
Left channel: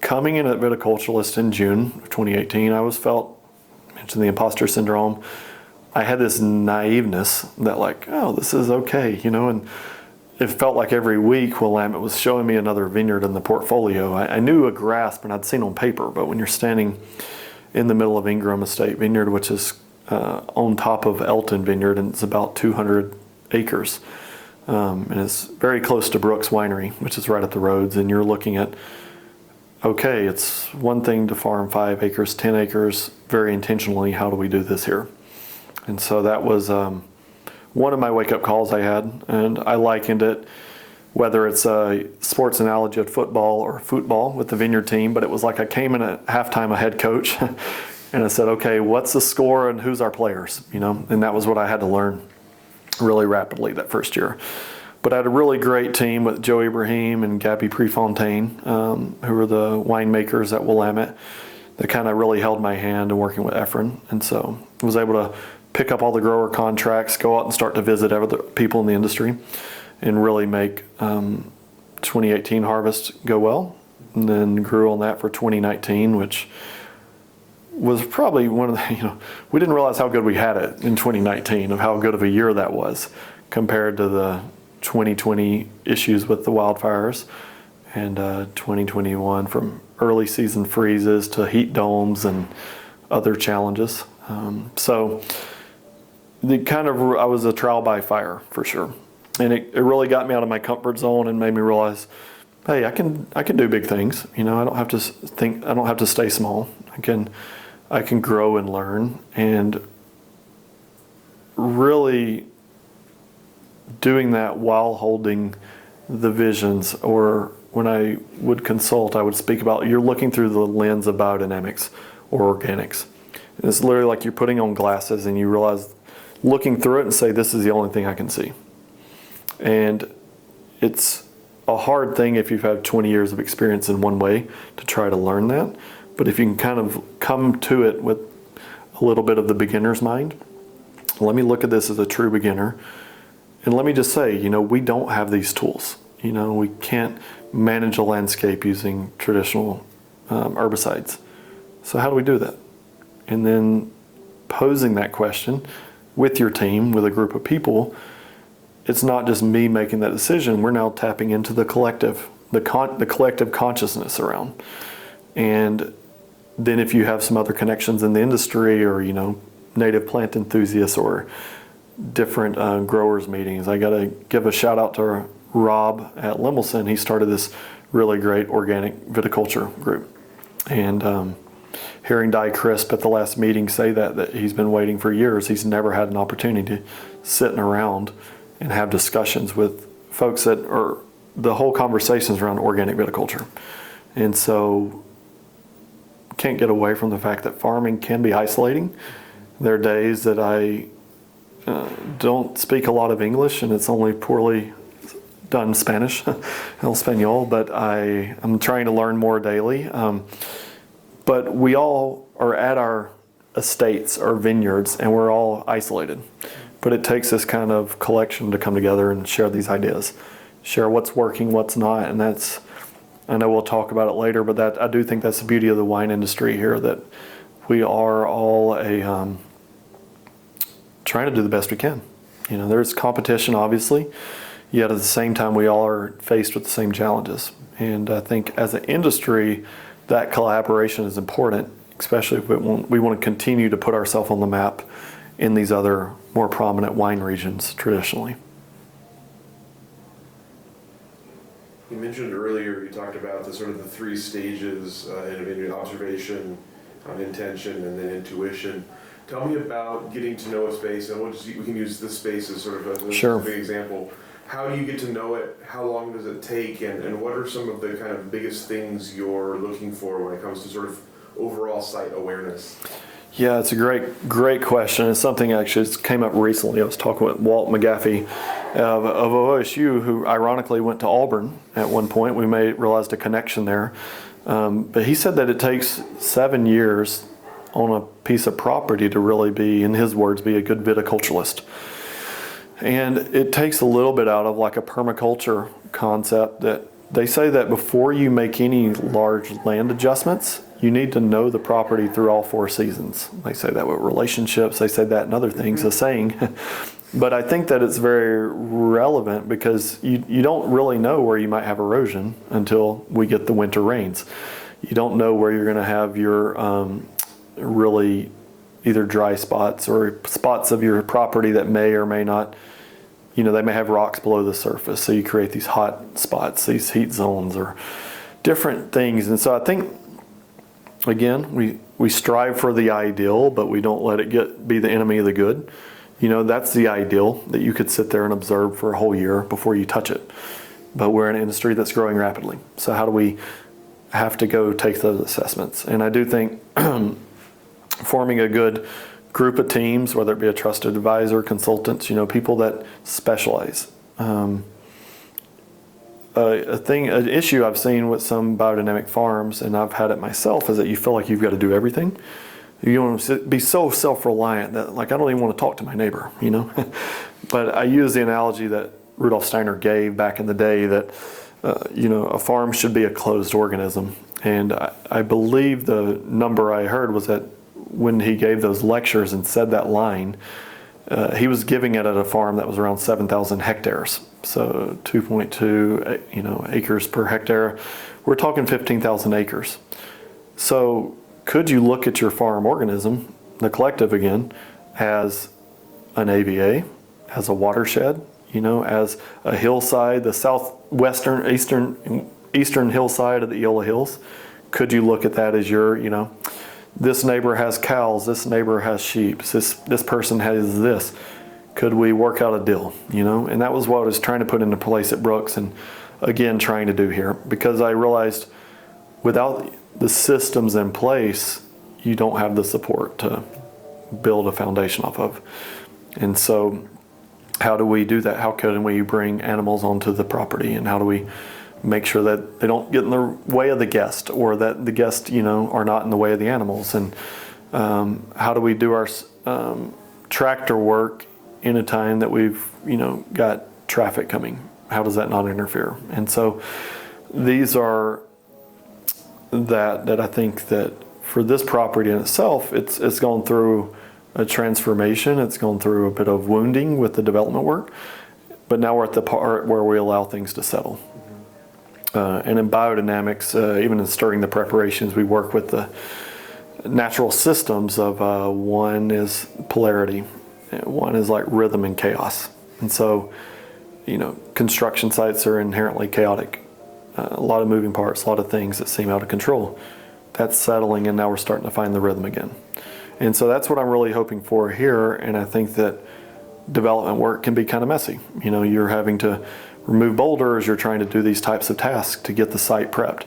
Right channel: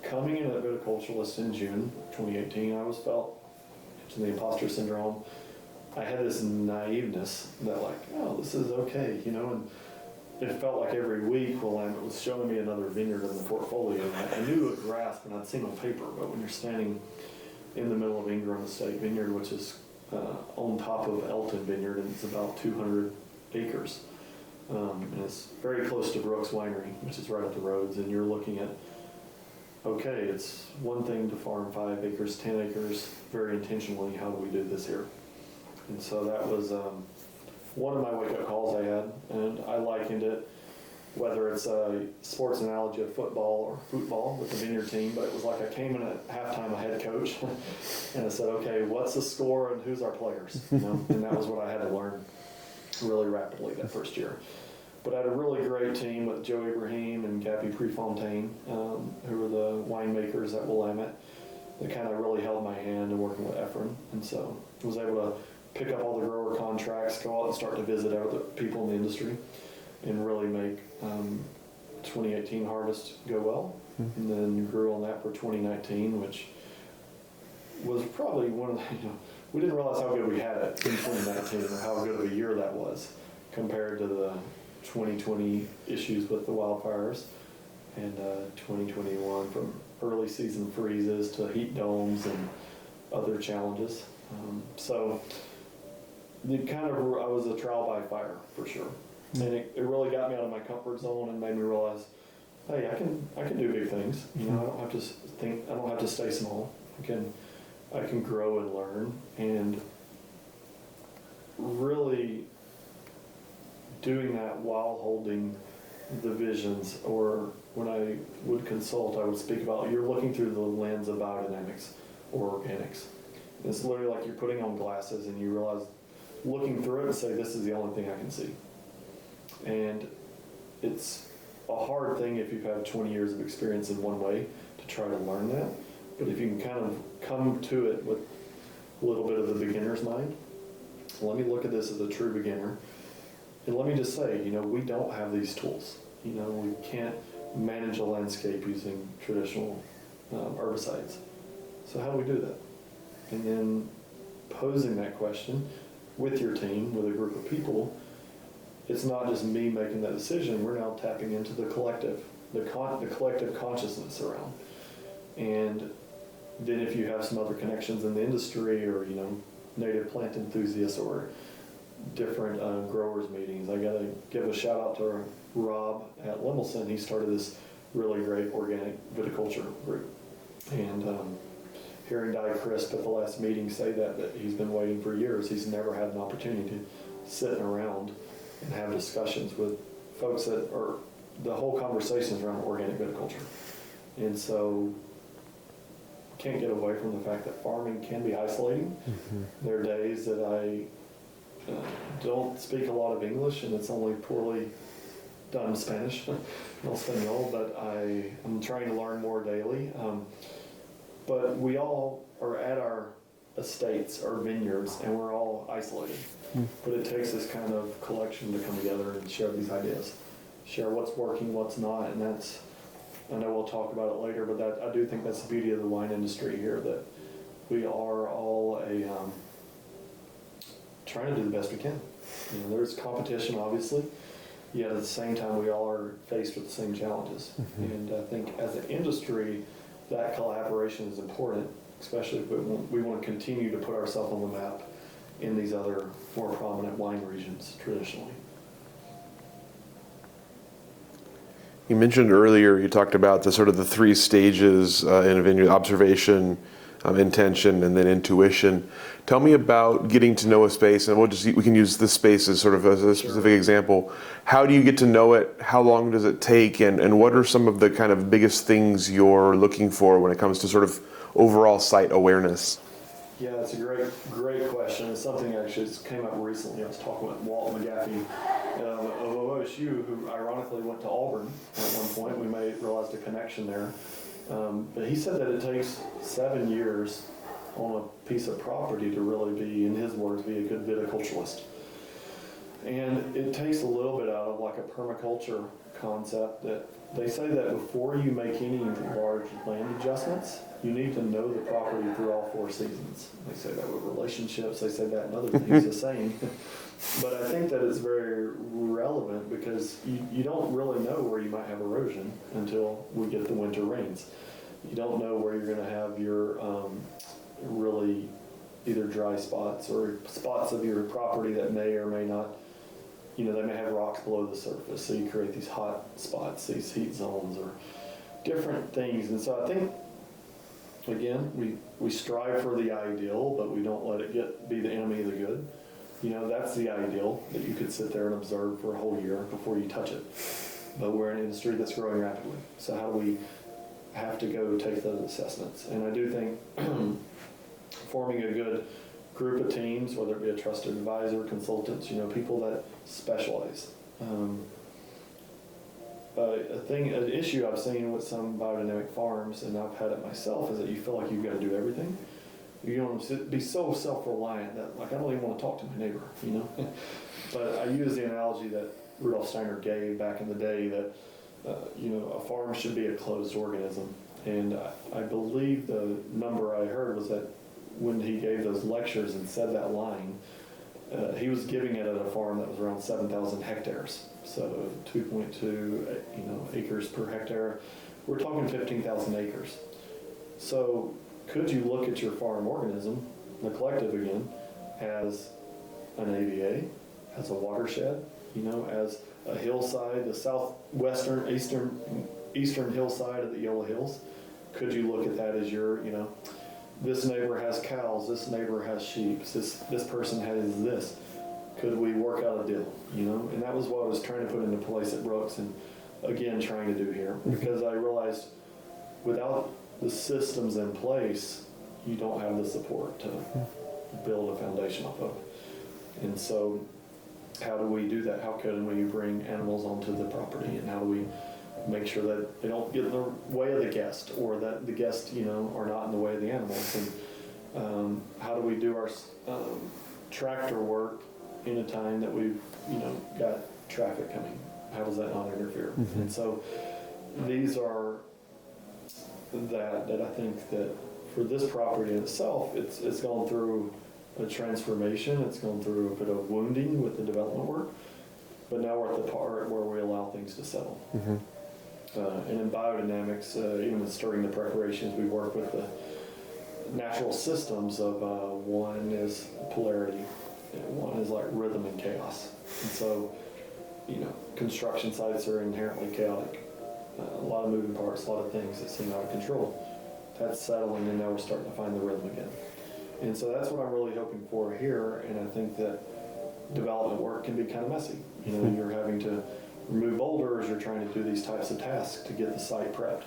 coming in at viticulturalist in June of 2018, I mentioned the imposter syndrome. I had this naiveness that this is okay, and it felt like every week Willamette was showing me another vineyard in the portfolio. I knew a grasp and I'd seen on paper, but when you're standing in the middle of Ingram Estate Vineyard, which is on top of Elton Vineyard, and it's about 200 acres, and it's very close to Brooks Winery, which is right at the roads, and you're looking at, okay, it's one thing to farm 5 acres, 10 acres, very intentionally, how do we do this here? And so that was one of my wake-up calls I had, and I likened it, whether it's a sports analogy at football or football with the vineyard team, but it was I came in at halftime a head coach, and I said, okay, what's the score and who's our players? And that was what I had to learn really rapidly that first year. But I had a really great team with Joe Ibrahim and Gabby Prefontaine, who were the winemakers at Willamette, that kind of really held my hand in working with Efren. And so I was able to pick up all the grower contracts, go out and start to visit other people in the industry, and really make 2018 harvest go well. And then grew on that for 2019, which was probably one of the, we didn't realize how good we had it in 2019, of how good of a year that was compared to the 2020 issues with the wildfires, and 2021 from early season freezes to heat domes and other challenges. So I was a trial by fire for sure. And it really got me out of my comfort zone and made me realize, hey, I can do big things. I don't have to stay small. I can grow and learn, and really doing that while holding the visions. Or when I would consult, I would speak about, you're looking through the lens of biodynamics or organics. And it's literally like you're putting on glasses and you realize, looking through it and say, this is the only thing I can see. And it's a hard thing if you've had 20 years of experience in one way to try to learn that. But if you can kind of come to it with a little bit of the beginner's mind, let me look at this as a true beginner And let me just say, we don't have these tools. We can't manage a landscape using traditional herbicides. So how do we do that? And then posing that question with your team, with a group of people, it's not just me making that decision. We're now tapping into the collective, the collective consciousness around. And then if you have some other connections in the industry or, native plant enthusiasts or different growers meetings, I got to give a shout out to Rob at Lemelson. He started this really great organic viticulture group. And hearing Di Crisp at the last meeting say that he's been waiting for years, he's never had an opportunity to sit around and have discussions with folks that are, the whole conversations around organic viticulture. And so can't get away from the fact that farming can be isolating. Mm-hmm. There are days that I don't speak a lot of English and it's only poorly done Spanish, El Español, but I'm trying to learn more daily. But we all are at our estates or vineyards and we're all isolated. Mm-hmm. But it takes this kind of collection to come together and share these ideas, share what's working, what's not, and that's, I know we'll talk about it later, but I do think that's the beauty of the wine industry here, that we are all trying to do the best we can. There's competition, obviously, yet at the same time, we all are faced with the same challenges. And I think as an industry, that collaboration is important, especially if we want to continue to put ourselves on the map in these other more prominent wine regions traditionally. You mentioned earlier, you talked about the sort of the three stages in a vineyard: observation, intention, and then intuition. Tell me about getting to know a space, and we can use this space as sort of a specific example. How do you get to know it? How long does it take? And what are some of the kind of biggest things you're looking for when it comes to sort of overall site awareness? Yeah, it's a great question. It's something actually that came up recently. I was talking with Walt McGaffey of OSU, who ironically went to Auburn at one point. We realized a connection there. But he said that it takes 7 years on a piece of property to really be, in his words, be a good viticulturalist. And it takes a little bit out of like a permaculture concept that they say that before you make any large land adjustments, you need to know the property through all 4 seasons. They say that with relationships, they say that in other things, a saying. But I think that it's very relevant because you don't really know where you might have erosion until we get the winter rains. You don't know where you're going to have your really either dry spots or spots of your property that may or may not, they may have rocks below the surface. So you create these hot spots, these heat zones or different things. And so I think, again, we strive for the ideal, but we don't let it be the enemy of the good. That's the ideal, that you could sit there and observe for a whole year before you touch it. But we're in an industry that's growing rapidly. So how do we have to go take those assessments? And I do think forming a good group of teams, whether it be a trusted advisor, consultants, people that specialize. An issue I've seen with some biodynamic farms, and I've had it myself, is that you feel like you've got to do everything. You want to be so self-reliant that, like, I don't even want to talk to my neighbor, But I use the analogy that Rudolf Steiner gave back in the day that, a farm should be a closed organism. And I believe the number I heard was that when he gave those lectures and said that line, he was giving it at a farm that was around 7,000 hectares. So 2.2, acres per hectare. We're talking 15,000 acres. So could you look at your farm organism, the collective again, as an AVA, as a watershed, as a hillside, the southwestern, eastern hillside of the Eola Hills? Could you look at that as your, this neighbor has cows, this neighbor has sheep, this person has this. Could we work out a deal, And that was what I was trying to put into place at Brooks and, again, trying to do here. Because I realized without the systems in place, you don't have the support to build a foundation off of. And so how do we do that? How can we bring animals onto the property? And how do we make sure that they don't get in the way of the guest, or that the guests, are not in the way of the animals? And how do we do our tractor work in a time that we've, got traffic coming? How does that not interfere? Mm-hmm. And so these are that I think that for this property in itself, it's gone through a transformation. It's gone through a bit of wounding with the development work, but now we're at the part where we allow things to settle. Mm-hmm. And in biodynamics, even in starting the preparations, we work with the natural systems of one is polarity, one is like rhythm and chaos. And so, construction sites are inherently chaotic. A lot of moving parts, a lot of things that seem out of control. That's settling, and now we're starting to find the rhythm again. And so that's what I'm really hoping for here, and I think that development work can be kind of messy. You're having to remove boulders, you're trying to do these types of tasks to get the site prepped.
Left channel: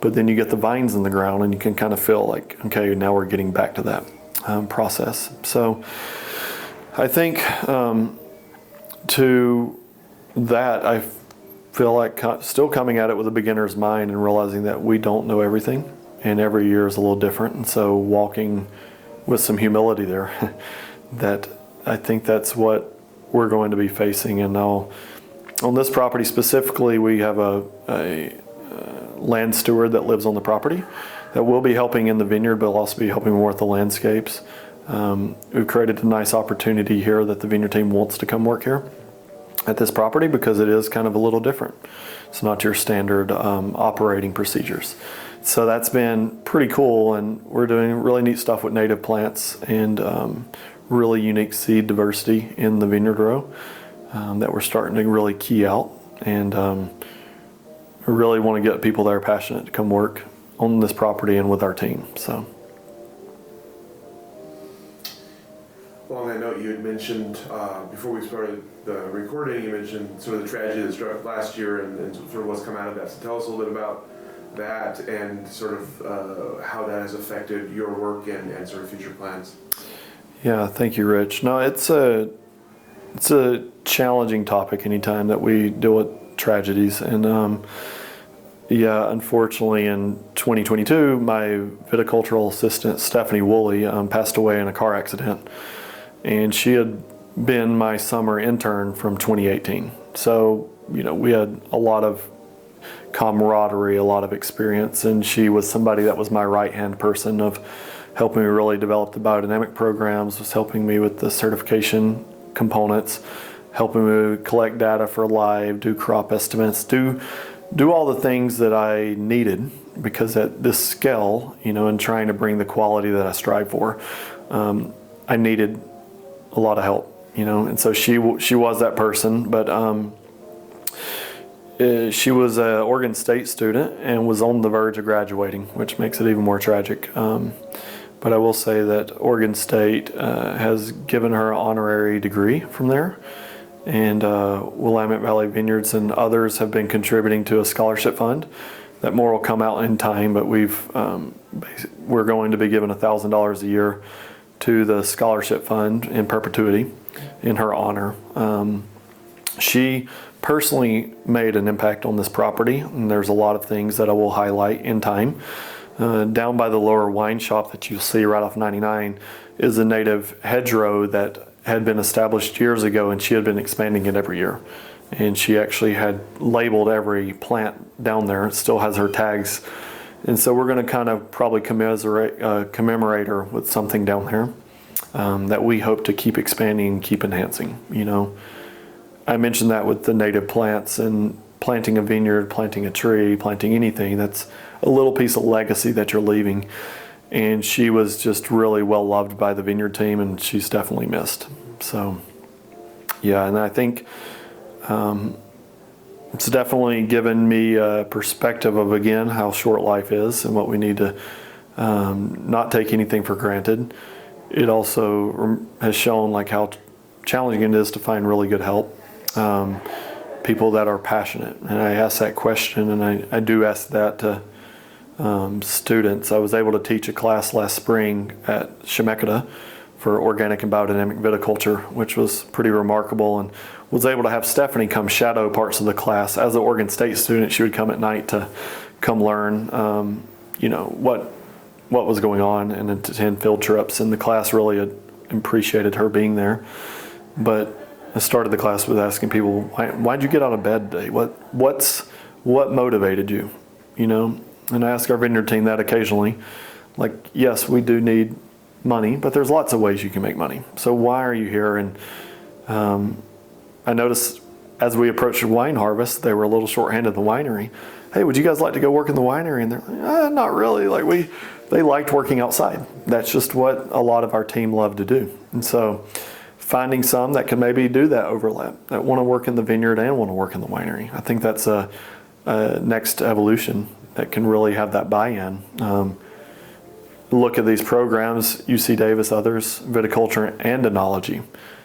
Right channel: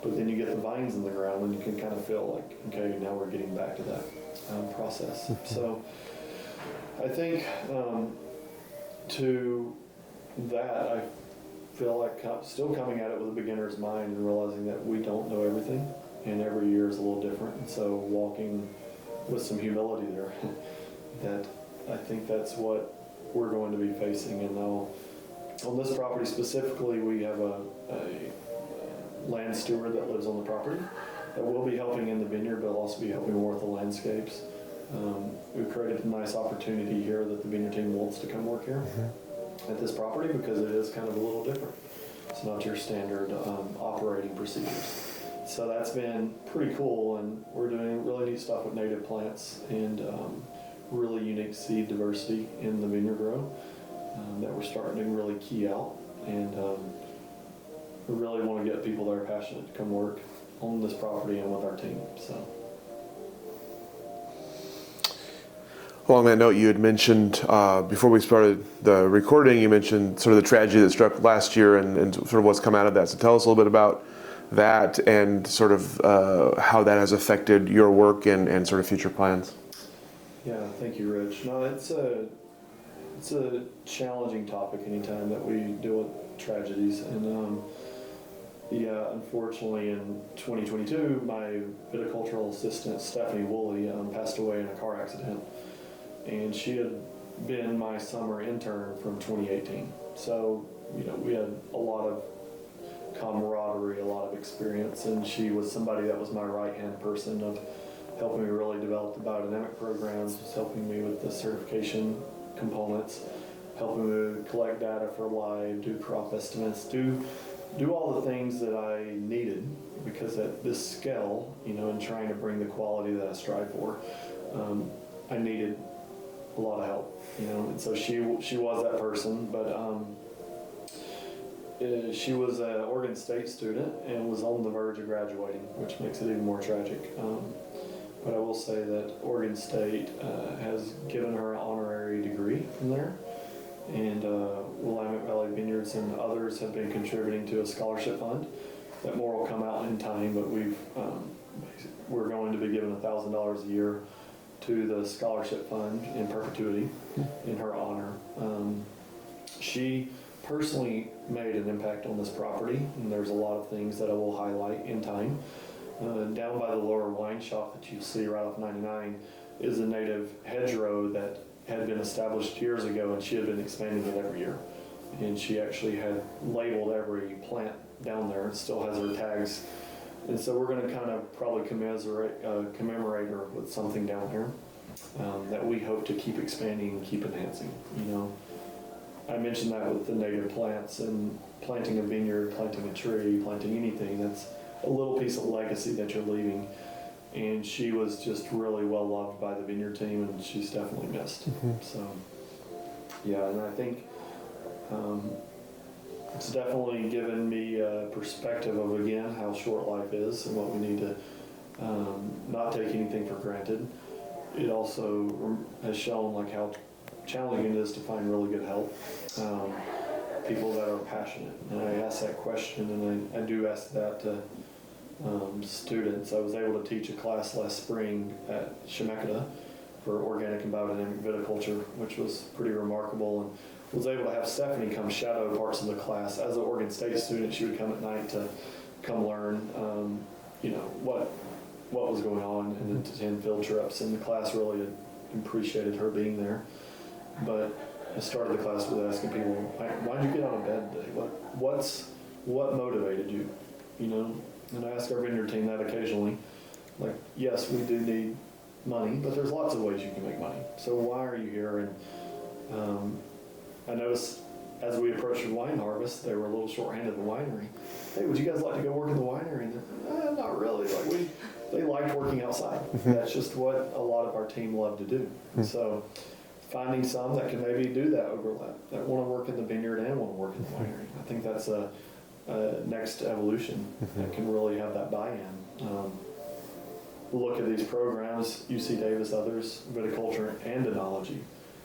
But then you get the vines in the ground, and you can kind of feel like, okay, now we're getting back to that process. So I think to that, I feel like still coming at it with a beginner's mind and realizing that we don't know everything, and every year is a little different. And so walking with some humility there, that I think that's what we're going to be facing. And now on this property specifically, we have a land steward that lives on the property that will be helping in the vineyard, but will also be helping more with the landscapes. We've created a nice opportunity here that the vineyard team wants to come work here at this property because it is kind of a little different. It's not your standard operating procedures. So that's been pretty cool, and we're doing really neat stuff with native plants and really unique seed diversity in the vineyard row that we're starting to really key out. And we really want to get people that are passionate to come work on this property and with our team. So. Along that note, you had mentioned before we started the recording, you mentioned sort of the tragedy that struck last year and sort of what's come out of that. So tell us a little bit about that and sort of how that has affected your work and sort of future plans. Yeah, thank you, Rich. No, it's a challenging topic anytime that we deal with tragedies. And yeah, unfortunately in 2022, my viticultural assistant, Stephanie Woolley, passed away in a car accident. And she had been my summer intern from 2018. So, we had a lot of camaraderie, a lot of experience, and she was somebody that was my right-hand person of helping me really develop the biodynamic programs, was helping me with the certification components, helping me collect data for live, do crop estimates, do all the things that I needed, because at this scale, and trying to bring the quality that I strive for, I needed a lot of help, and so she was that person. But she was an Oregon State student and was on the verge of graduating, which makes it even more tragic. But I will say that Oregon State has given her an honorary degree from there, and Willamette Valley Vineyards and others have been contributing to a scholarship fund. That more will come out in time, but we're going to be given $1,000 a year to the scholarship fund in perpetuity in her honor. She personally made an impact on this property, and there's a lot of things that I will highlight in time. Down by the lower wine shop that you'll see right off 99 is a native hedgerow that had been established years ago, and she had been expanding it every year. And she actually had labeled every plant down there. It still has her tags. And so we're going to kind of probably commemorate her with something down there that we hope to keep expanding and keep enhancing. I mentioned that with the native plants and planting a vineyard, planting a tree, planting anything. That's a little piece of legacy that you're leaving. And she was just really well loved by the vineyard team, and she's definitely missed. So, yeah, and I think it's definitely given me a perspective of, again, how short life is and what we need to not take anything for granted. It also has shown like how challenging it is to find really good help, people that are passionate. And I ask that question, and I do ask that to students. I was able to teach a class last spring at Chemeketa for organic and biodynamic viticulture, which was pretty remarkable, and was able to have Stephanie come shadow parts of the class. As an Oregon State student, she would come at night to come learn, what was going on, and attend field trips. And the class really appreciated her being there. But I started the class with asking people, why'd you get out of bed today? What motivated you? You know, and I ask our vineyard team that occasionally. Like, yes, we do need money, but there's lots of ways you can make money. So why are you here? And I noticed as we approached the wine harvest, they were a little short-handed at the winery. Hey, would you guys like to go work in the winery? And they're like, not really. Like they liked working outside. That's just what a lot of our team loved to do. And so finding some that can maybe do that overlap, that want to work in the vineyard and want to work in the winery. I think that's a next evolution that can really have that buy-in. Look at these programs, UC Davis, others, viticulture and enology.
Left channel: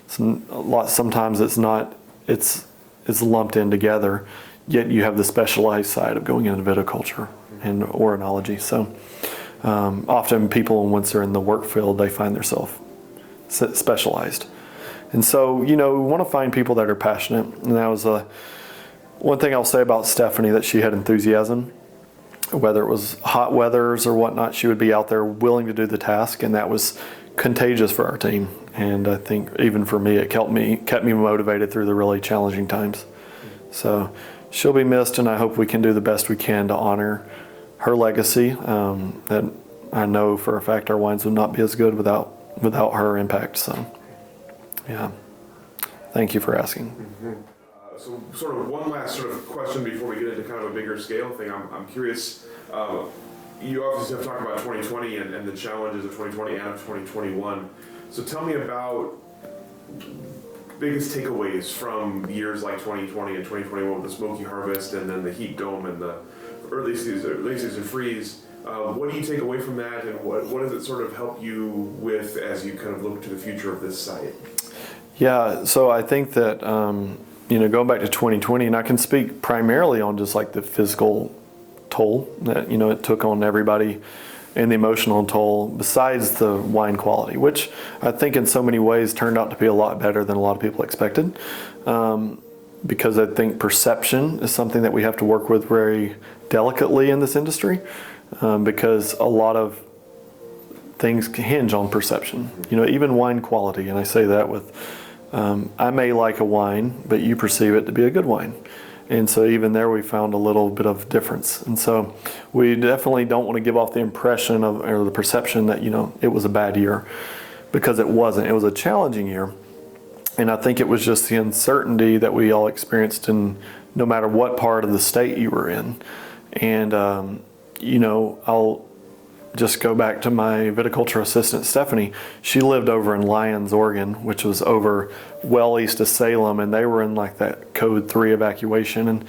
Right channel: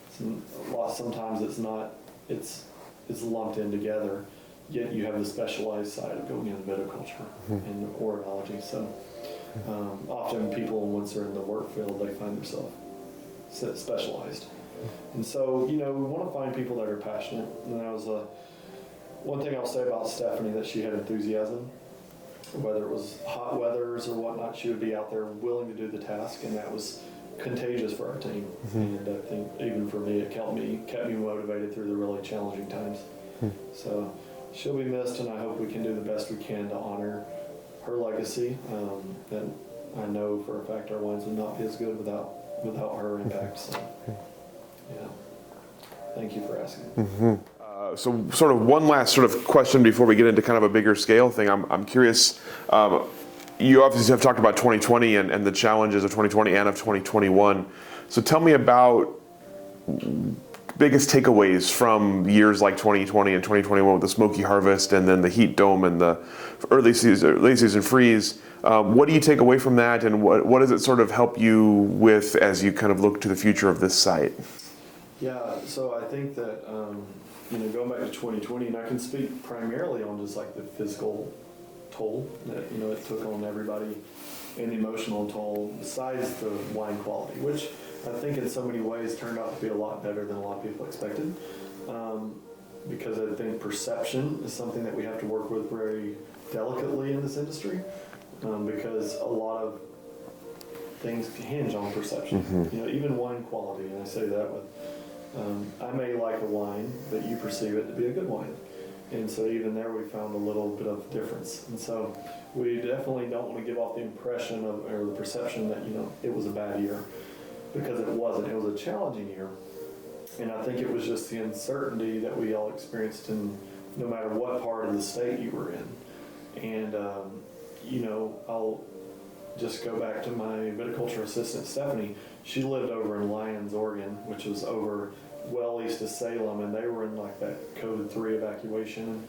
Sometimes it's lumped in together, yet you have the specialized side of going into viticulture and or enology. So often people, once they're in the work field, they find themselves specialized. And so, you know, we want to find people that are passionate. And that was one thing I'll say about Stephanie, that she had enthusiasm. Whether it was hot weathers or whatnot, she would be out there willing to do the task, and that was contagious for our team. And I think even for me, it kept me motivated through the really challenging times. So she'll be missed, and I hope we can do the best we can to honor her legacy. That I know for a fact our wines would not be as good without her impact. So, yeah. Thank you for asking. So sort of one last sort of question before we get into kind of a bigger scale thing. I'm curious, you obviously have talked about 2020 and the challenges of 2020 and of 2021. So tell me about biggest takeaways from years like 2020 and 2021 with the smoky harvest and then the heat dome and the late season freeze. What do you take away from that, and what does it sort of help you with as you kind of look to the future of this site? Yeah, so I think that going back to 2020, and I can speak primarily on just like the physical toll that, it took on everybody and the emotional toll, besides the wine quality, which I think in so many ways turned out to be a lot better than a lot of people expected. Because I think perception is something that we have to work with very delicately in this industry, because a lot of things hinge on perception. Even wine quality, and I say that with I may like a wine, but you perceive it to be a good wine. And so even there we found a little bit of difference. And so we definitely don't want to give off the impression or the perception that, it was a bad year, because it wasn't. It was a challenging year. And I think it was just the uncertainty that we all experienced in no matter what part of the state you were in. And, I'll just go back to my viticulture assistant, Stephanie. She lived over in Lyons, Oregon, which was over well east of Salem, and they were in like that code 3 evacuation. And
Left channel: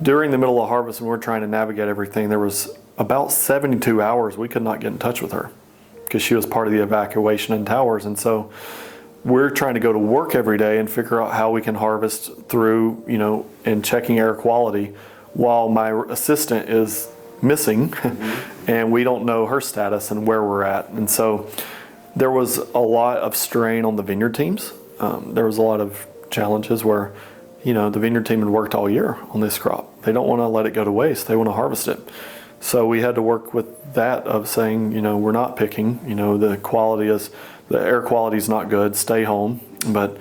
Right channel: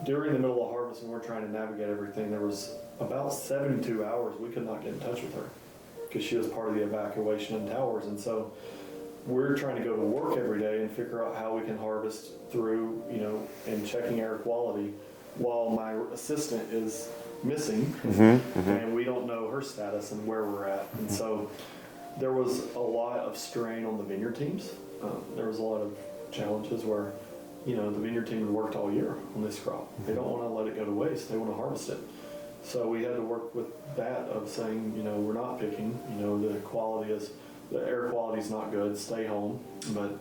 during the middle of harvest, when we're trying to navigate everything, there was about 72 hours we could not get in touch with her because she was part of the evacuation in towers. And so we're trying to go to work every day and figure out how we can harvest through, and checking air quality while my assistant is missing, and we don't know her status and where we're at. And so there was a lot of strain on the vineyard teams. There was a lot of challenges where, the vineyard team had worked all year on this crop. They don't want to let it go to waste. They want to harvest it. So we had to work with that of saying, we're not picking, the air quality is not good, stay home. But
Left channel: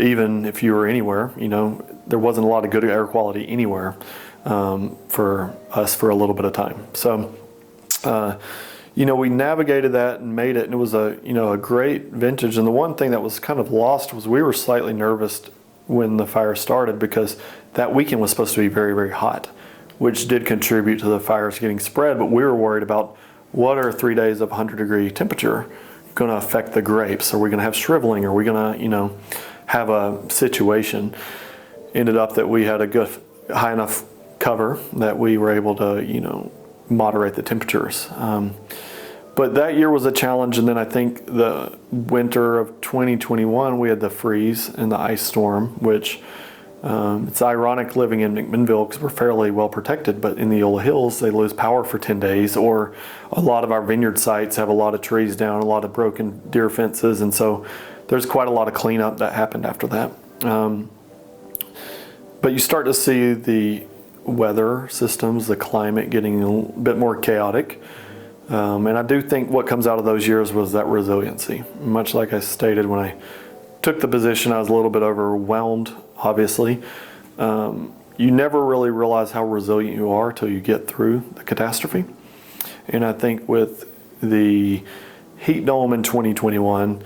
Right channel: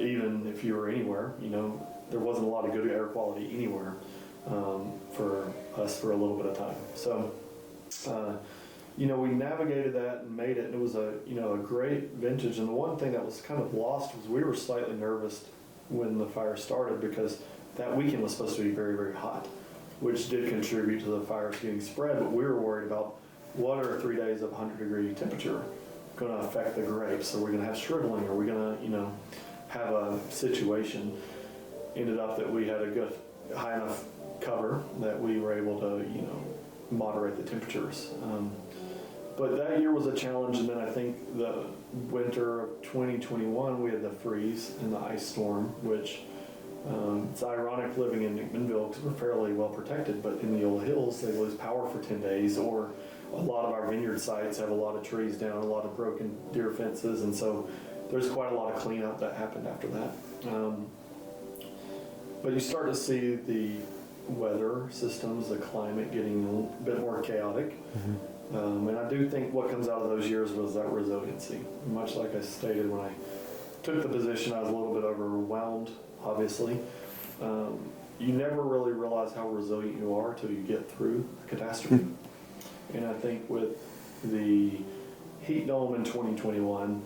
even if you were anywhere, there wasn't a lot of good air quality anywhere. For us for a little bit of time. So, we navigated that and made it, and it was a great vintage. And the one thing that was kind of lost was we were slightly nervous when the fire started, because that weekend was supposed to be very, very hot, which did contribute to the fires getting spread. But we were worried about, what are 3 days of 100-degree temperature going to affect the grapes? Are we going to have shriveling? Are we going to, have a situation? Ended up that we had a good, high enough cover that we were able to, moderate the temperatures. But that year was a challenge. And then I think the winter of 2021, we had the freeze and the ice storm, which it's ironic living in McMinnville because we're fairly well protected, but in the Yola Hills, they lose power for 10 days, or a lot of our vineyard sites have a lot of trees down, a lot of broken deer fences. And so there's quite a lot of cleanup that happened after that. But you start to see the weather systems, the climate getting a bit more chaotic. And I do think what comes out of those years was that resiliency. Much like I stated when I took the position, I was a little bit overwhelmed, obviously. You never really realize how resilient you are till you get through the catastrophe. And I think with the heat dome in 2021,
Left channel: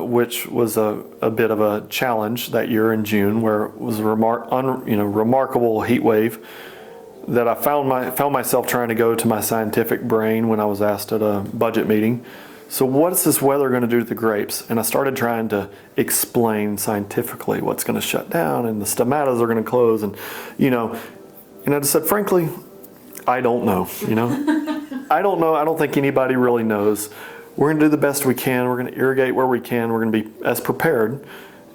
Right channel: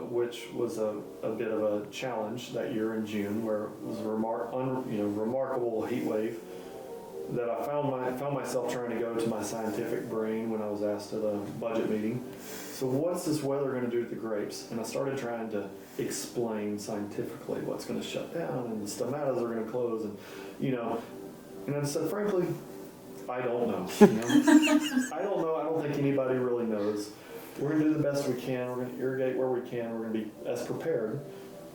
which was a bit of a challenge that year in June, where it was a remarkable heat wave, that I found myself trying to go to my scientific brain when I was asked at a budget meeting, so what is this weather going to do to the grapes? And I started trying to explain scientifically what's going to shut down and the stomatas are going to close, and and I just said, frankly, I don't know. I don't know. I don't think anybody really knows. We're going to do the best we can. We're going to irrigate where we can. We're going to be as prepared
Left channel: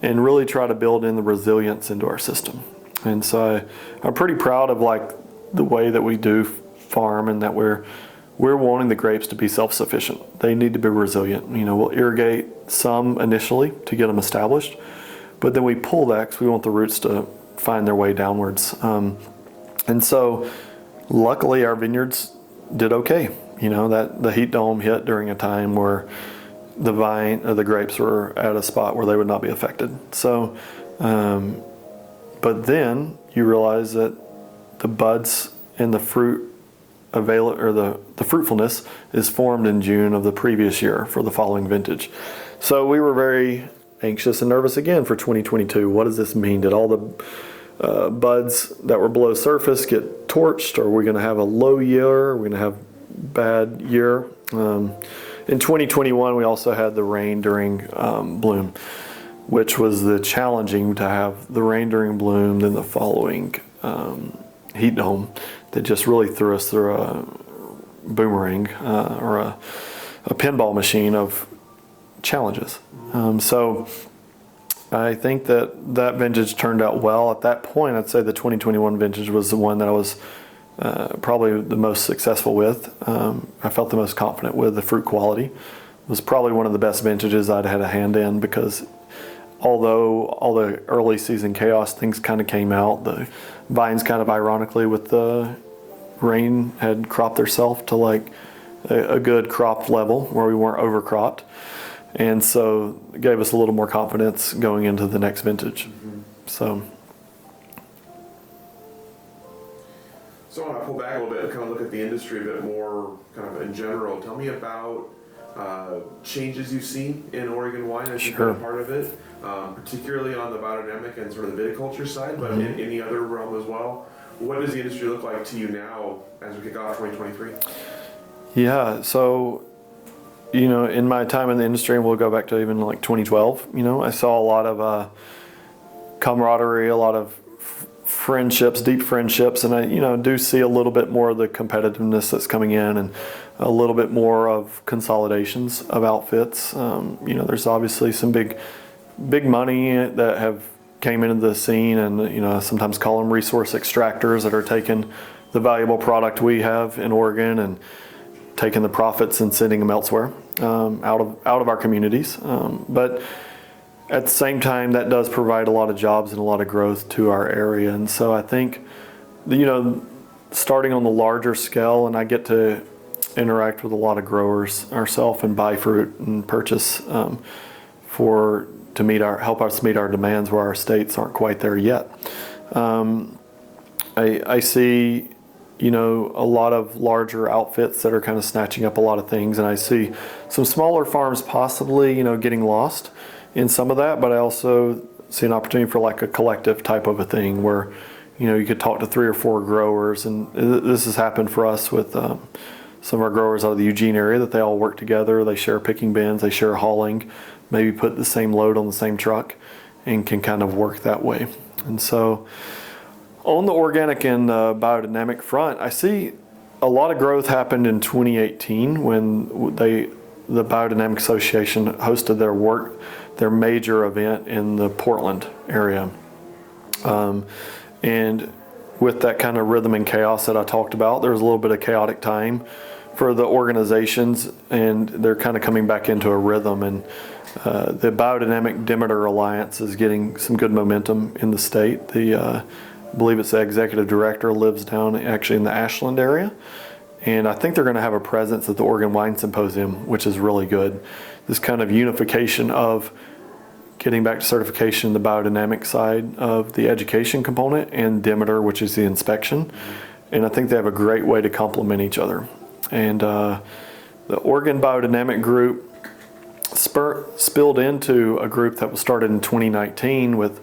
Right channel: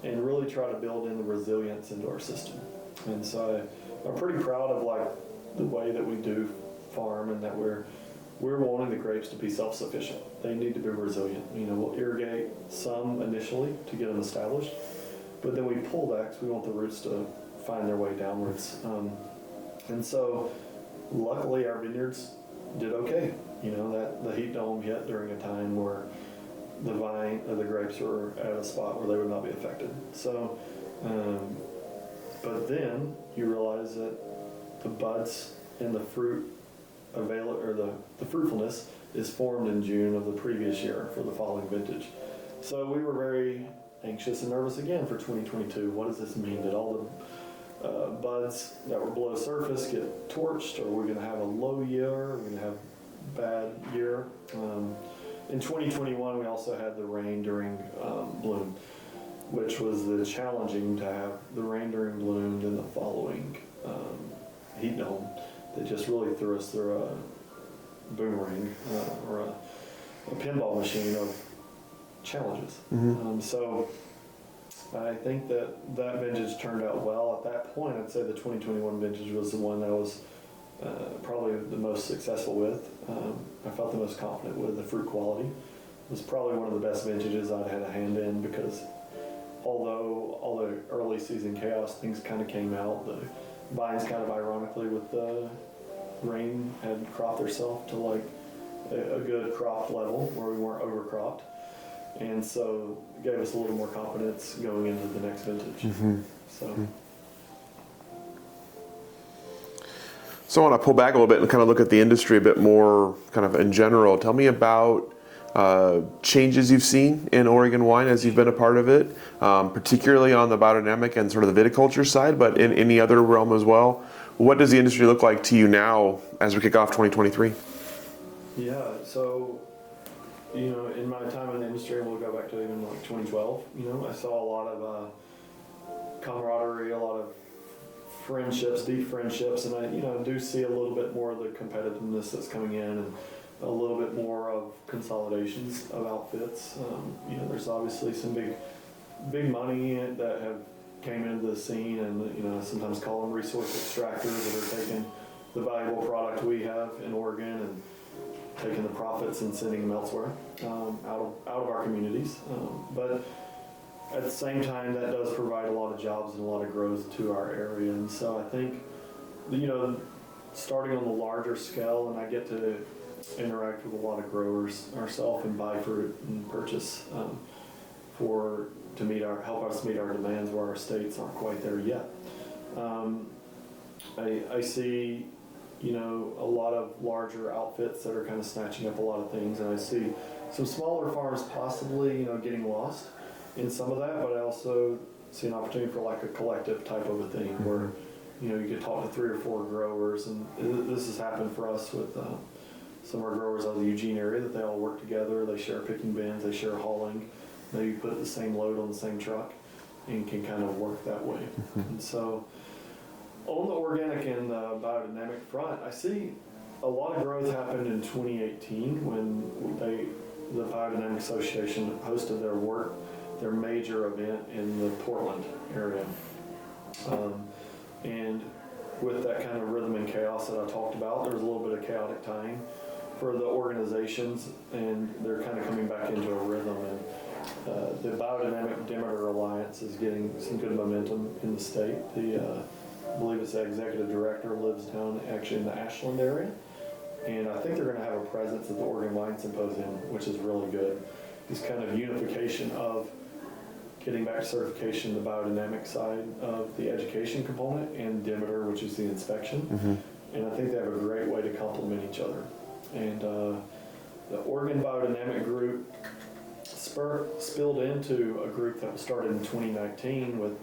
and really try to build in the resilience into our system. And so I'm pretty proud of the way that we do farm, and that we're wanting the grapes to be self-sufficient. They need to be resilient. We'll irrigate some initially to get them established, but then we pull that because we want the roots to find their way downwards. And so luckily our vineyards did okay. That the heat dome hit during a time where the grapes were at a spot where they would not be affected. So, but then you realize that the buds and the fruit the fruitfulness is formed in June of the previous year for the following vintage. So we were very anxious and nervous again for 2022. What does this mean? Did all the buds that were below surface get torched? Are we going to have a low year? Are we going to have bad year? In 2021, we also had the rain during bloom, which was the challenging to have the rain during bloom, then the following heat dome that just really threw us through a boomerang or a pinball machine of challenges. So I think that vintage turned out well. At that point, I'd say the 2021 vintage was the one that I was probably the most successful with. I felt the most confident with. The fruit quality it was probably one of the best vintages I'd had a hand in, because although all the early season chaos, things kind of came out. The vines kind of ironically with the rain had cropped themselves to a good crop level where we weren't overcropped. And so it gave us a little more confidence going into the next vintage. So I want to pull back a little bit and kind of look at the industry a bit more kind of in general. Tell me about changes you've seen in Oregon wine as you've been a part of it, particularly on the biodynamic and sort of the viticulture side, but in any other realm as well. What does the industry look like to you now as we kick off 2023? Yeah, so, in my time in the industry, and we'll go back to even 2012, I saw a lot of camaraderie, a lot of friendships, deep friendships, and I, do see a little bit more of the competitiveness that's coming in, and a little bit more of consolidations of outfits. There's obviously some big money that have came into the scene, and I sometimes call them resource extractors that are taking the valuable product we have in Oregon and taking the profits and sending them elsewhere, out of our communities. But at the same time, that does provide a lot of jobs and a lot of growth to our area. And so I think, starting on the larger scale, and I get to interact with a lot of growers ourselves and buy fruit and purchase to help us meet our demands where our states aren't quite there yet. I see, a lot of larger outfits that are kind of snatching up a lot of things, and I see some smaller farms possibly, getting lost in some of that, but I also see an opportunity for a collective type of a thing where, you could talk to 3 or 4 growers, and this has happened for us with some of our growers out of the Eugene area, that they all work together, they share picking bins, they share hauling, maybe put the same load on the same truck, and can kind of work that way. And so on the organic and biodynamic front, I see a lot of growth happened in 2018 when the Biodynamic Association hosted their major event in the Portland area. And with that kind of rhythm and chaos that I talked about, there was a little bit of chaotic time for the organizations, and they're kind of coming back into a rhythm. And the Biodynamic Demeter Alliance is getting some good momentum in the state. I believe it's the executive director lives down actually in the Ashland area. And I think they're going to have a presence at the Oregon Wine Symposium, which is really good. This kind of unification of getting back to certification, the biodynamic side of the education component, and Demeter, which is the inspection. And I think they have a great way to complement each other. And the Oregon Biodynamic group spilled into a group that was started in 2019 with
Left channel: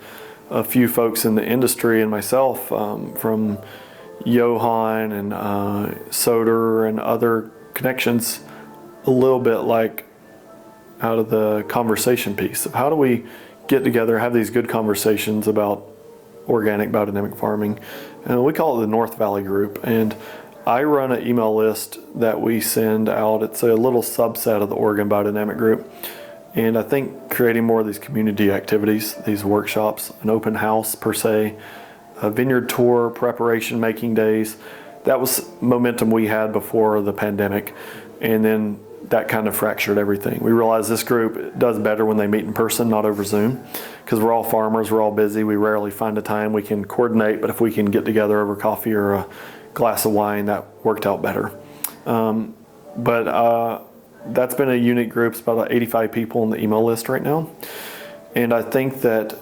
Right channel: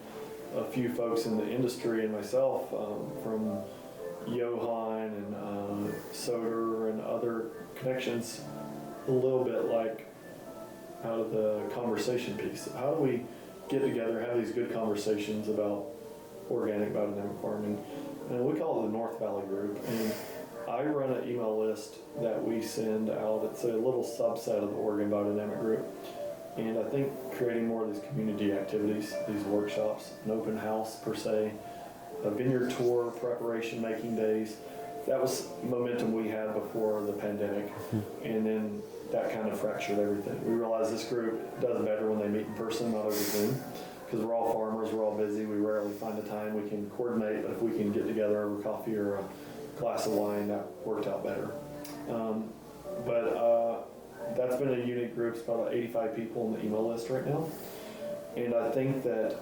a few folks in the industry and myself from Johan and Soder and other connections, a little bit like out of the conversation piece of how do we get together, have these good conversations about organic biodynamic farming. And we call it the North Valley Group. And I run an email list that we send out. It's a little subset of the Oregon Biodynamic Group. And I think creating more of these community activities, these workshops, an open house per se, a vineyard tour, preparation making days, that was momentum we had before the pandemic. And then that kind of fractured everything. We realized this group does better when they meet in person, not over Zoom, because we're all farmers, we're all busy, we rarely find a time we can coordinate, but if we can get together over coffee or a glass of wine, that worked out better. But that's been a unique group. It's about 85 people on the email list right now. And I think that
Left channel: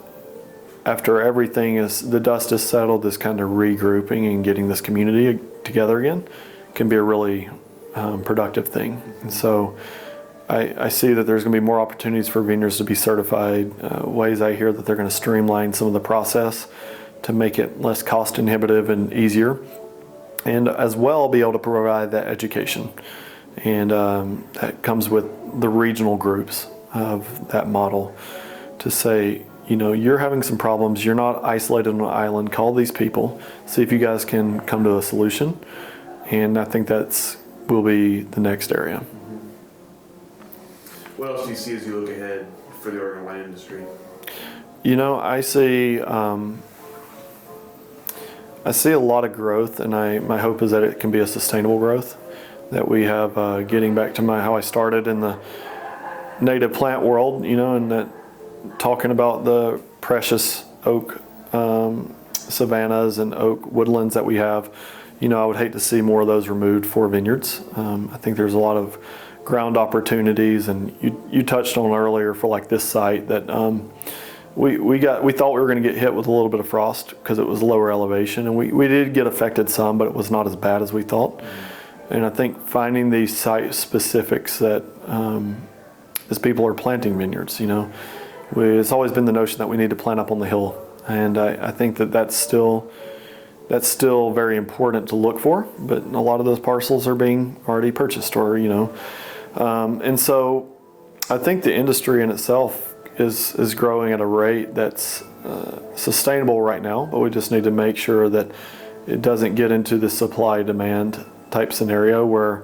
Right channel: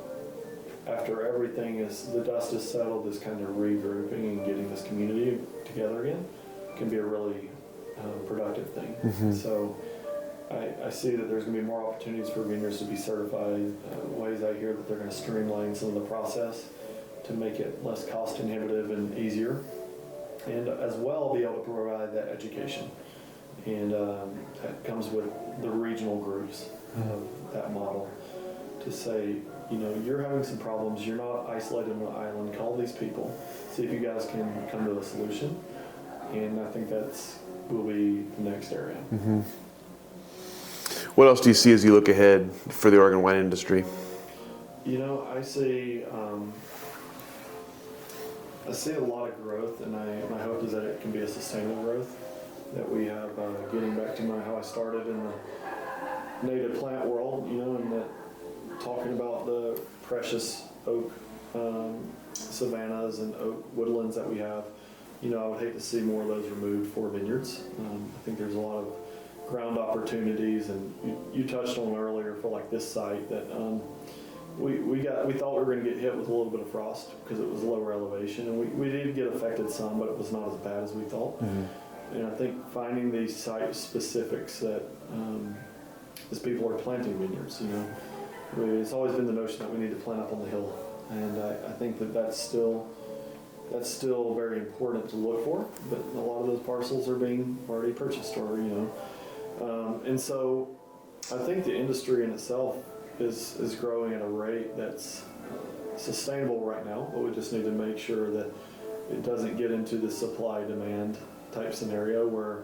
after everything is, the dust is settled, this kind of regrouping and getting this community together again can be a really productive thing. So I see that there's going to be more opportunities for vineyards to be certified, ways I hear that they're going to streamline some of the process to make it less cost inhibitive and easier, and as well be able to provide that education. And that comes with the regional groups of that model to say, you know, you're having some problems, you're not isolated on an island, call these people, see if you guys can come to a solution. And I think that's will be the next area. What else do you see as you look ahead for the Oregon wine industry? You know, I see a lot of growth, and my hope is that it can be a sustainable growth. That we have, getting back to how I started in the native plant world, you know, and that talking about the precious oak savannas and oak woodlands that we have. You know, I would hate to see more of those removed for vineyards. I think there's a lot of ground opportunities, and you touched on earlier for like this site that we thought we were going to get hit with a little bit of frost because it was lower elevation, and we did get affected some, but it was not as bad as we thought. And I think finding these site specifics that as people are planting vineyards, you know, it's always been the notion that we need to plant up on the hill, and I think that's still very important to look for, but a lot of those parcels are being already purchased, or you know, and so I think the industry in itself is growing at a rate that's sustainable right now, but we just need to make sure that it doesn't get into the supply-demand type scenario where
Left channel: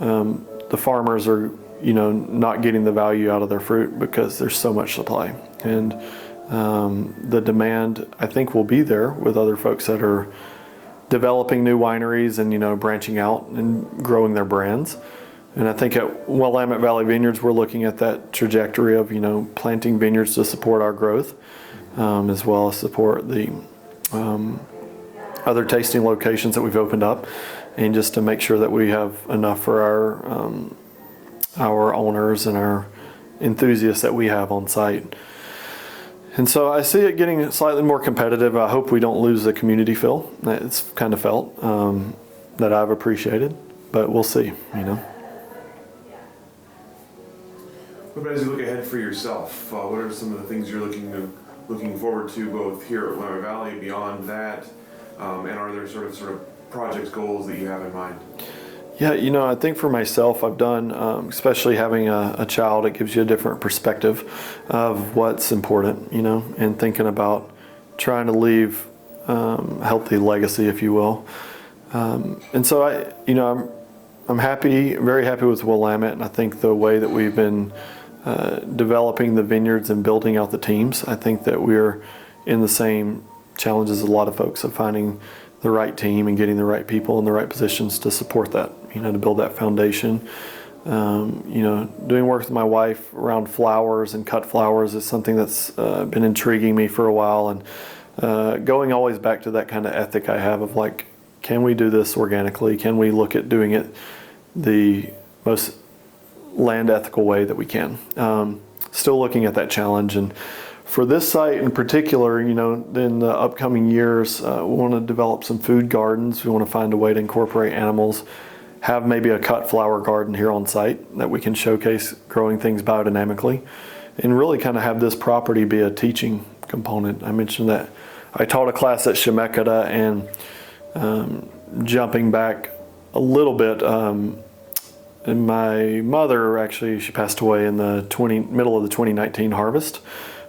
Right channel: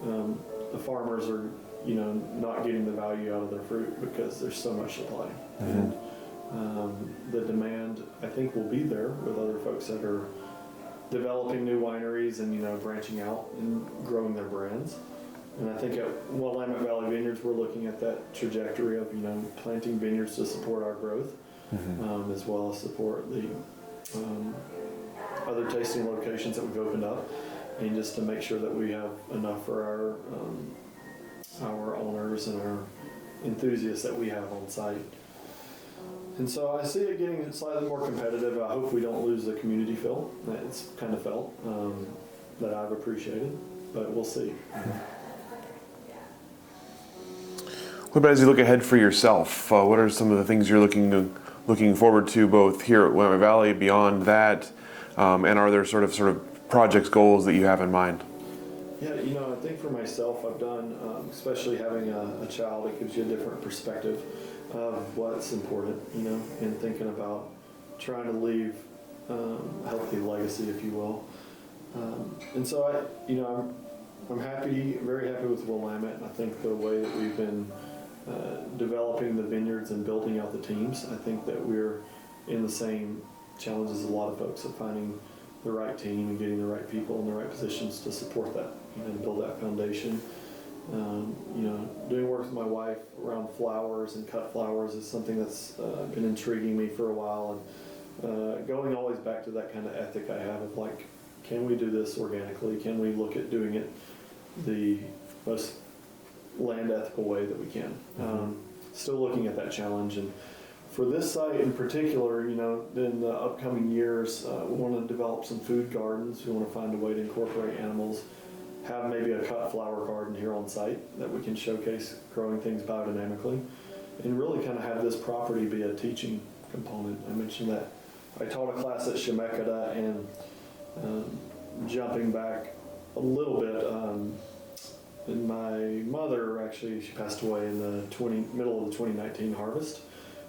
the farmers are, you know, not getting the value out of their fruit because there's so much supply. And the demand, I think, will be there with other folks that are developing new wineries and, you know, branching out and growing their brands. And I think at Willamette Valley Vineyards, we're looking at that trajectory of, you know, planting vineyards to support our growth, as well as support the other tasting locations that we've opened up, and just to make sure that we have enough for our owners and our enthusiasts that we have on site. And so I see it getting slightly more competitive. I hope we don't lose the community feel. It's kind of felt that I've appreciated, but we'll see, you know. What about as you look ahead for yourself? What are some of the things you're looking forward to, both here at Willamette Valley, beyond that, and are there sort of projects, goals that you have in mind? Yeah, you know, I think for myself, I've done, especially having a child, it gives you a different perspective of what's important, you know, and thinking about trying to leave healthy legacy, if you will. And so I'm happy, very happy with Willamette, and I think the way that we've been developing the vineyards and building out the teams, I think that we're in the same challenges as a lot of folks of finding the right team and getting the right people in the right positions to support that, you know, to build that foundation. You know, doing work with my wife around flowers and cut flowers is something that's been intriguing me for a while, and going always back to that kind of ethic I have of like, can we do this organically? Can we look at doing it the most land ethical way that we can? Still looking at that challenge, and For this site in particular, in the upcoming years, we want to develop some food gardens. We want to find a way to incorporate animals, have maybe a cut flower garden here on site that we can showcase growing things biodynamically, and really kind of have this property be a teaching component. I mentioned that I taught a class at Shemeketa, and jumping back a little bit, and my mother actually, she passed away in the middle of the 2019 harvest,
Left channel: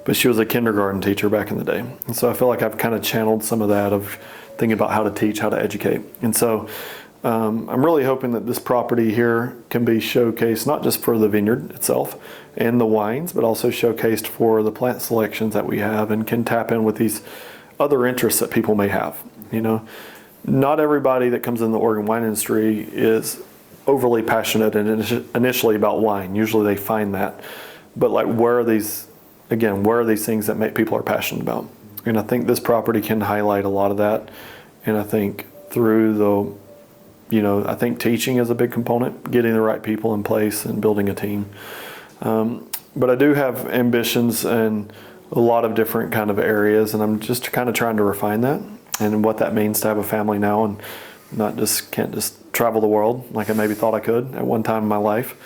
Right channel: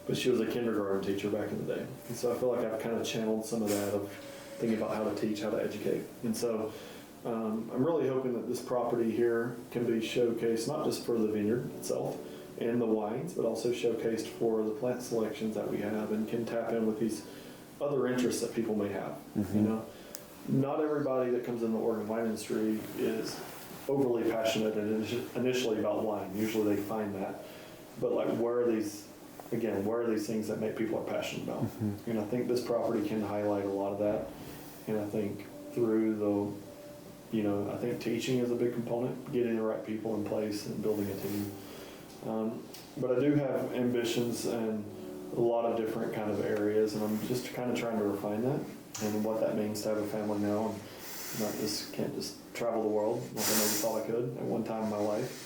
but she was a kindergarten teacher back in the day. And so I feel like I've kind of channeled some of that of thinking about how to teach, how to educate. And so I'm really hoping that this property here can be showcased not just for the vineyard itself and the wines, but also showcased for the plant selections that we have, and can tap in with these other interests that people may have. Not everybody that comes in the Oregon wine industry is overly passionate initially about wine. Usually they find that. But like, where are these things that make people are passionate about? And I think this property can highlight a lot of that. And I think through I think teaching is a big component, getting the right people in place and building a team. But I do have ambitions in a lot of different kind of areas, and I'm just kind of trying to refine that and what that means to have a family now, and can't just travel the world like I maybe thought I could at one time in my life.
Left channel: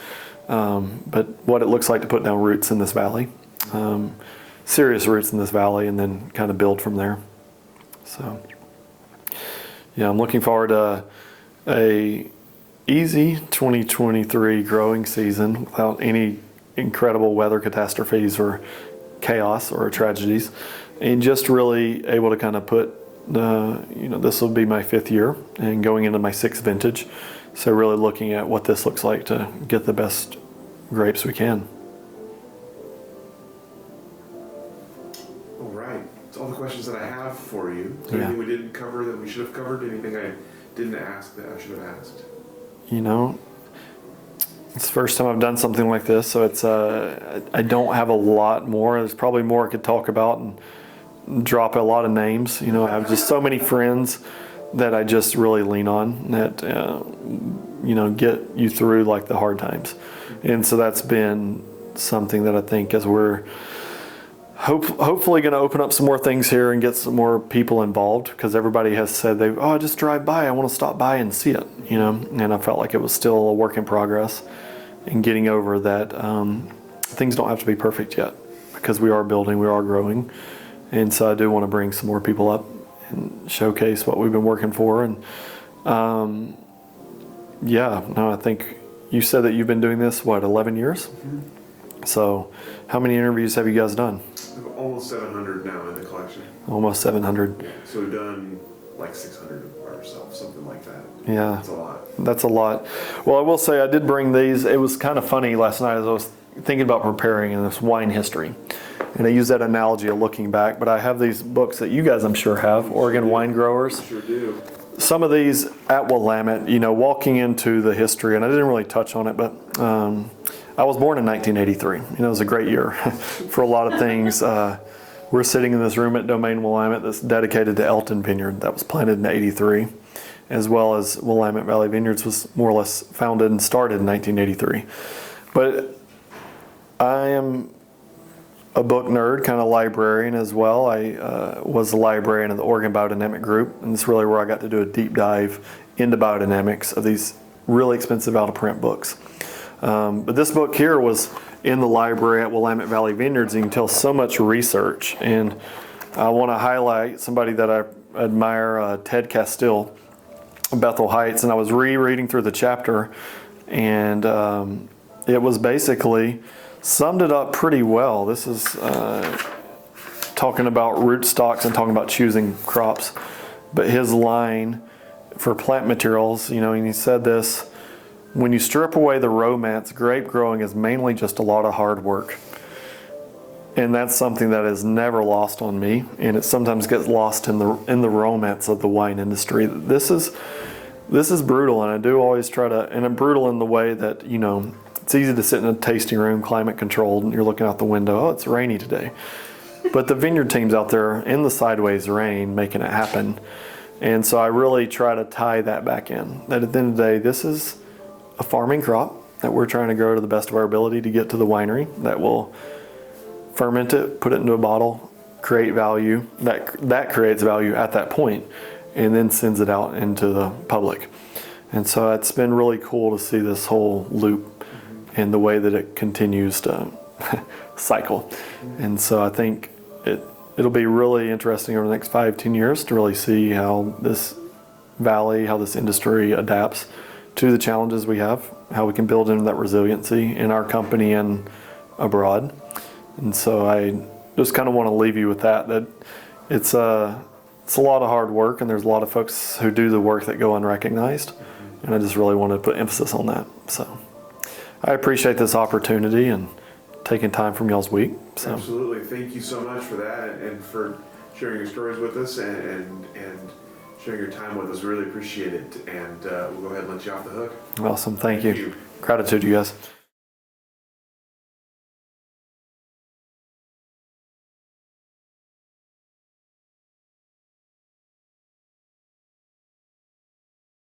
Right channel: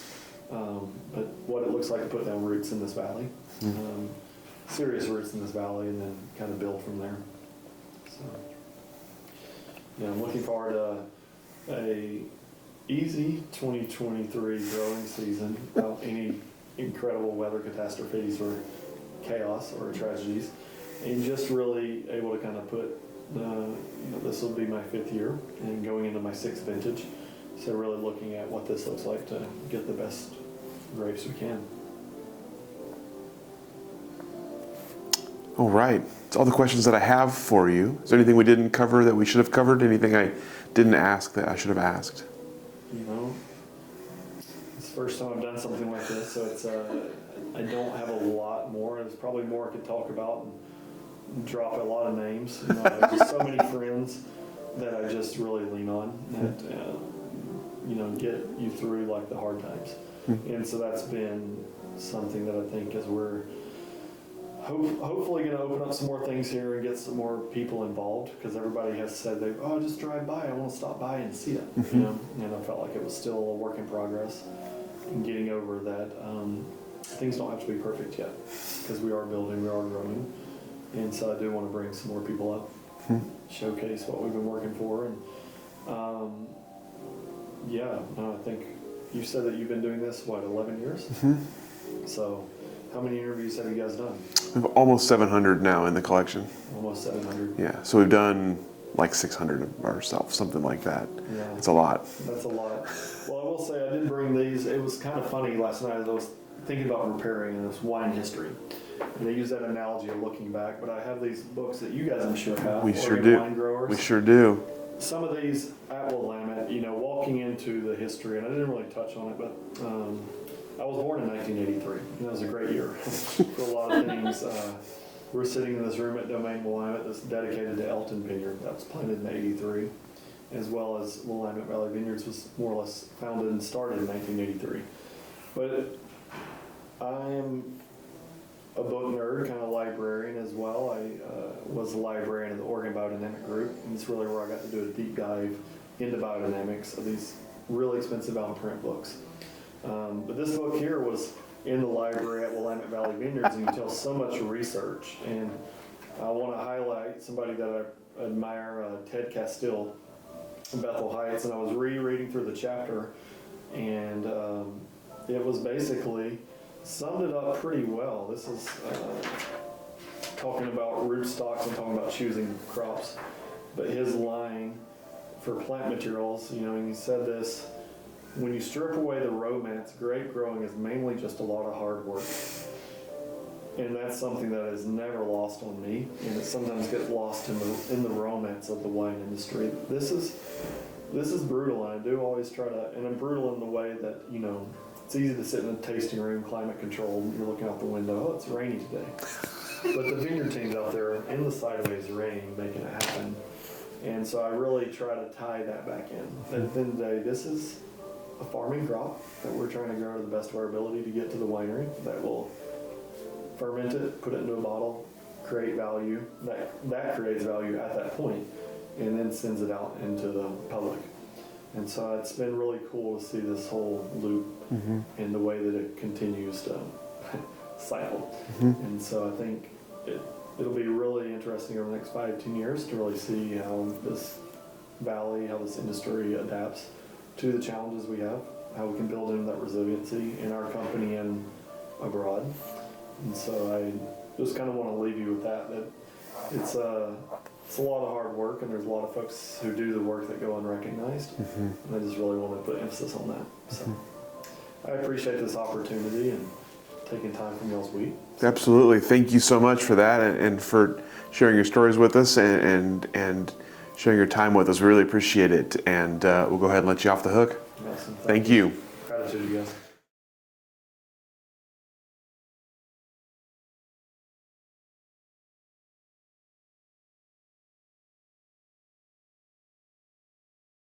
But what it looks like to put down roots in this valley, serious roots in this valley, and then kind of build from there. So, yeah, I'm looking forward to a easy 2023 growing season without any incredible weather catastrophes or chaos or tragedies, and just really able to kind of put this will be my 5th year and going into my 6th vintage. So really looking at what this looks like to get the best grapes we can. All right. That's all the questions that I have for you. Is there anything we didn't cover that we should have covered? Anything I didn't ask that I should have asked? It's the first time I've done something like this, so it's I don't have a lot more. There's probably more I could talk about and drop a lot of names. I have just so many friends that I just really lean on that get you through like the hard times. And so that's been something that I think, as we're hopefully going to open up some more things here and get some more people involved, because everybody has said I just drive by, I want to stop by and see it, and I felt like it was still a work in progress, and getting over that things don't have to be perfect yet, because we are building, we are growing. And so I do want to bring some more people up and showcase what we've been working for. And I think you said that you've been doing this, 11 years? So how many interviews have you guys done? We have almost 700 now in the collection. Almost 700. Yeah, so we've done like 600 ourselves, something like that. Yeah. That's a lot. That's a lot. Well, I will say I did bring these. It was kind of funny last night as I was thinking about preparing in this wine history. And I use that analogy of looking back, but I have these books that you guys I'm sure have, Oregon Wine Growers. We sure do. Some of these at Willamette, walking into the history, and I didn't really touch on it, but I was born in 1983. It was a great year for a lot of things. We're sitting in this room at Domaine Willamette that's dedicated to Elton Vineyard that was planted in '83, as well as Willamette Valley Vineyards was more or less founded and started in 1983. But I am a book nerd, kind of librarian as well. I was the librarian of the Oregon Biodynamic Group, and it's really where I got to do a deep dive into biodynamics of these really expensive out-of-print books. But this book here was in the library at Willamette Valley Vineyards, and you can tell so much research. And I want to highlight somebody that I admire, Ted Castile, Bethel Heights, and I was rereading through the chapter, and it was basically summed it up pretty well. This is talking about rootstocks and talking about choosing crops. But his line for plant materials, and he said this: when you strip away the romance, grape growing is mainly just a lot of hard work. And that's something that is never lost on me, and it sometimes gets lost in the romance of the wine industry. This is brutal, and I do always try to, and I'm brutal in the way that, it's easy to sit in a tasting room, climate controlled, and you're looking out the window, it's rainy today. But the vineyard team's out there in the sideways rain making it happen. And so I really try to tie that back in. That at the end of the day, this is a farming crop that we're trying to grow to the best of our ability to get to the winery that will ferment it, put it into a bottle, create value. That creates value at that point, and then sends it out into the public. And so it's been really cool to see this whole loop and the way that it continues to cycle. And so I think it'll be really interesting over the next 5-10 years to really see how this valley, how this industry adapts to the challenges we have, how we can build in that resiliency in our company and abroad. And so I just kind of want to leave you with that it's a lot of hard work, and there's a lot of folks who do the work that go unrecognized. And I just really want to put emphasis on that. So I appreciate this opportunity and taking time from y'all's week. So. Absolutely. Thank you so much for that and for sharing your stories with us and sharing your time with us. We really appreciate it. And we'll go ahead and let you off the hook. Awesome. Thank you. Gratitude, you guys.